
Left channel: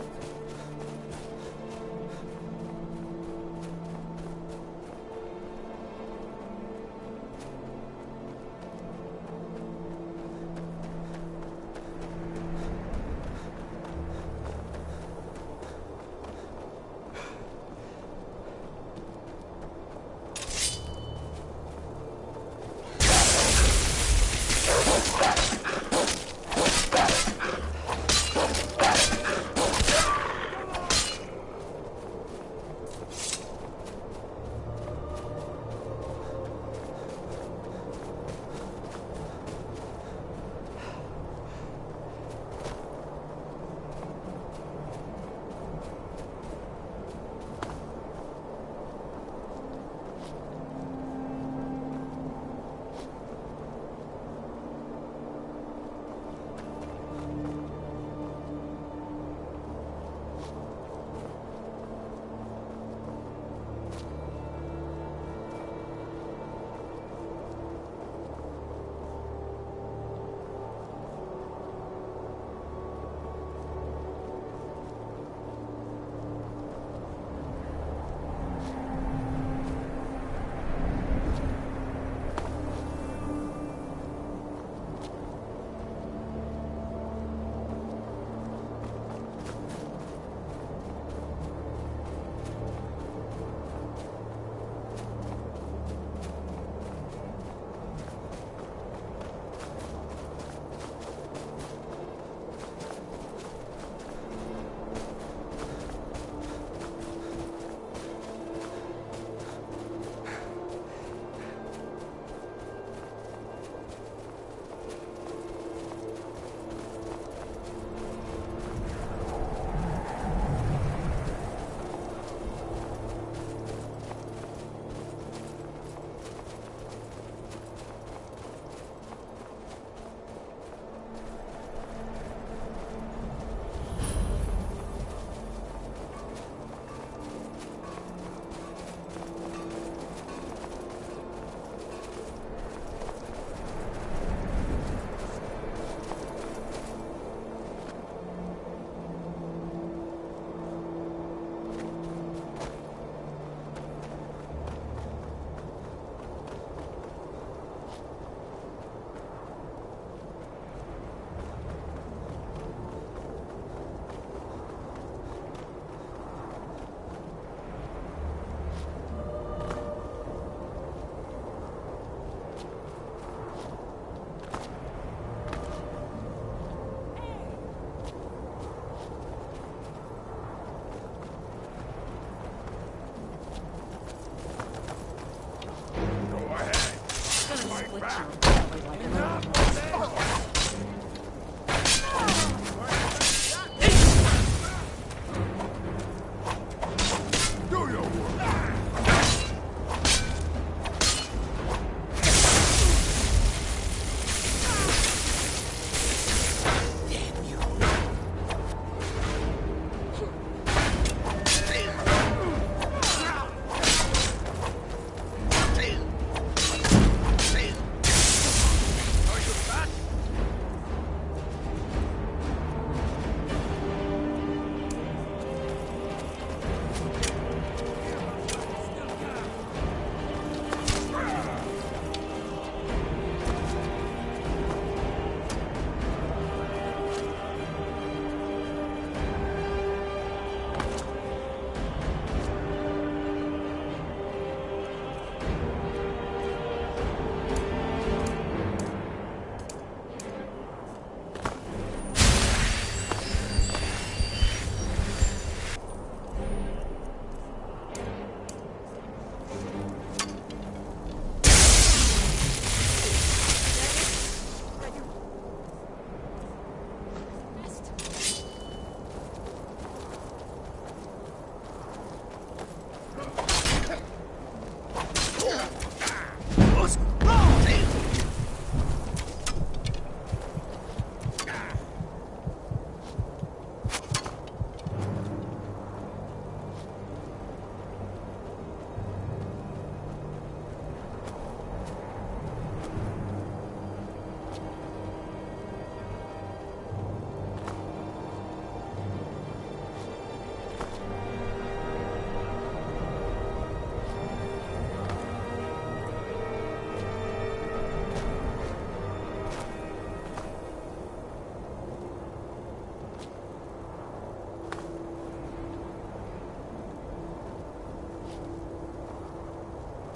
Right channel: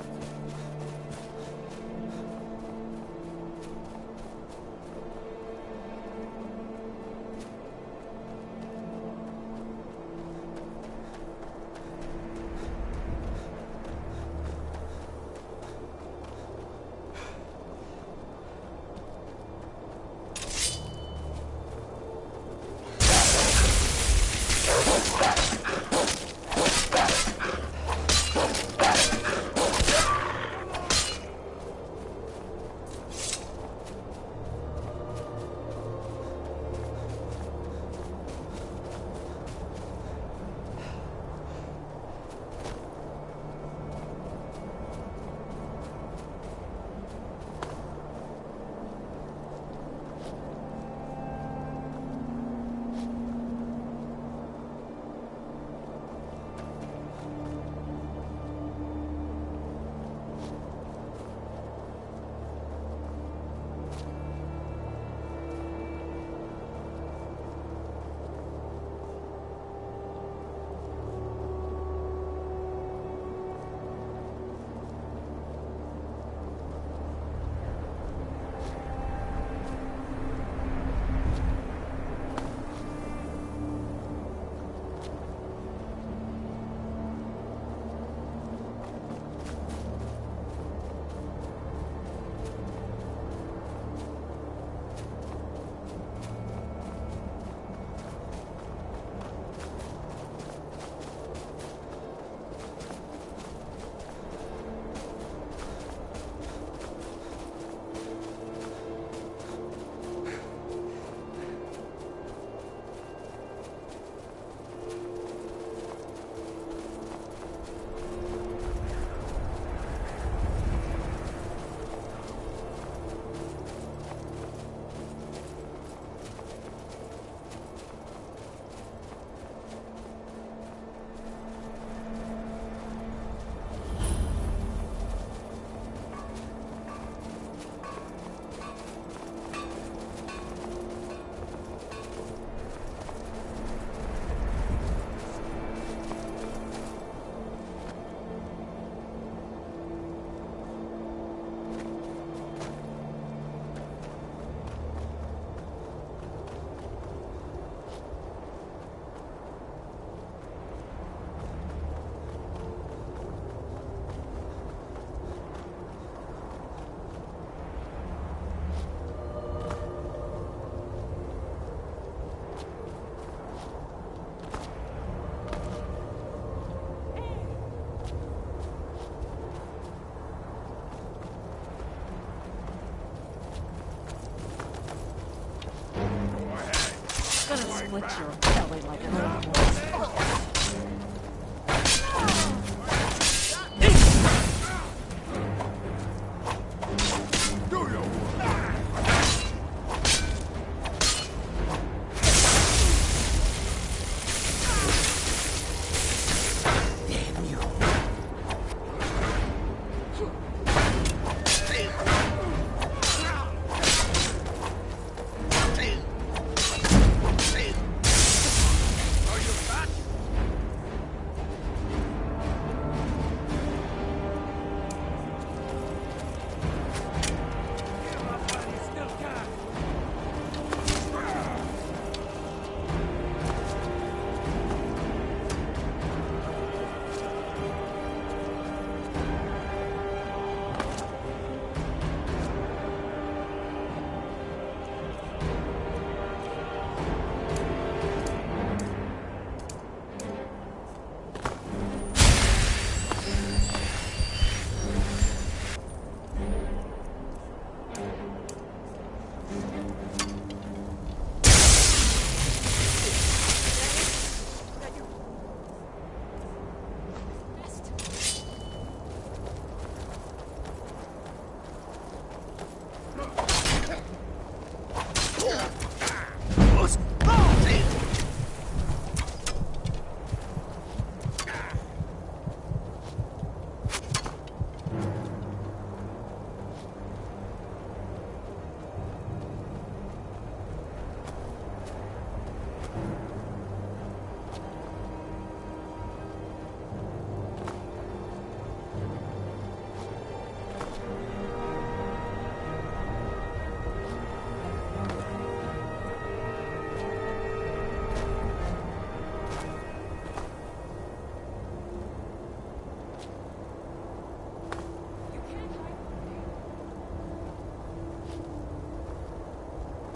Split your belly like an old one's.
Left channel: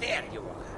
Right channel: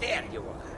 There you are.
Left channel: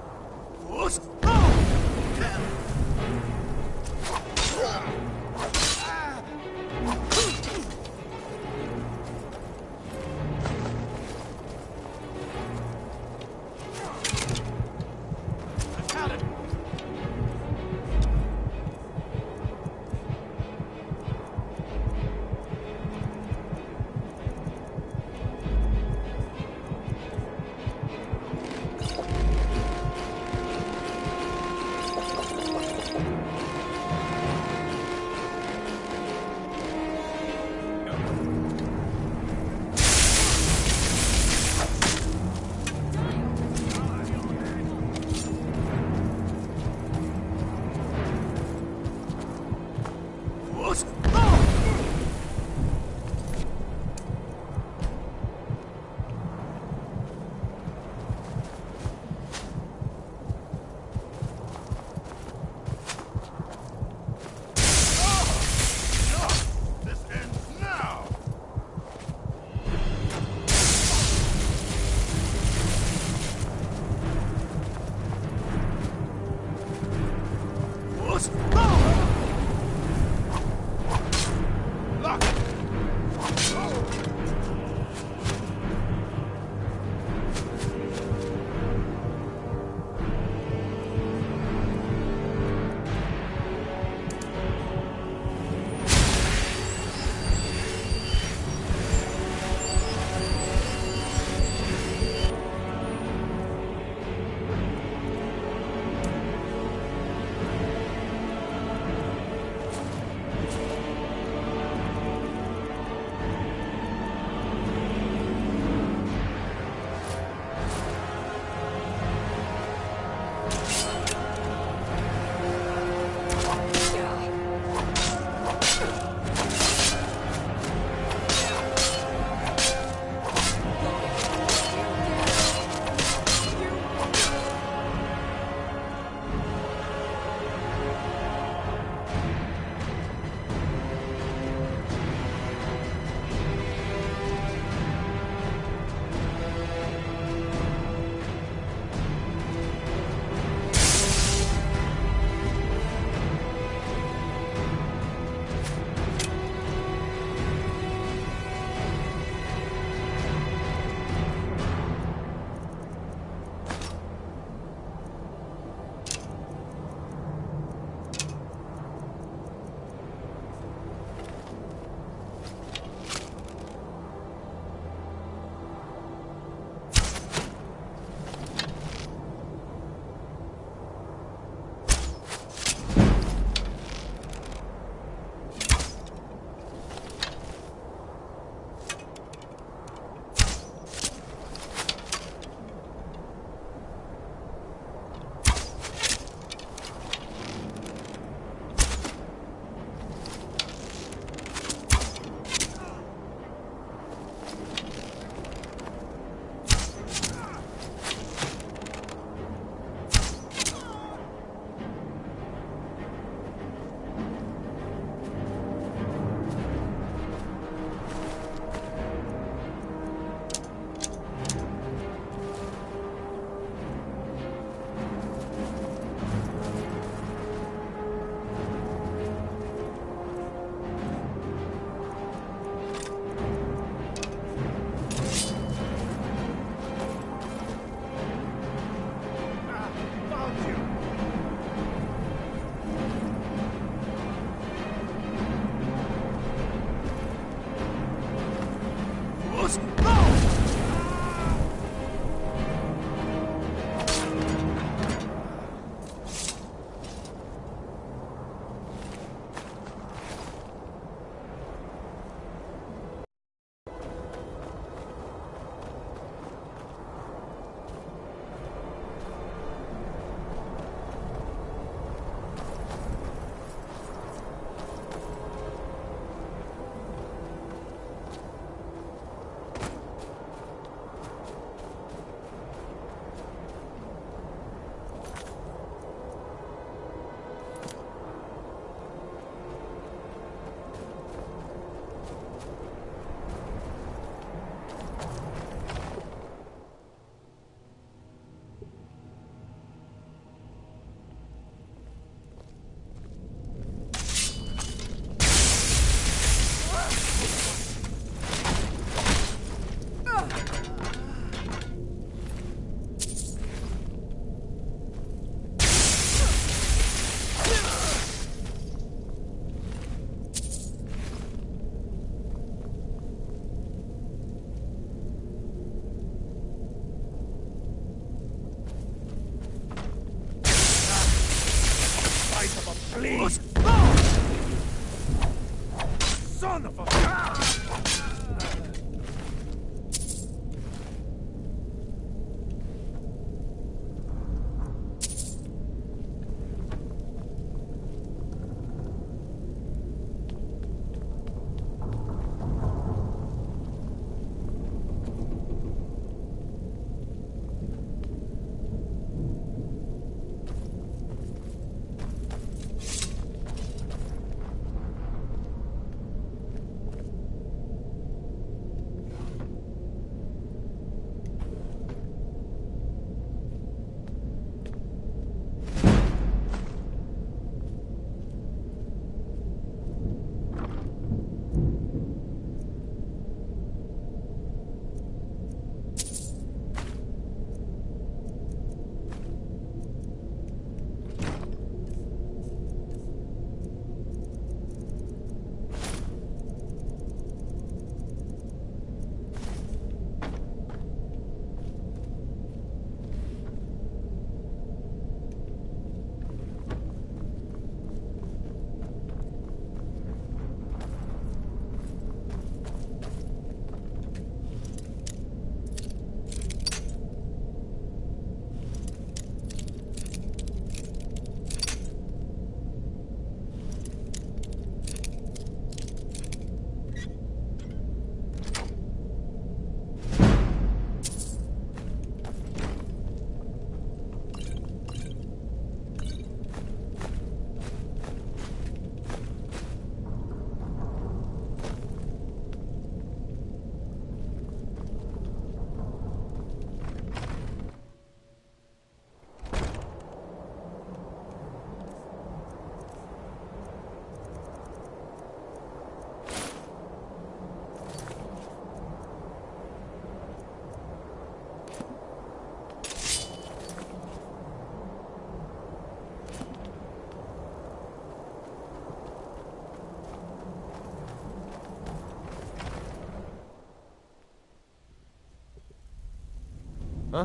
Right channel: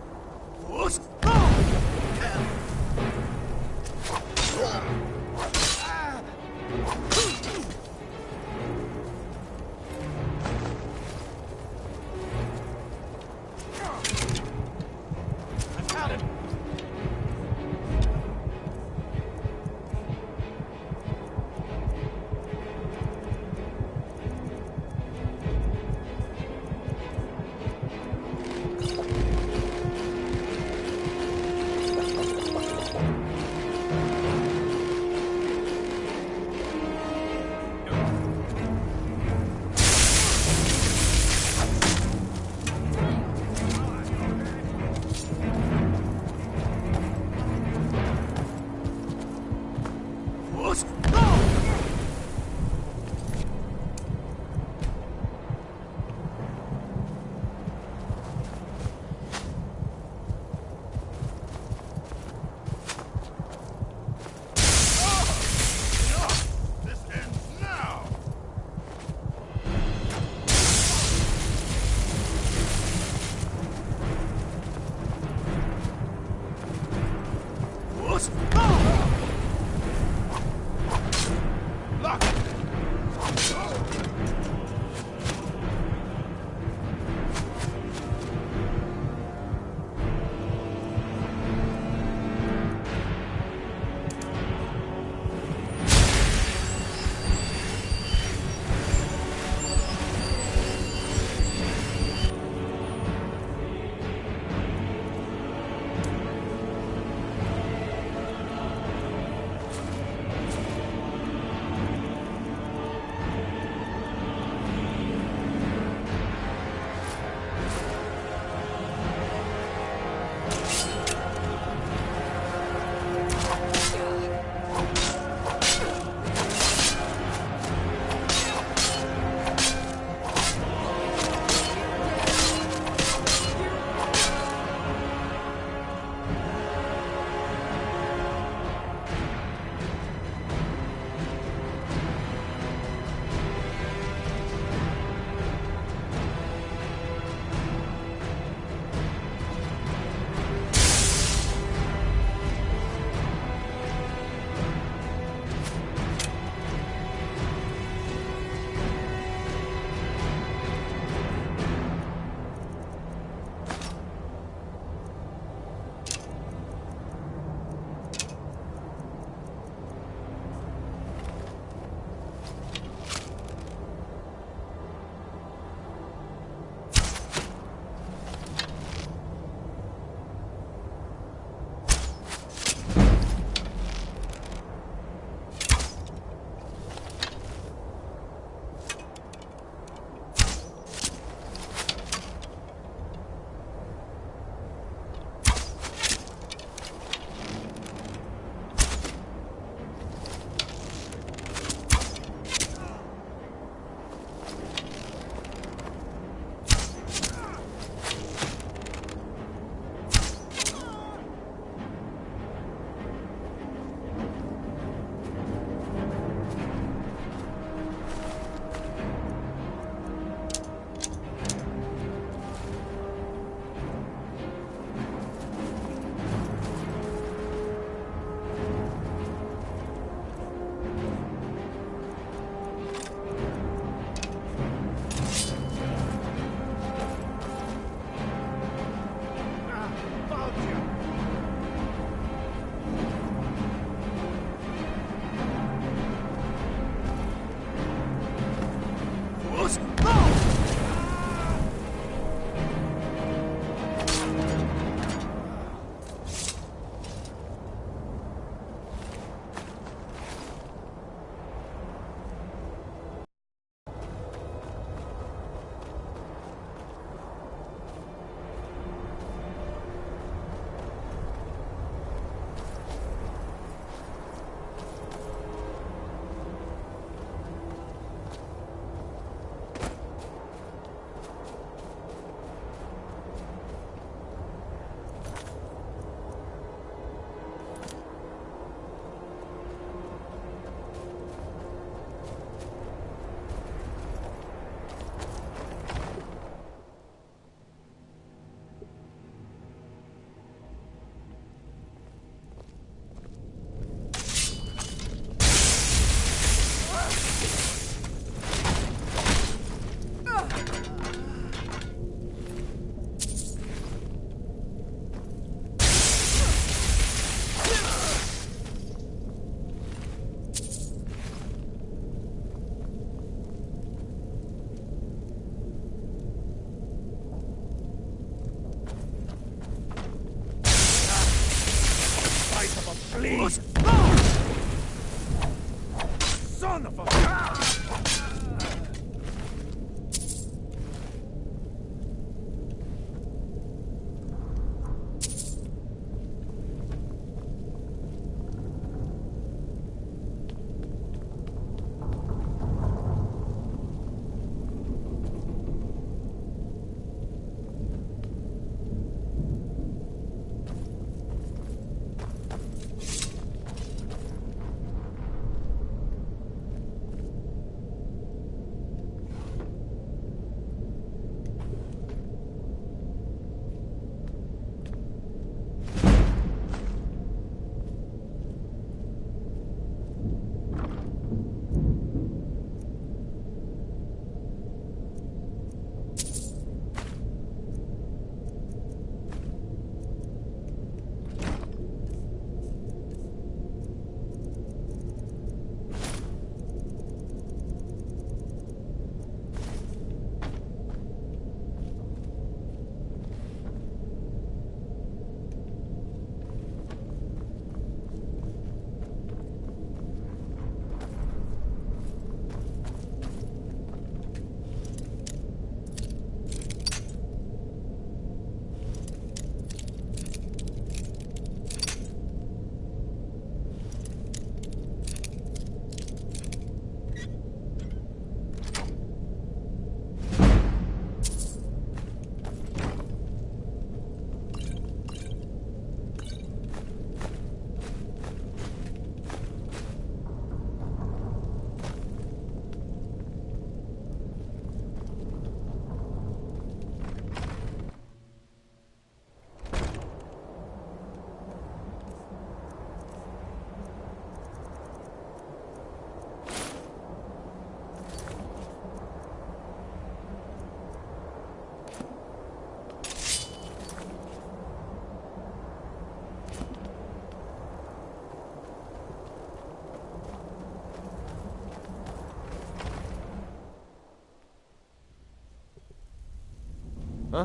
Huh?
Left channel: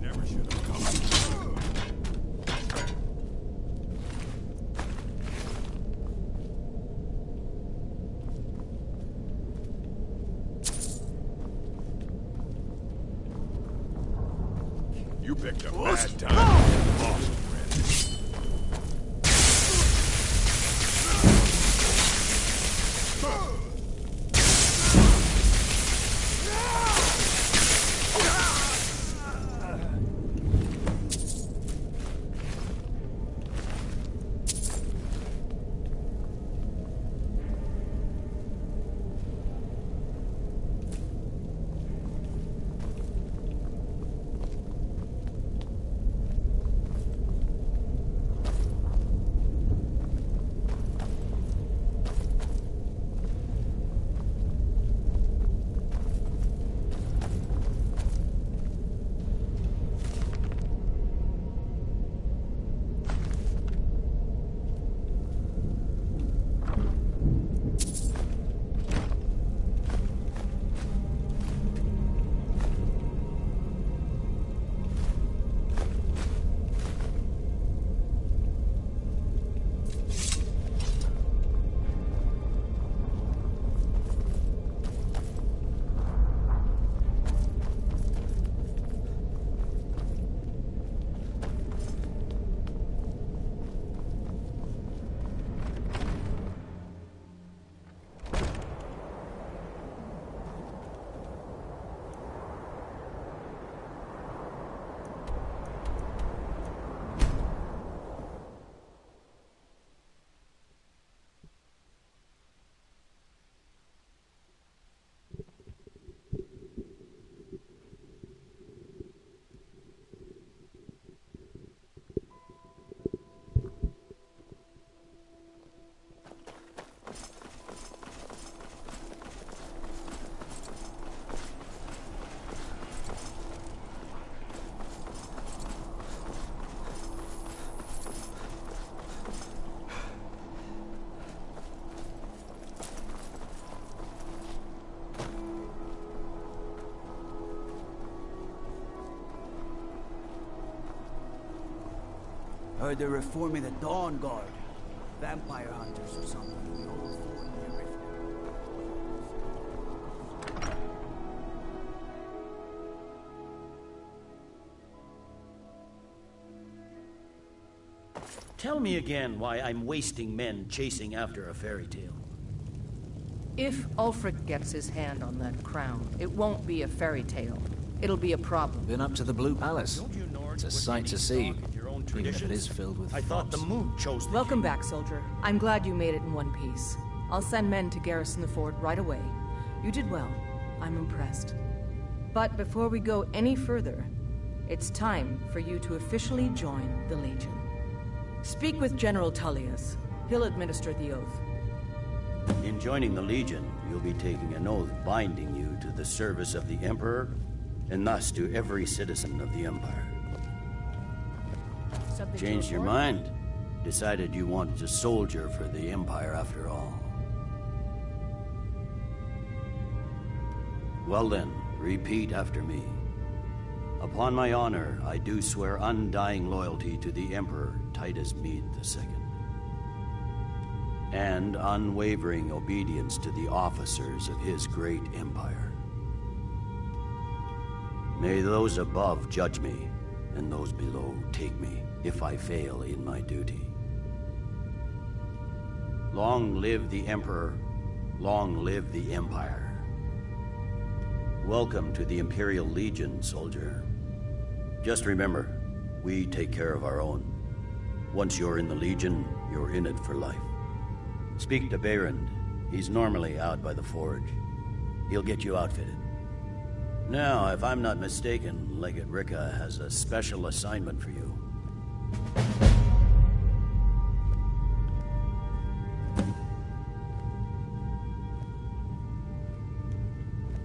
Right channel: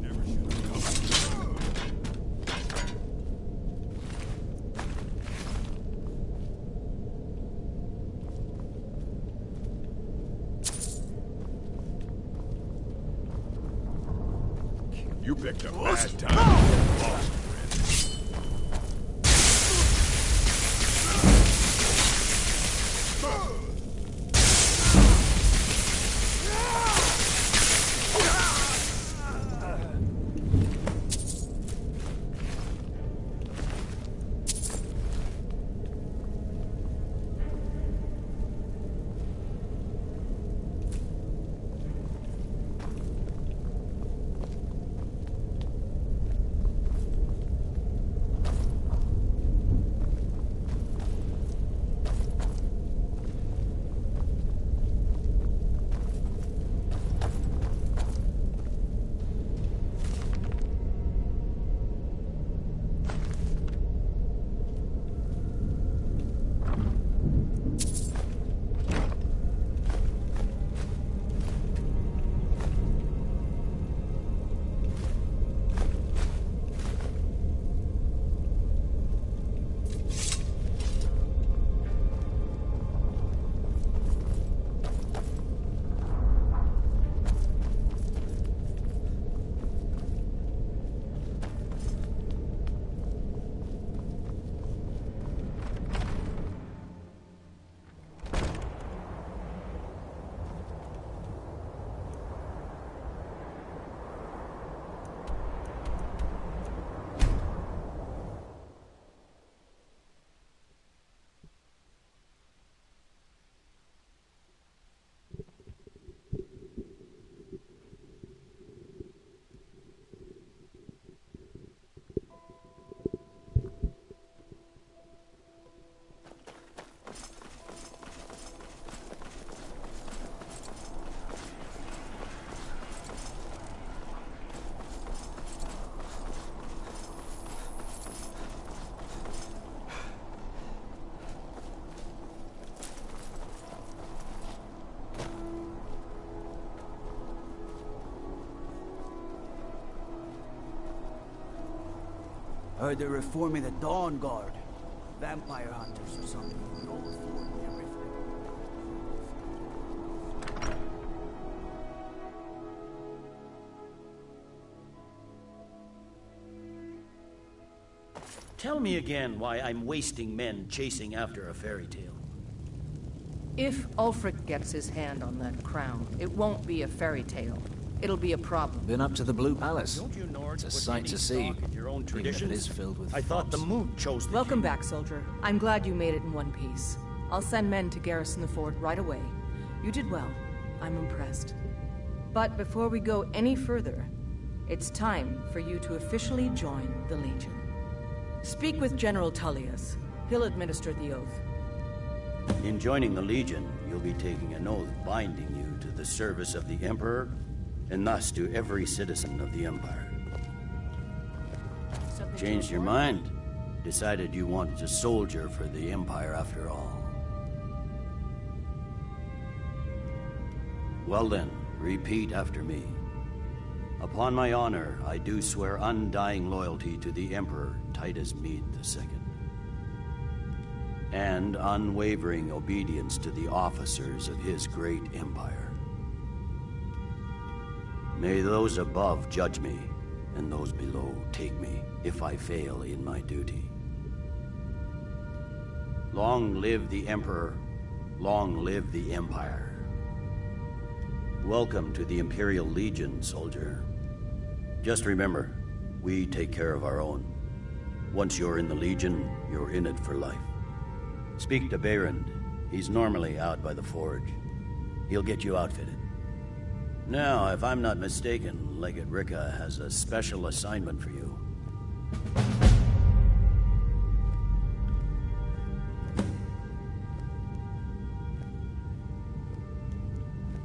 Never should have come. You picked a bad time to get lost, Heard they're reforming the Dawn Guard. Vampire hunters or something. The old fort near Riften. Tell me again why I'm wasting men chasing after a fairy tale. If Ulfric gets his hand on that crown, it won't be a fairy tale. It'll be a problem. Been up to the Blue Palace. It's a sight to see, even if it is filled with I thought the moon chose the Welcome back, soldier. I'm glad you made it in one piece. I'll send men to garrison the fort right away. You did well. I'm impressed. But before we go any further, it's time for you to officially join the Legion. Speak with General Tullius. He'll administer the oath. In joining the Legion, you'll be taking an oath binding you to the service of the Emperor, and thus to every citizen of the Empire. Changed your mind? Decided you wanted to soldier for the Empire after all. Well then, repeat after me. Upon my honor, I do swear undying loyalty to the Emperor Titus Mede II. And unwavering obedience to the officers of his great empire. May those above judge me, and those below take me, if I fail in my duty. Long live the Emperor, long live the Empire. Welcome to the Imperial Legion, soldier. Just remember, we take care of our own. Once you're in the Legion, you're in it for life. Speak to Behrend. He's normally out by the forge. He'll get you outfitted. Now, if I'm not mistaken, Legate Ricca has a special assignment for you.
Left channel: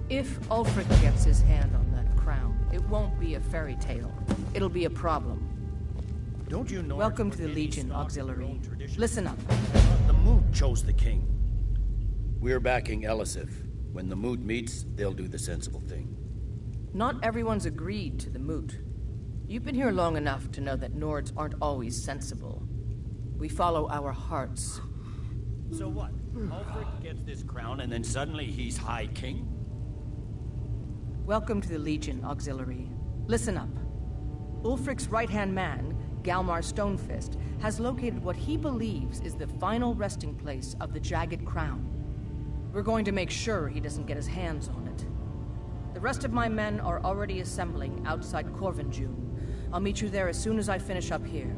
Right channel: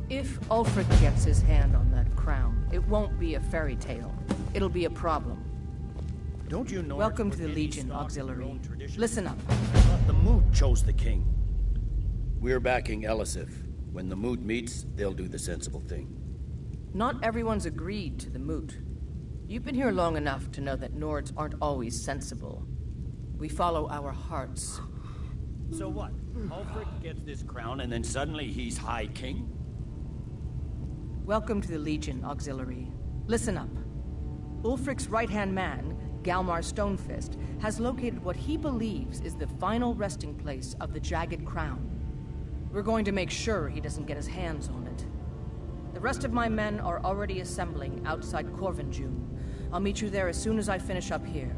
If Ulfric gets his hand on that crown, it won't be a fairy tale. It'll be a problem. Don't you know? Welcome to the Legion Auxiliary. Listen up. I thought the Moot chose the king. We're backing Elisif. When the Moot meets, they'll do the sensible thing. Not everyone's agreed to the moot. You've been here long enough to know that Nords aren't always sensible. We follow our hearts. So what? Ulfric gets this crown and then suddenly he's High King? Welcome to the Legion, Auxiliary. Listen up. Ulfric's right-hand man, Galmar Stonefist, has located what he believes is the final resting place of the Jagged Crown. We're going to make sure he doesn't get his hands on it. The rest of my men are already assembling outside Corvinjune. I'll meet you there as soon as I finish up here.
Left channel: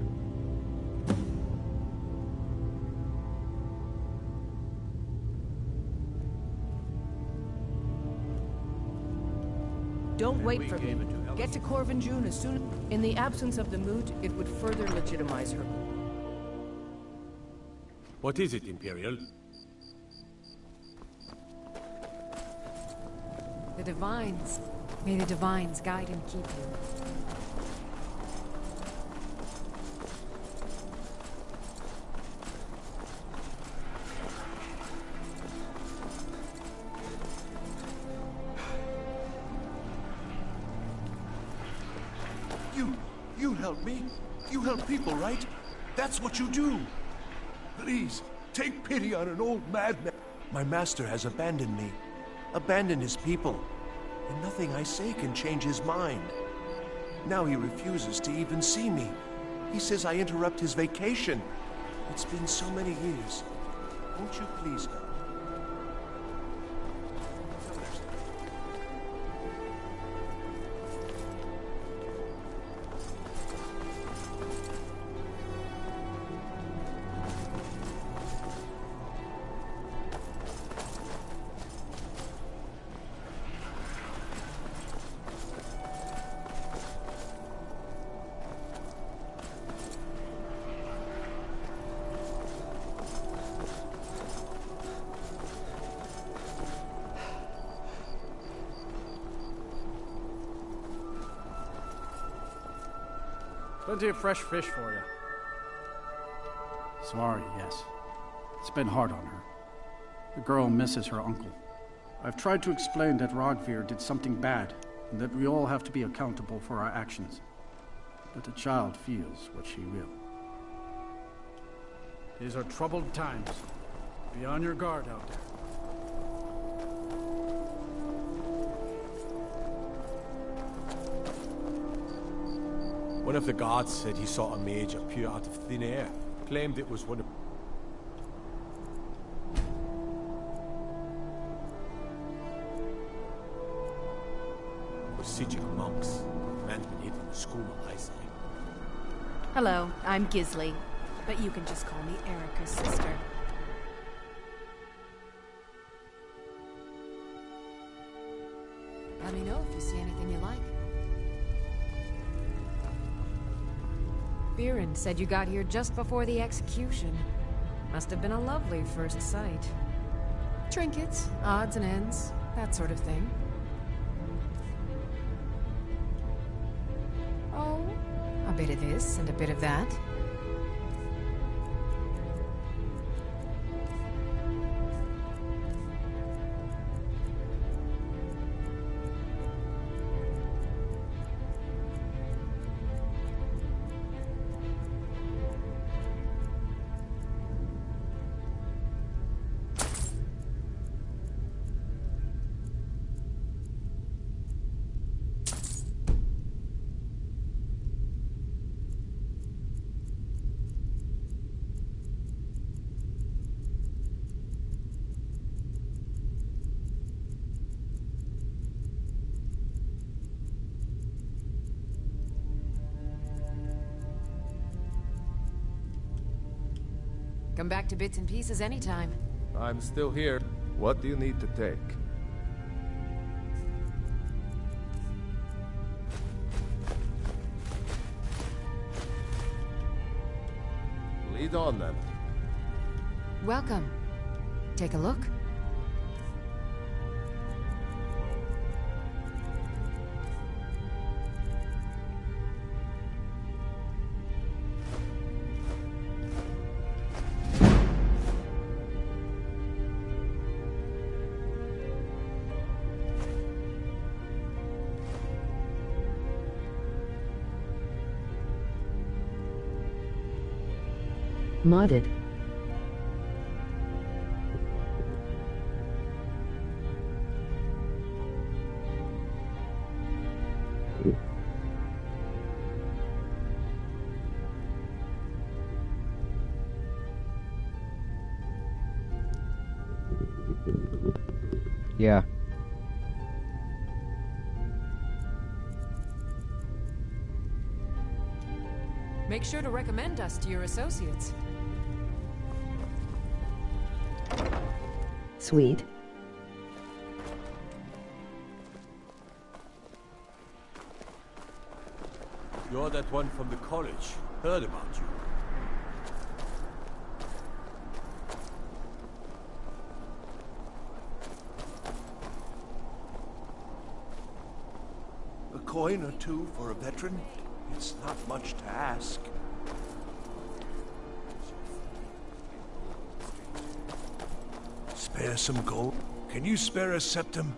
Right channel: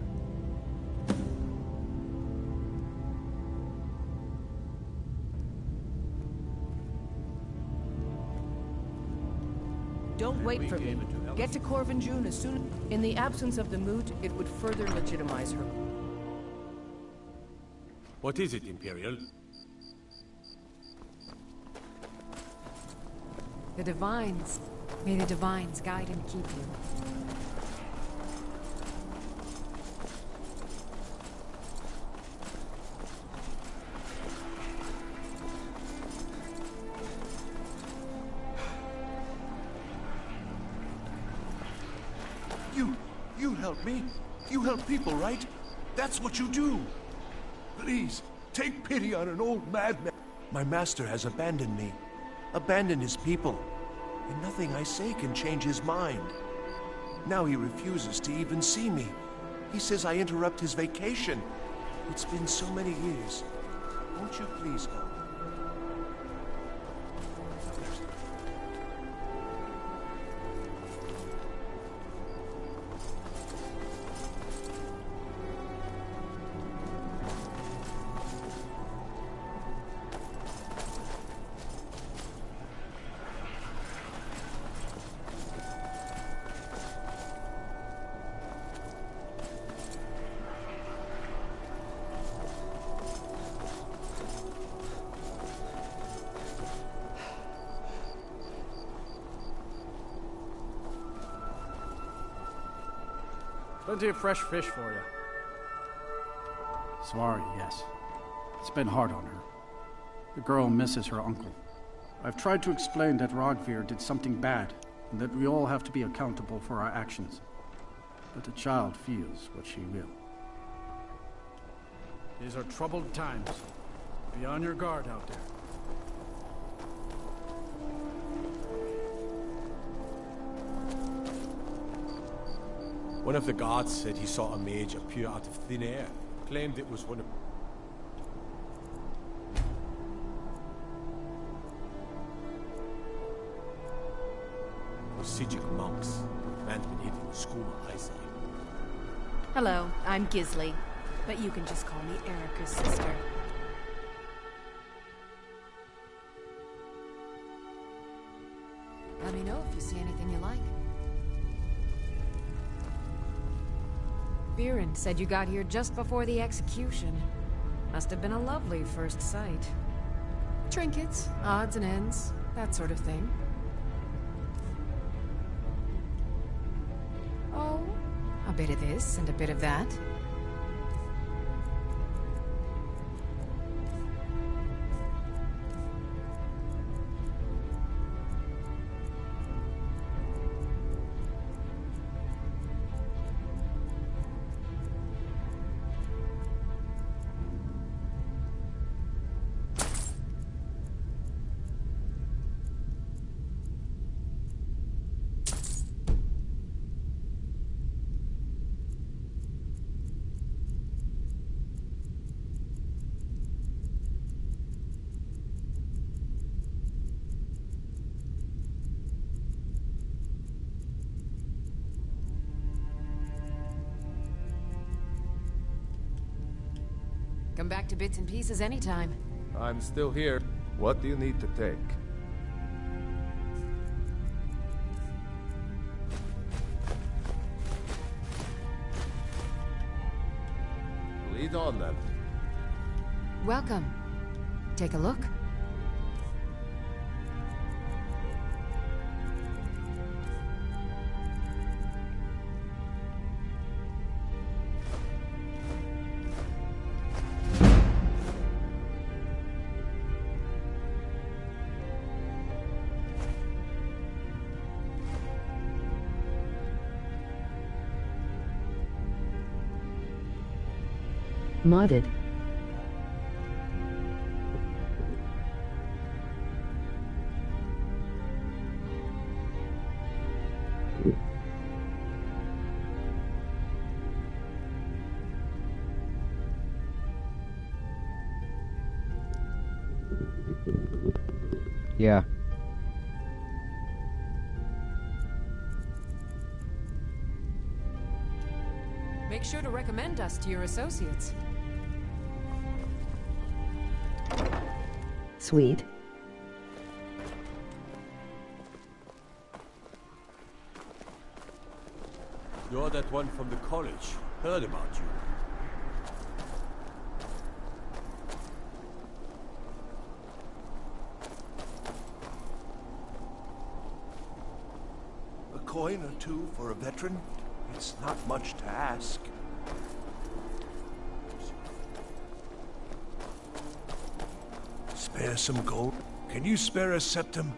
Don't wait for me. Get to Corvinjune as soon... In the absence of the moot, it would further legitimize her. What is it, Imperial? The Divines. May the Divines guide and keep you. You help me. You help people, right? That's what you do. Please, take pity on an old madman. My master has abandoned me. Abandoned his people. And nothing I say can change his mind. Now he refuses to even see me. He says I interrupt his vacation. It's been so many years. Won't you please help? Plenty of fresh fish for you. Sorry, yes. It's been hard on her. The girl misses her uncle. I've tried to explain that Rogvir did something bad, and that we all have to be accountable for our actions. But the child feels what she will. These are troubled times. Be on your guard out there. One of the guards said he saw a mage appear out of thin air. Claimed it was one of... Sijic monks. Man's been hitting the skooma, I say. Hello, I'm Gisli, but you can just call me Erica's sister. Let me know if you see anything you like. Viren said you got here just before the execution. Must have been a lovely first sight. Trinkets, odds and ends, that sort of thing. Oh, a bit of this and a bit of that. Come back to bits and pieces anytime. I'm still here. What do you need to take? Lead on, then. Welcome. Take a look. Modded. Yeah. Make sure to recommend us to your associates. Sweet. You're that one from the college. Heard about you. A coin or two for a veteran? It's not much to ask. Spare some gold? Can you spare a septum?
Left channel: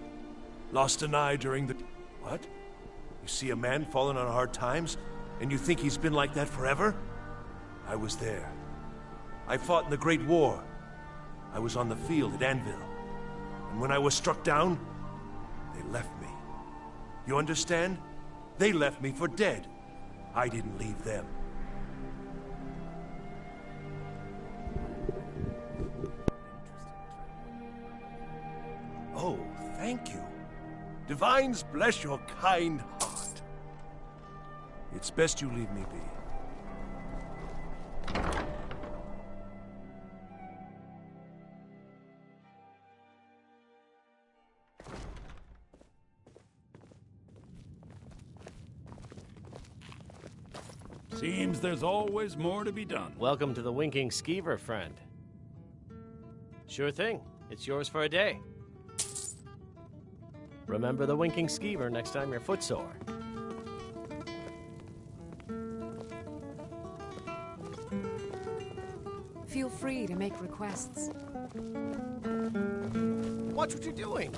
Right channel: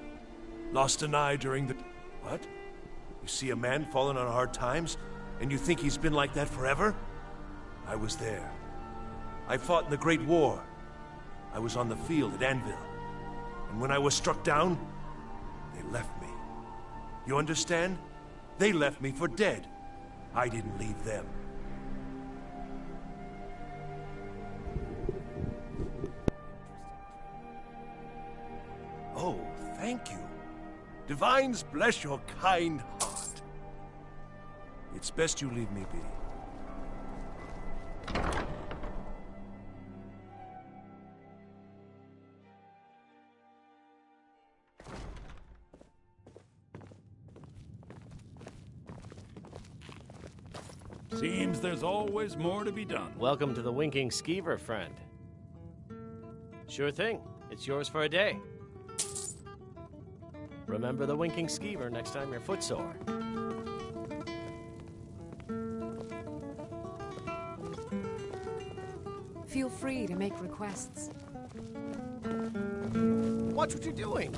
Lost an eye during the... What? You see a man falling on hard times, and you think he's been like that forever? I was there. I fought in the Great War. I was on the field at Anvil. And when I was struck down, they left me. You understand? They left me for dead. I didn't leave them. Oh, thank you. Divines bless your kind heart. It's best you leave me be. Seems there's always more to be done. Welcome to the Winking Skeever, friend. Sure thing. It's yours for a day. Remember the Winking Skeever next time you're footsore. Feel free to make requests. Watch what you're doing.